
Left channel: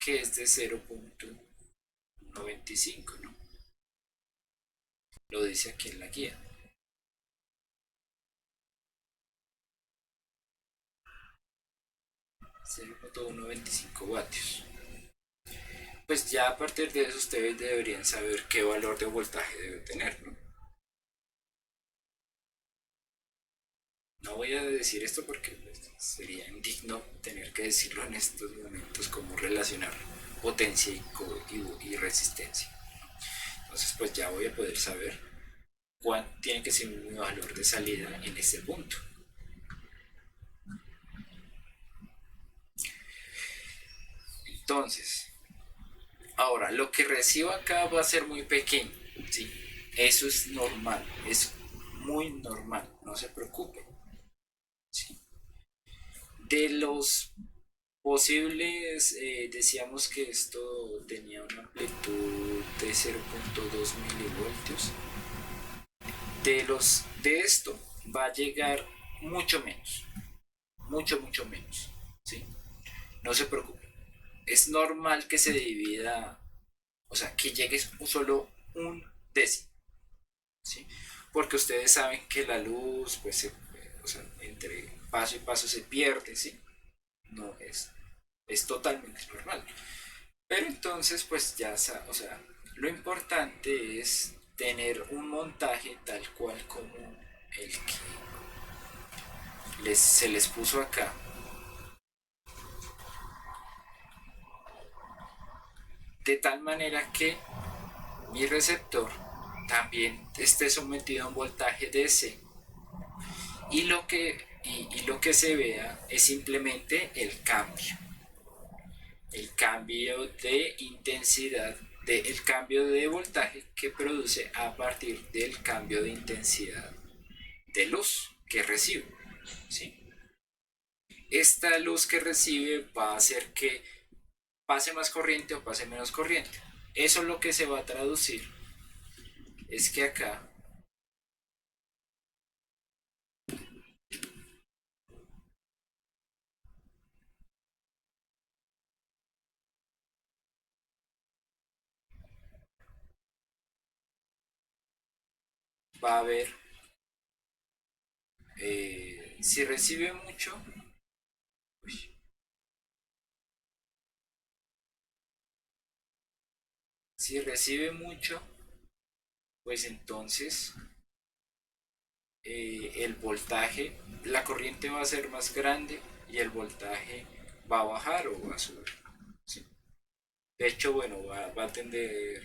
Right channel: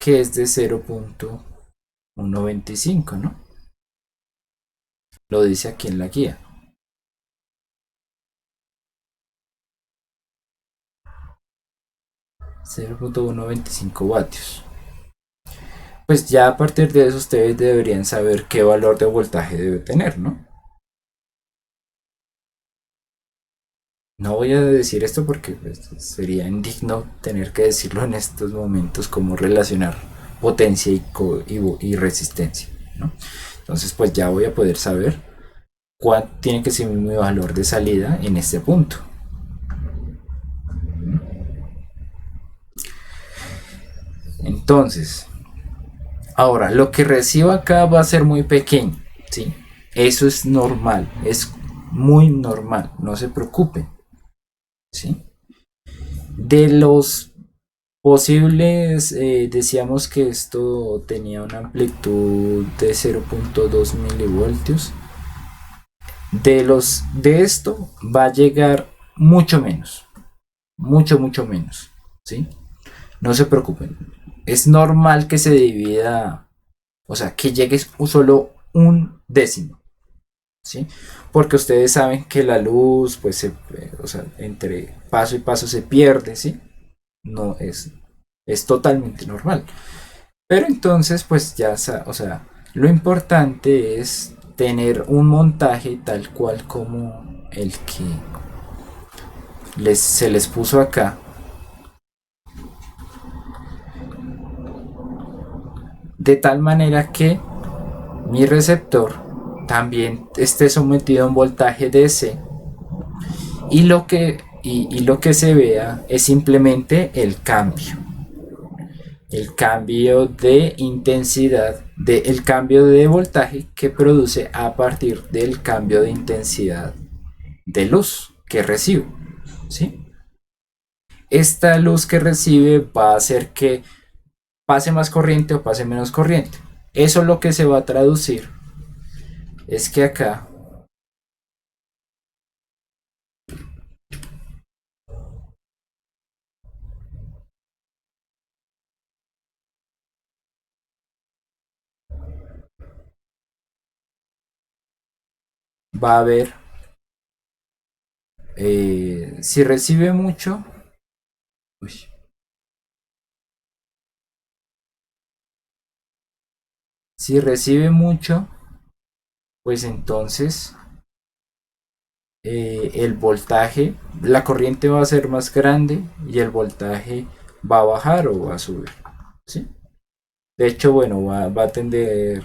que es de 0.125, ¿no? Lo dice aquí en la guía. 0.125 vatios. Pues ya a partir de eso ustedes deberían saber qué valor de voltaje debe tener, ¿no? No voy a decir esto porque pues, sería indigno tener que decirlo en estos momentos, como relacionar potencia y resistencia, ¿no? Entonces pues ya voy a poder saber cuál tiene que ser mi valor de salida en este punto. Entonces, ahora lo que recibo acá va a ser muy pequeño, ¿sí? Eso es normal, es muy normal, no se preocupen, ¿sí? De los posibles, decíamos que esto tenía una amplitud de 0.2 milivoltios. De esto va a llegar mucho menos, mucho menos, ¿sí? No se preocupen. Es normal que se divida, o sea, que llegue solo un décimo, ¿sí? Porque ustedes saben que la luz, pues, o sea, entre paso y paso se pierde, ¿sí? No es totalmente normal. Pero entonces, pues ya, o sea, lo importante es tener un montaje tal cual como el que se les puso acá, de tal manera que mi receptor también esté sometido a un voltaje DC y lo que se vea es simplemente el cambio de intensidad, el cambio de voltaje que produce a partir del cambio de intensidad de luz que recibo, ¿sí? Esta luz que recibe va a hacer que pase más corriente o pase menos corriente. Eso lo que se va a traducir es que acá va a haber, si recibe mucho, uy, si recibe mucho, pues entonces el voltaje, la corriente va a ser más grande y el voltaje va a bajar o va a subir, ¿sí? De hecho, bueno, va a tender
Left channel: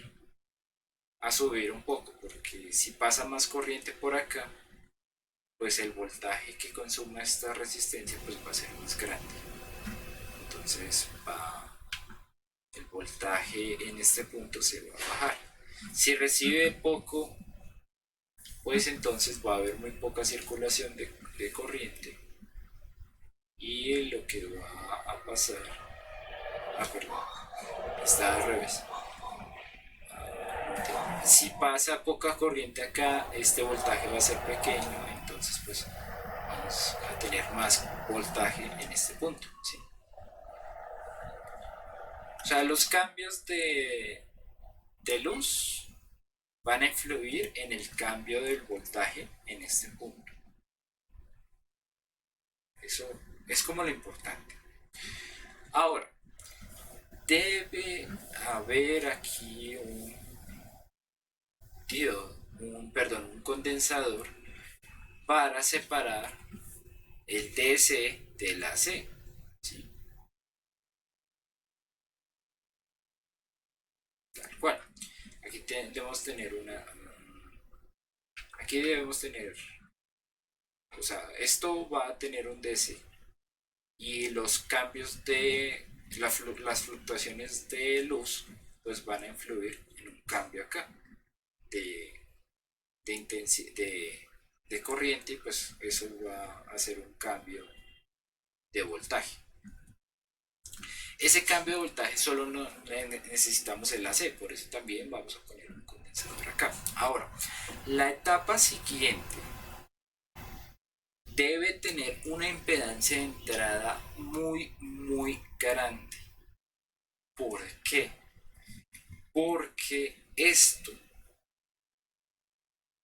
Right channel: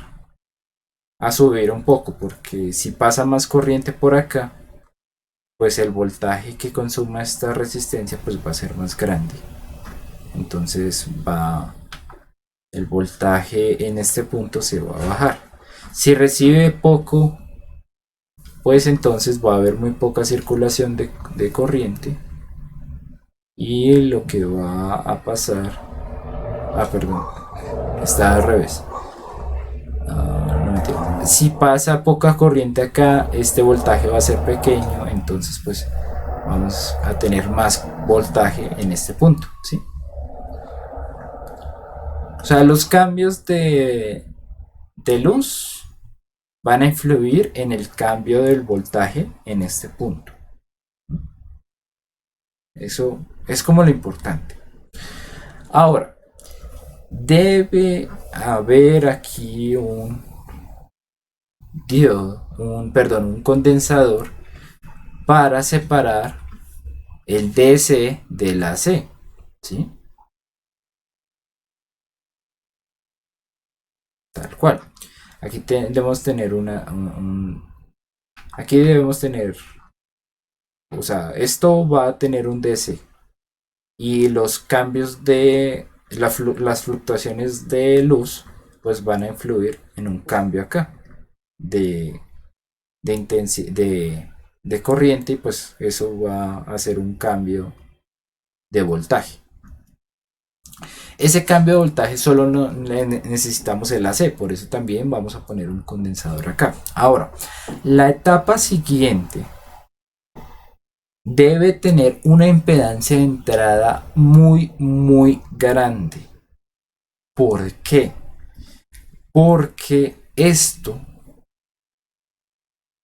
a subir un poco porque si pasa más corriente por acá, pues el voltaje que consuma esta resistencia pues va a ser más grande. Entonces el voltaje en este punto se va a bajar. Si recibe poco, pues entonces va a haber muy poca circulación de corriente y lo que va a pasar, perdón, está al revés. No, si pasa poca corriente acá, este voltaje va a ser pequeño, entonces pues vamos a tener más voltaje en este punto, ¿sí? O sea, los cambios de luz van a influir en el cambio del voltaje en este punto. Eso es como lo importante. Ahora, debe haber aquí un diodo, un condensador para separar el DC del AC, ¿sí? Tal cual. Aquí debemos tener aquí debemos tener, o sea, esto va a tener un DC y los cambios de las fluctuaciones de luz pues van a influir en un cambio acá de, de corriente y pues eso va a hacer un cambio de voltaje. Ese cambio de voltaje solo no necesitamos el AC, por eso también vamos a poner un condensador acá. Ahora, la etapa siguiente debe tener una impedancia de entrada muy grande. ¿Por qué? Porque esto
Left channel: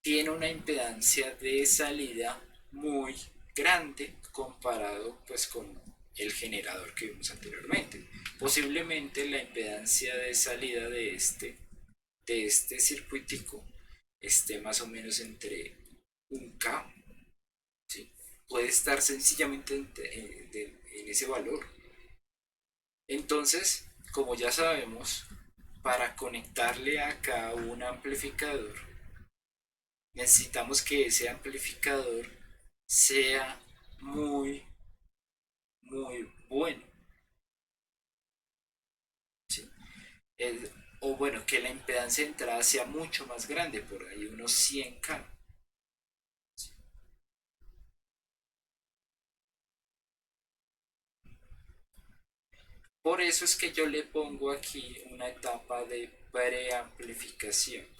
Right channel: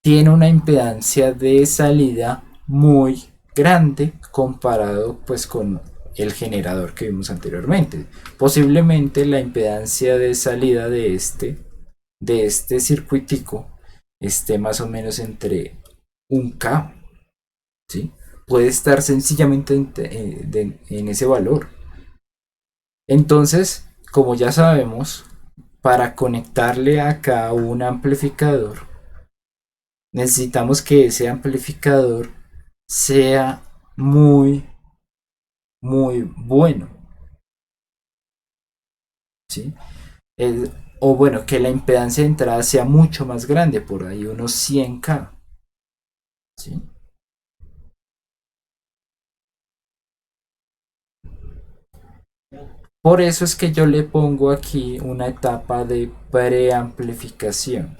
tiene una impedancia de salida muy grande comparado pues con el generador que vimos anteriormente. Posiblemente la impedancia de salida de este circuitico esté más o menos entre 1K, ¿sí? Puede estar sencillamente en ese valor. Entonces, como ya sabemos, para conectarle acá un amplificador, necesitamos que ese amplificador sea muy, muy bueno, ¿sí? El- o bueno, que la impedancia de entrada sea mucho más grande, por ahí unos 100K, ¿sí? Por eso es que yo le pongo aquí una etapa de preamplificación,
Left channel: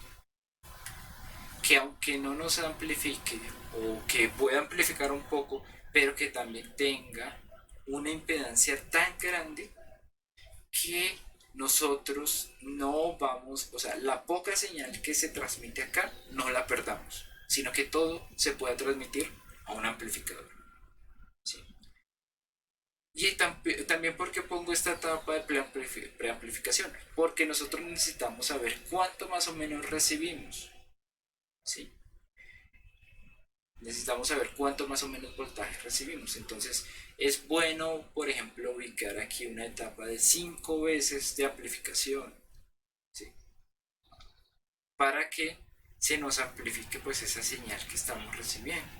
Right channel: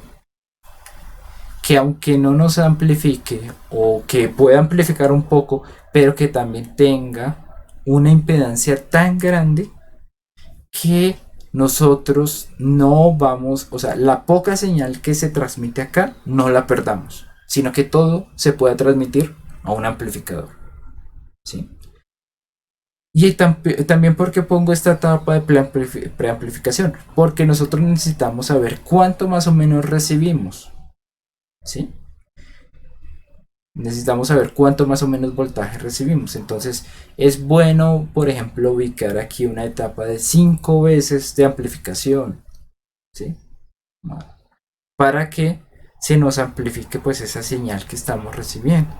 que aunque no nos amplifique o que pueda amplificar un poco, pero que también tenga una impedancia tan grande que nosotros no vamos, o sea, la poca señal que se transmite acá no la perdamos, sino que todo se pueda transmitir a un amplificador, ¿sí? Y también porque pongo esta etapa de preamplificación, porque nosotros necesitamos saber cuánto más o menos recibimos, ¿sí? Necesitamos saber cuánto más o menos voltaje recibimos. Entonces es bueno, por ejemplo, ubicar aquí una etapa de 5 veces de amplificación, ¿sí? Para que se nos amplifique pues esa señal que estamos recibiendo.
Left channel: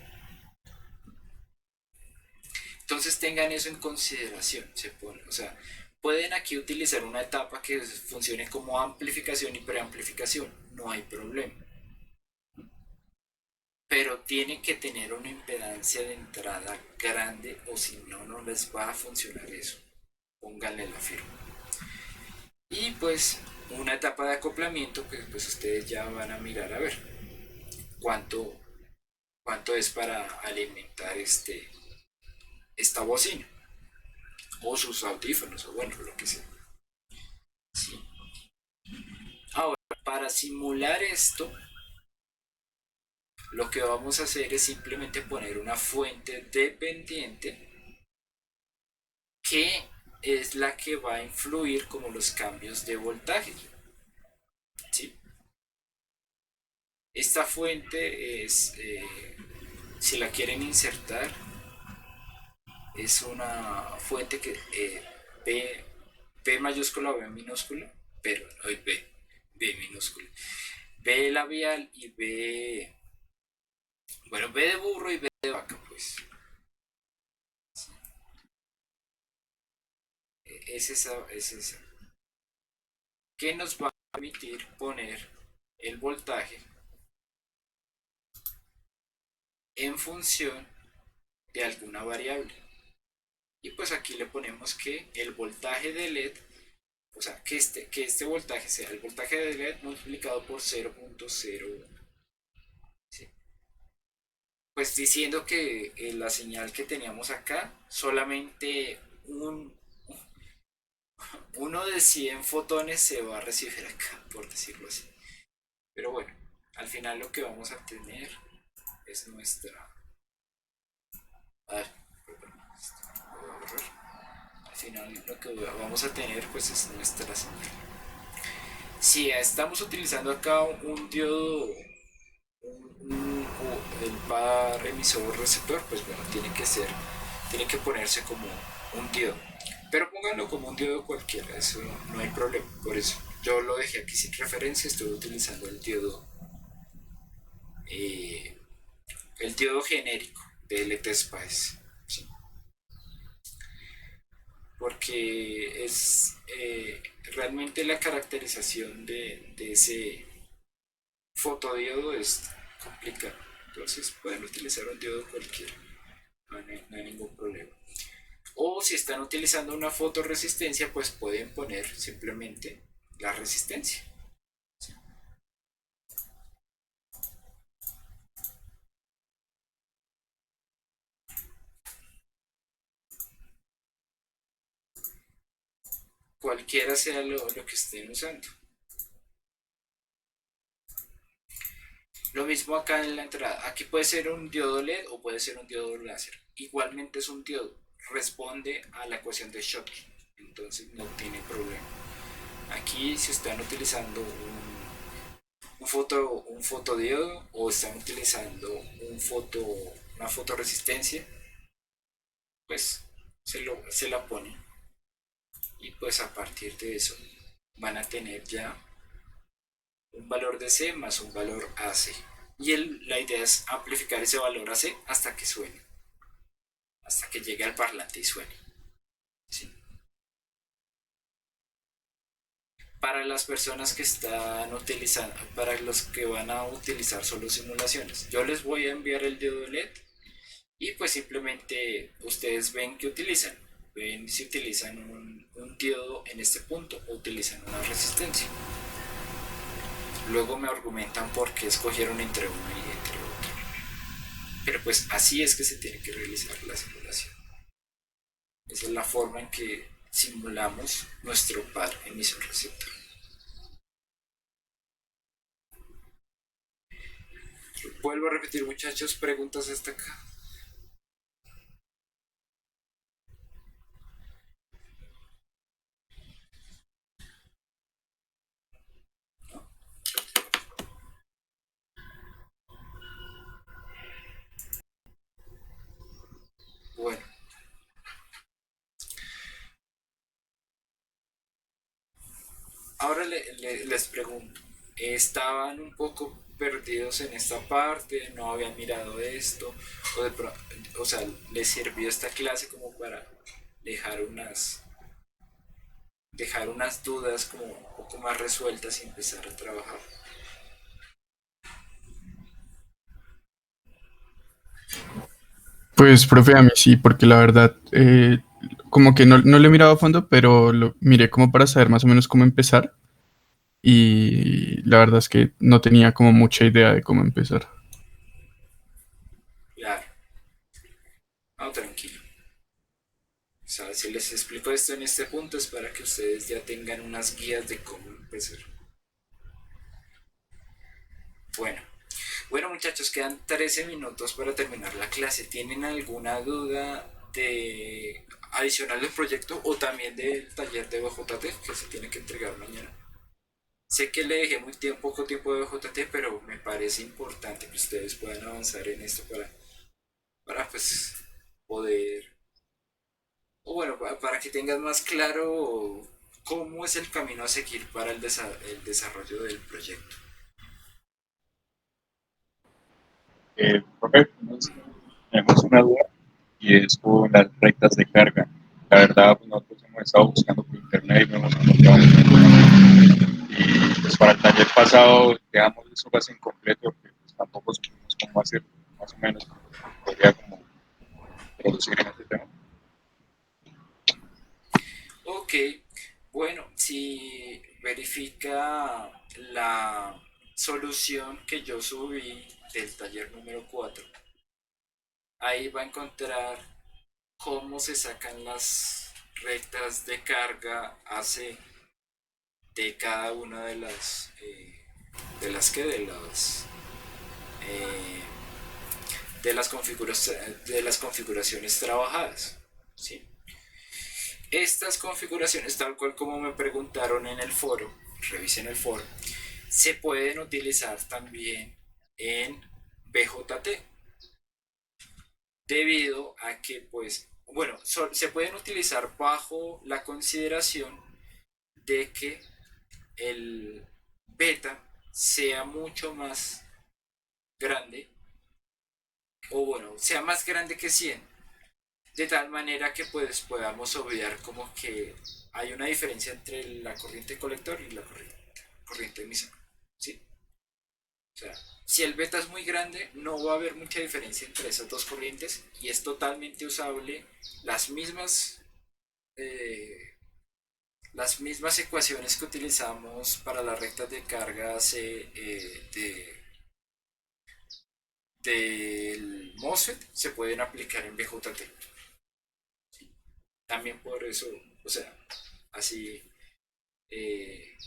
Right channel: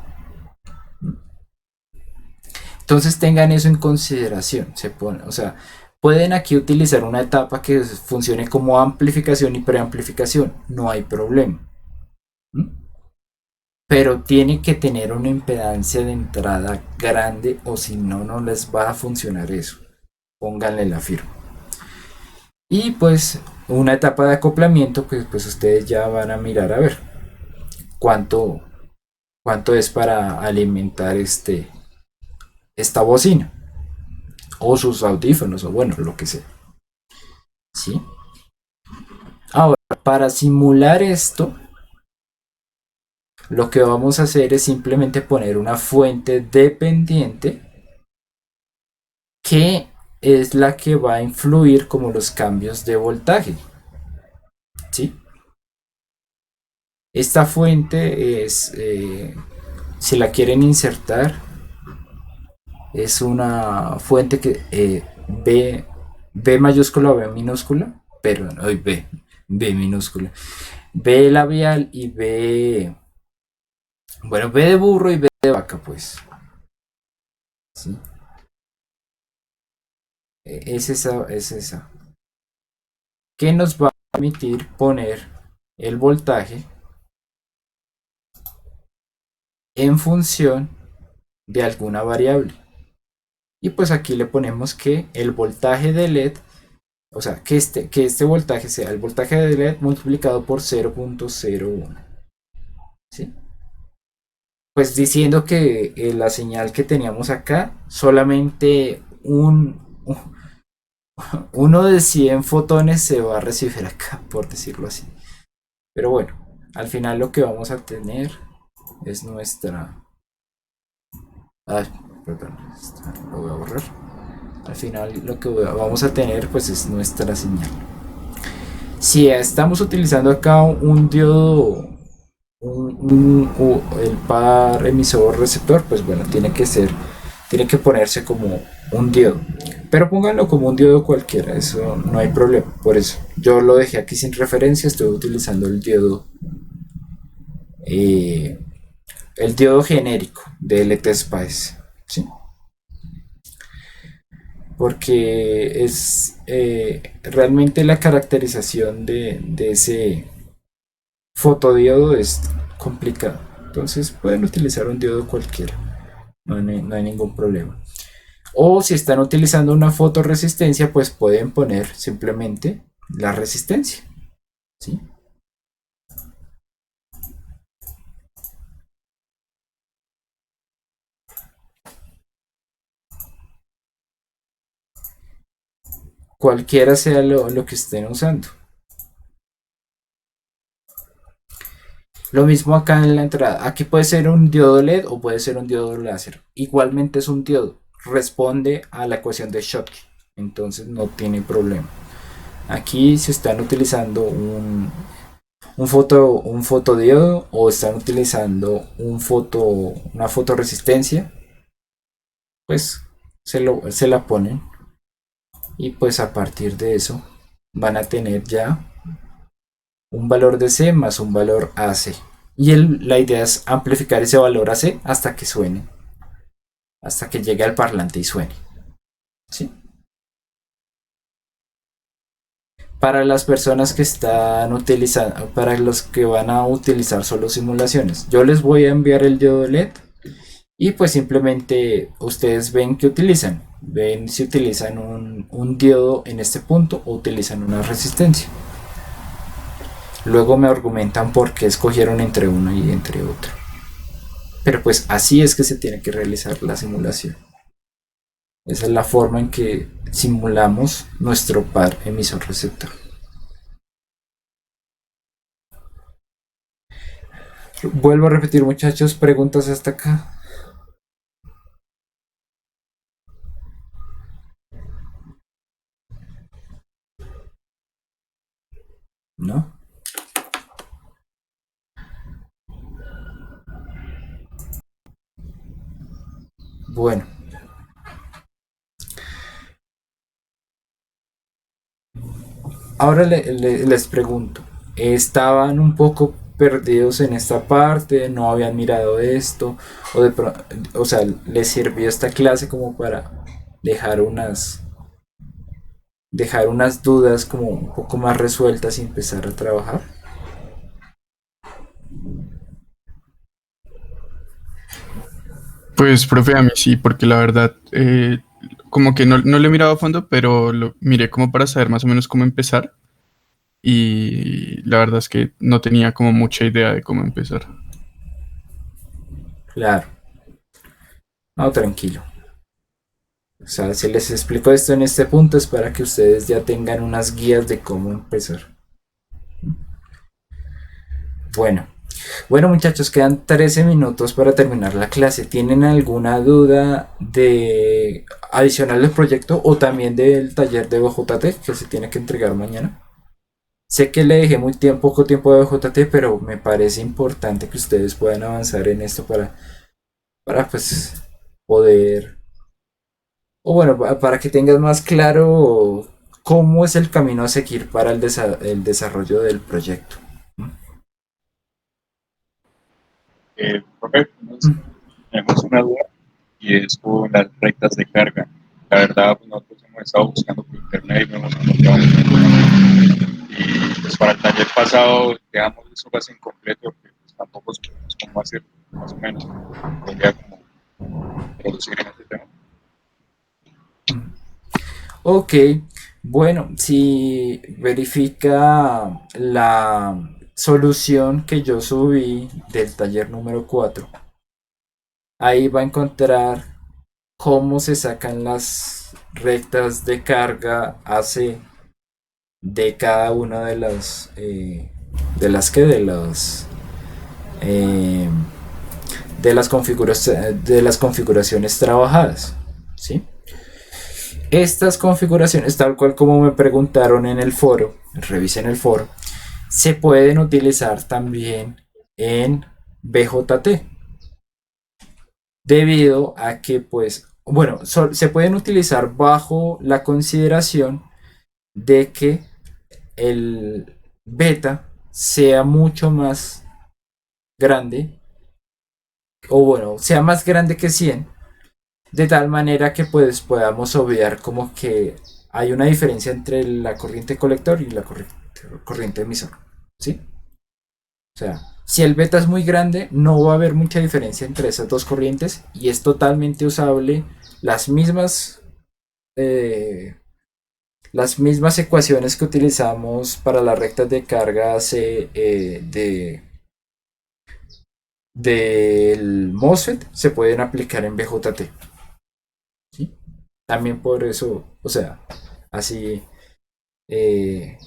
Entonces tengan eso en consideración. Se pone, o sea, pueden aquí utilizar una etapa que funcione como amplificación y preamplificación. No hay problema. ¿Mm? Pero tiene que tener una impedancia de entrada grande o si no, no les va a funcionar eso. Pónganle la firma. Y pues una etapa de acoplamiento, pues ustedes ya van a mirar a ver cuánto, cuánto es para alimentar esta bocina o sus audífonos o bueno, lo que sea. ¿Sí? Ahora, para simular esto, lo que vamos a hacer es simplemente poner una fuente dependiente que es la que va a influir como los cambios de voltaje. ¿Sí? Esta fuente es, si la quieren insertar, es una fuente que B mayúscula o B minúscula, pero no, B minúscula. B labial y B, bueno, B de burro y B de vaca, pues. ¿Sí? Es esa, es esa. Que nos va a permitir poner el voltaje en función de alguna variable. Y pues aquí le ponemos que el voltaje de LED, o sea, que este voltaje sea el voltaje de LED multiplicado por 0.01. ¿Sí? Pues diciendo que la señal que teníamos acá, solamente uno de 100 fotones se va a recibir acá, por decirlo así. Pero bueno, al final lo que vamos a tener es nuestra... Ay, perdón, lo voy a borrar. Al final lo que vamos a tener pues es nuestra señal. Si estamos utilizando acá un diodo, el par emisor receptor, pues bueno, tiene que ponerse como un diodo. Pero pónganlo como un diodo cualquiera, eso no hay problema. Por eso yo lo dejé aquí sin referencia, estoy utilizando eh, el diodo genérico de LT Spice, ¿sí? Porque es realmente la caracterización de ese fotodiodo es complicado. Entonces pueden utilizar un diodo cualquiera, no hay ningún problema. O si están utilizando una fotoresistencia, pues pueden poner simplemente la resistencia, ¿sí? Cualquiera sea lo que estén usando. Lo mismo acá en la entrada. Aquí puede ser un diodo LED o puede ser un diodo láser. Igualmente es un diodo. responde a la ecuación de Schottky, entonces no tiene problema. Aquí si están utilizando un fotodiodo o están utilizando una fotoresistencia, pues se la ponen y pues a partir de eso van a tener ya un valor de C más un valor AC. Y la idea es amplificar ese valor AC hasta que suene, hasta que llegue al parlante y suene. ¿Sí? Para las personas que están utilizando, para los que van a utilizar solo simulaciones, yo les voy a enviar el diodo LED y pues simplemente ustedes ven que utilizan. Ven si utilizan un diodo en este punto o utilizan una resistencia. Luego me argumentan por qué escogieron entre una y entre otra. Pero pues así es que se tiene que realizar la simulación. Esa es la forma en que simulamos nuestro par emisor receptor. Vuelvo a repetir, muchachos, preguntas hasta acá. ¿No? Bueno, ahora les pregunto, ¿estaban un poco perdidos en esta parte? ¿No habían mirado esto? O sea, ¿les sirvió esta clase como para dejar dejar unas dudas como un poco más resueltas y empezar a trabajar? Pues, profe, a mí sí, porque la verdad, como que no lo he mirado a fondo, pero lo miré como para saber más o menos cómo empezar. Y la verdad es que no tenía como mucha idea de cómo empezar. Claro, no, tranquilo. O sea, si les explico esto en este punto es para que ustedes ya tengan unas guías de cómo empezar. Bueno, bueno muchachos, quedan 13 minutos para terminar la clase. ¿Tienen alguna duda de adicional del proyecto o también del taller de BJT que se tiene que entregar mañana? Sé que le dejé poco tiempo de BJT, pero me parece importante que ustedes puedan avanzar en esto para pues poder, o bueno, para que tengas más claro cómo es el camino a seguir para el desarrollo del proyecto. Profe, tenemos una duda y es con las rectas de carga. La verdad, pues, nosotros hemos estado buscando por internet y no hemos encontrado y pues para el taller pasado dejamos eso casi incompleto porque pues, tampoco supimos cómo hacer más o menos. Podría como introducir en este tema. Ok, bueno, si verifica la solución que yo subí del taller número 4, ahí va a encontrar cómo se sacan las rectas de carga AC de cada una de las que eh, de las configuraciones trabajadas, ¿sí? Estas configuraciones, tal cual como me preguntaron en el foro, revisen el foro, se pueden utilizar también en BJT, debido a que, pues, bueno, se pueden utilizar bajo la consideración de que el beta sea mucho más grande, o bueno, sea más grande que 100, de tal manera que pues podamos obviar como que hay una diferencia entre la corriente colector y la corriente emisor, ¿sí? O sea, si el beta es muy grande, no va a haber mucha diferencia entre esas dos corrientes y es totalmente usable las mismas eh, las mismas ecuaciones que utilizamos para las rectas de carga del MOSFET se pueden aplicar en BJT, ¿sí? También por eso, o sea, así eh,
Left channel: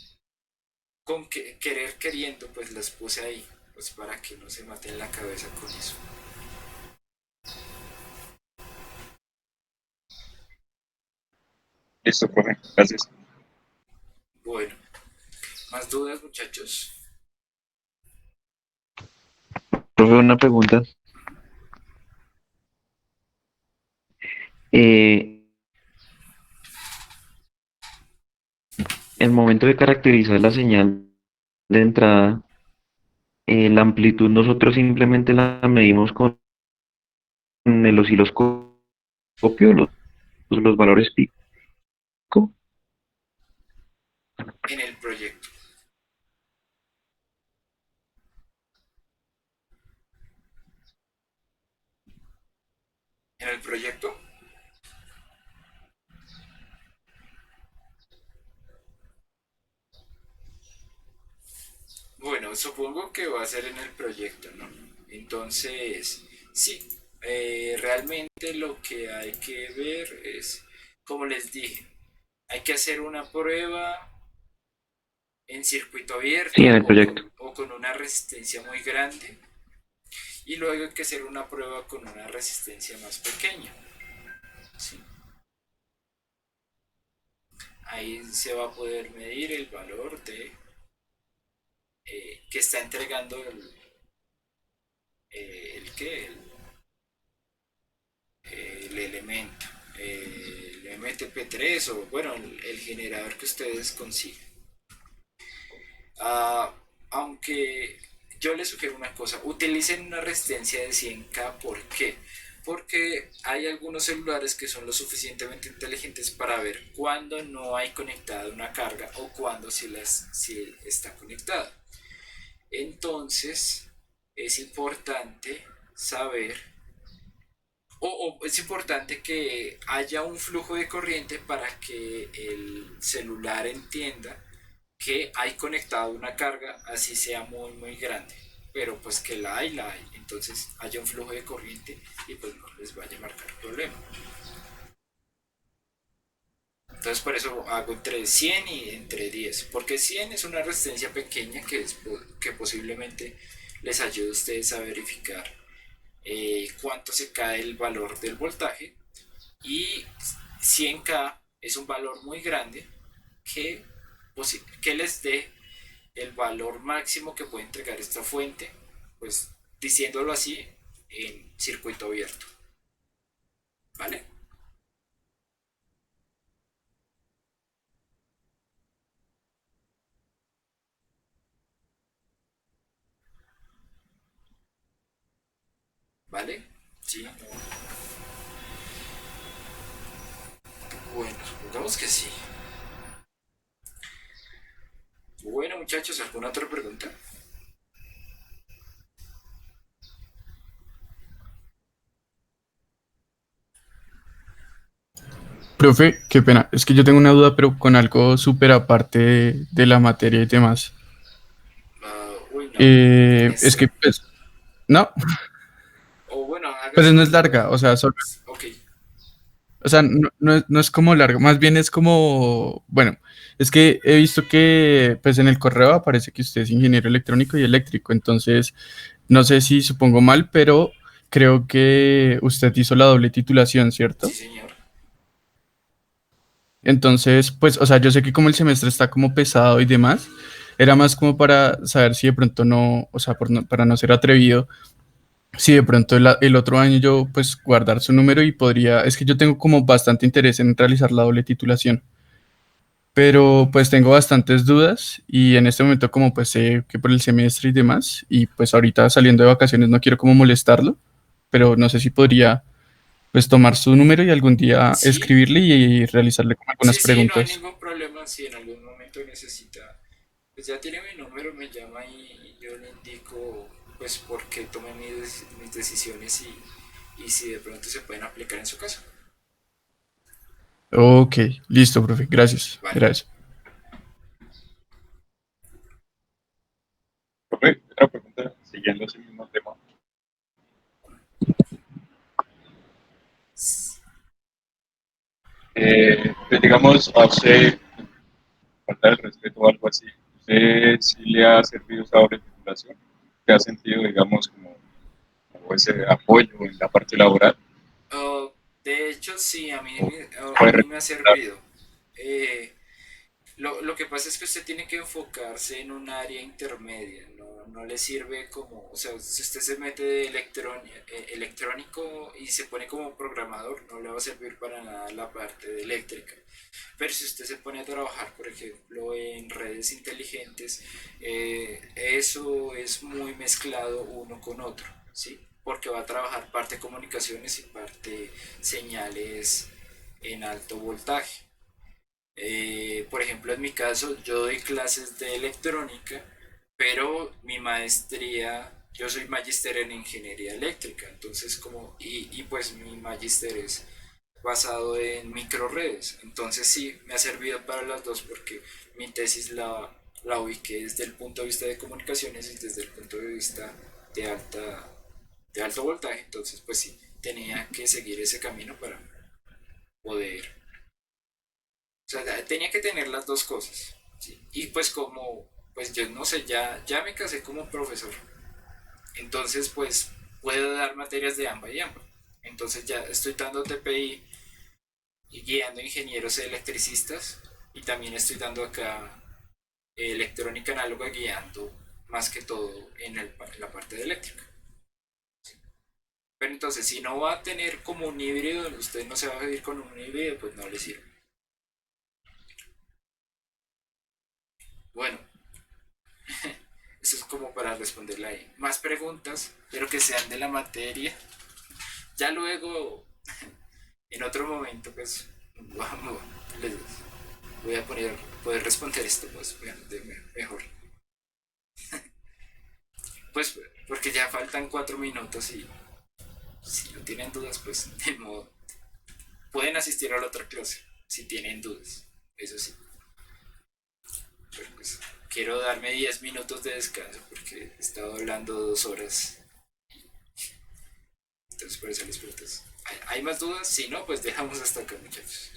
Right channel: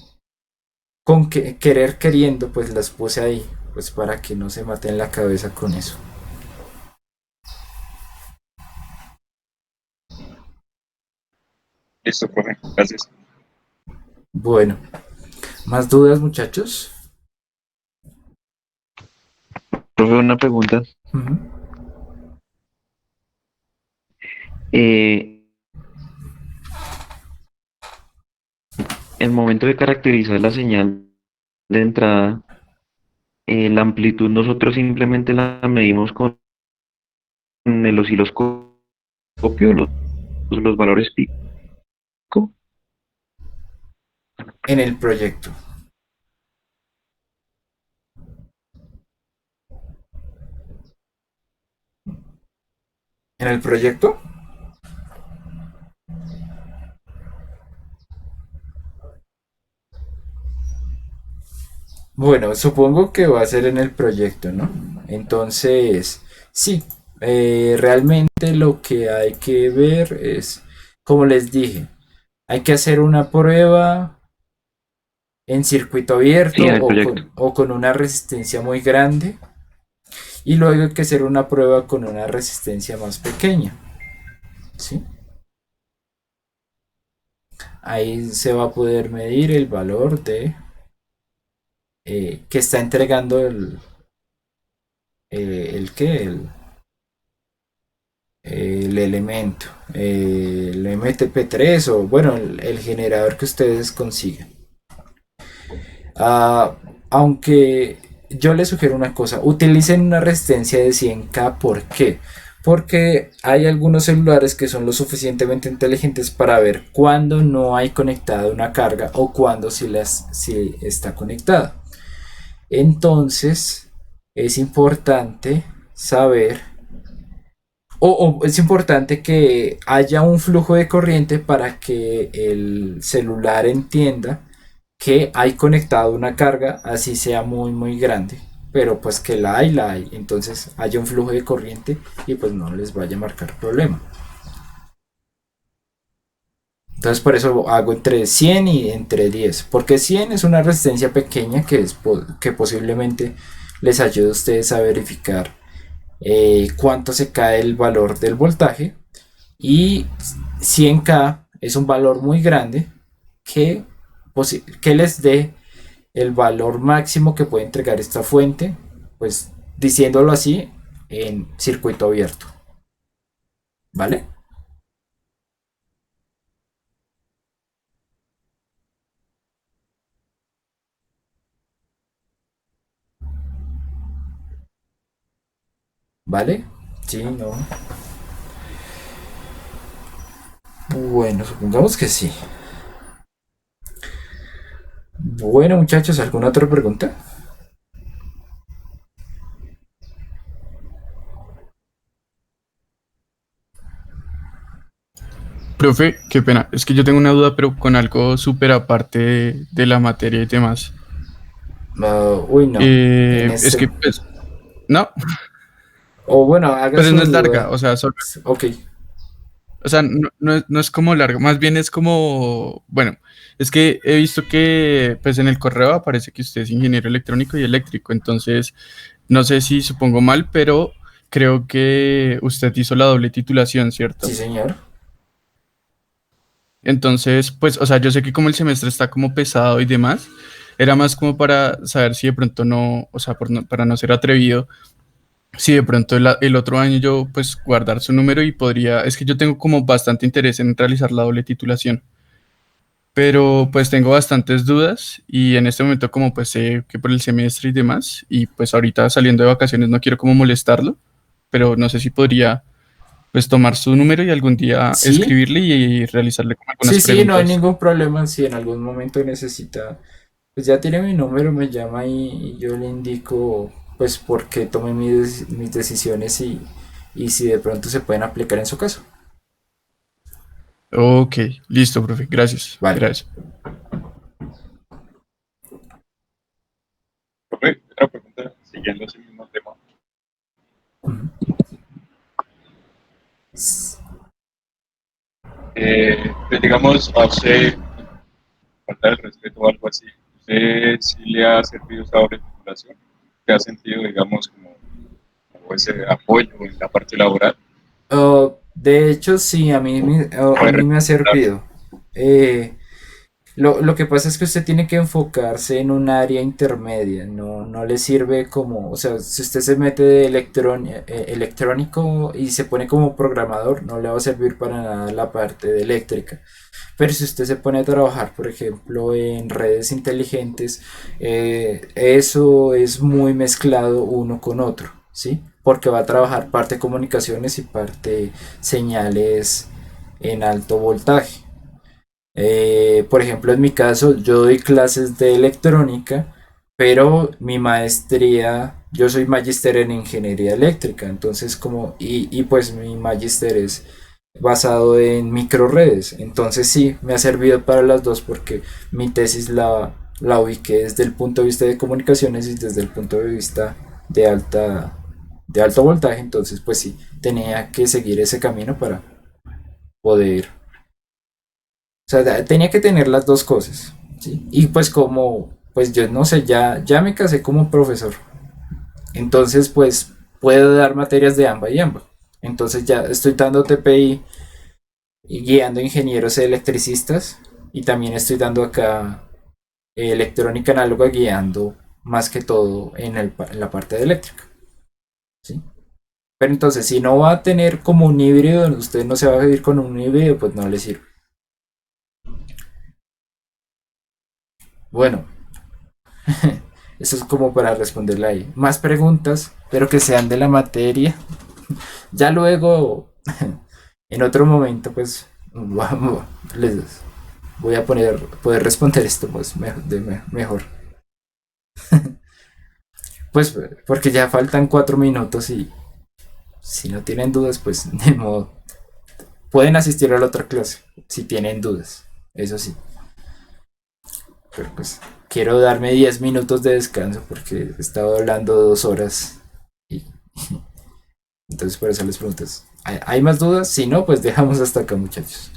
querer queriendo, pues las puse ahí, pues para que no se maten la cabeza con eso. Listo, profe, gracias. Bueno, ¿más dudas, muchachos? Profe, una pregunta. Ujú. Eh, el momento de caracterizar la señal de entrada, la amplitud nosotros simplemente la medimos con el osciloscopio, los valores pico. En el proyecto. ¿En el proyecto? Bueno, supongo que va a ser en el proyecto, ¿no? Entonces, sí, realmente lo que hay que ver es, como les dije, hay que hacer una prueba en circuito Sí, abierto en el proyecto. o con una resistencia muy grande y luego hay que hacer una prueba con una resistencia más pequeña, ¿sí? Ahí se va a poder medir el valor de que está entregando el qué, el elemento, el MTP3 o bueno, el generador que ustedes consigan. Ah, aunque yo les sugiero una cosa, utilicen una resistencia de 100K, ¿por qué? Porque hay algunos celulares que son lo suficientemente inteligentes para ver cuándo no hay conectada una carga o cuándo sí está conectada. Entonces, es importante saber o es importante que haya un flujo de corriente para que el celular entienda que hay conectado una carga, así sea muy muy grande, pero pues que la hay, entonces haya un flujo de corriente y pues no les vaya a marcar problema. Entonces por eso hago entre 100 y entre 10, porque 100 es una resistencia pequeña que posiblemente les ayude a ustedes a verificar cuánto se cae el valor del voltaje. Y 100K es un valor muy grande que, que les dé el valor máximo que puede entregar esta fuente, pues diciéndolo así, en circuito abierto. ¿Vale? ¿Vale? Sí, no. Bueno, supongamos que sí. Bueno, muchachos, ¿alguna otra pregunta? Profe, qué pena. Es que yo tengo una duda, pero con algo súper aparte de la materia y demás. Uy, no. En Es este. que, pues, no, O bueno, haga pues no es su larga, duda. o sea, solo, Ok. o sea, no es como larga, más bien es como, bueno, es que he visto que, pues en el correo aparece que usted es ingeniero electrónico y eléctrico, entonces, no sé si supongo mal, pero creo que usted hizo la doble titulación, Sí, ¿cierto? señor. Entonces, pues, o sea, yo sé que como el semestre está como pesado y demás, era más como para saber si de pronto no, o sea, para no ser atrevido, si de pronto el otro año yo, pues, guardar su número y podría, es que yo tengo como bastante interés en realizar la doble titulación, pero pues tengo bastantes dudas y en este momento como pues sé que por el semestre y demás, y pues ahorita saliendo de vacaciones no quiero como molestarlo, pero no sé si podría pues tomar su número y algún día Sí, escribirle y realizarle como algunas sí, no hay preguntas. ningún problema. Si en algún momento necesita, pues ya tiene mi número, me llama y yo le indico, pues, por qué tomé mis decisiones y si de pronto se pueden aplicar en su caso. Ok, listo, profe. Gracias. Vale. Gracias. Profe, otra pregunta, siguiendo ese mismo tema. Ujú. Pues, digamos, a usted, falta el respeto o algo así, ¿usted sí le ha servido esa doble titulación? ¿Te ha sentido, digamos, como ese apoyo en la parte laboral? De hecho, sí, a mí ¿Puede me ha recomendar? servido. eh, lo que pasa es que usted tiene que enfocarse en un área intermedia, no le sirve como, o sea, si usted se mete de electrónico y se pone como programador, no le va a servir para nada la parte de eléctrica. Pero si usted se pone a trabajar, por ejemplo, en redes inteligentes, eso es muy mezclado uno con otro, ¿sí? Porque va a trabajar parte comunicaciones y parte señales en alto voltaje. Por ejemplo, en mi caso, yo doy clases de electrónica, pero mi maestría, yo soy magíster en ingeniería eléctrica, entonces y pues mi magíster es basado en microredes, entonces sí, me ha servido para las dos porque mi tesis la ubiqué desde el punto de vista de comunicaciones y desde el punto de vista de de alto voltaje, entonces pues sí, tenía que seguir ese camino para poder, o sea, tenía que tener las dos cosas, ¿sí? Y pues como, pues yo no sé, ya me casé como profesor. Entonces, pues puedo dar materias de AMBA y AMBA. Entonces ya estoy dando TPI y guiando ingenieros electricistas. Y también estoy dando acá electrónica análoga guiando más que todo en la parte de eléctrica. ¿Sí? Pero entonces, si no va a tener como un híbrido, usted no se va a ir con un híbrido, pues no le sirve. Bueno, eso es como para responderle ahí. Más preguntas, pero que sean de la materia. Ya luego, en otro momento, pues vamos, les voy a poder responder esto pues mejor. Pues porque ya faltan 4 minutos y si no tienen dudas, pues de modo. Pueden asistir a la otra clase si tienen dudas. Eso sí. Pero pues quiero darme 10 minutos de descanso porque he estado hablando 2 horas. Y entonces por eso les pregunto. ¿Hay más dudas? Si no, pues dejamos hasta acá, muchachos.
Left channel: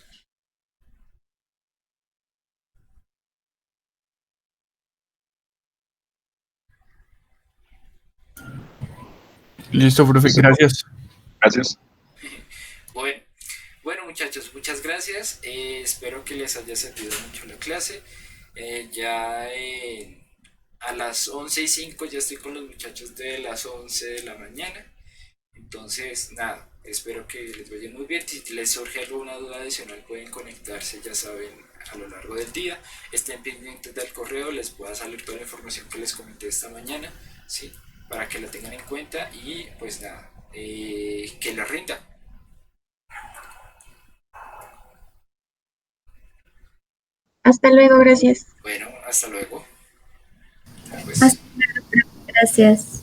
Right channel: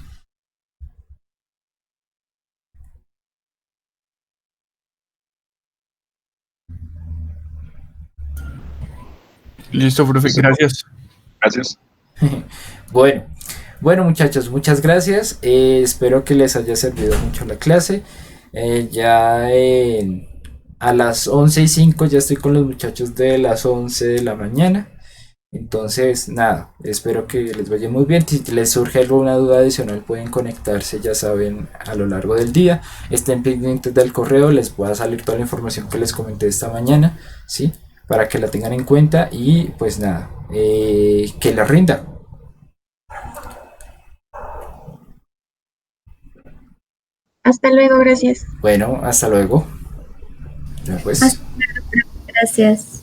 Listo, profe, Listo, profe. gracias. Gracias. Bueno, bueno muchachos, muchas gracias. Espero que les haya servido mucho la clase. A las 11:05 ya estoy con los muchachos de las 11 de la mañana. Entonces, nada, espero que les vaya muy bien. Si les surge alguna duda adicional, pueden conectarse, ya saben, a lo largo del día. Estén pendientes del correo, les va a salir toda la información que les comenté esta mañana, ¿sí? Para que la tengan en cuenta y pues nada, que les rinda. Hasta luego, gracias. Bueno, hasta luego. Ya pues. Hasta, gracias.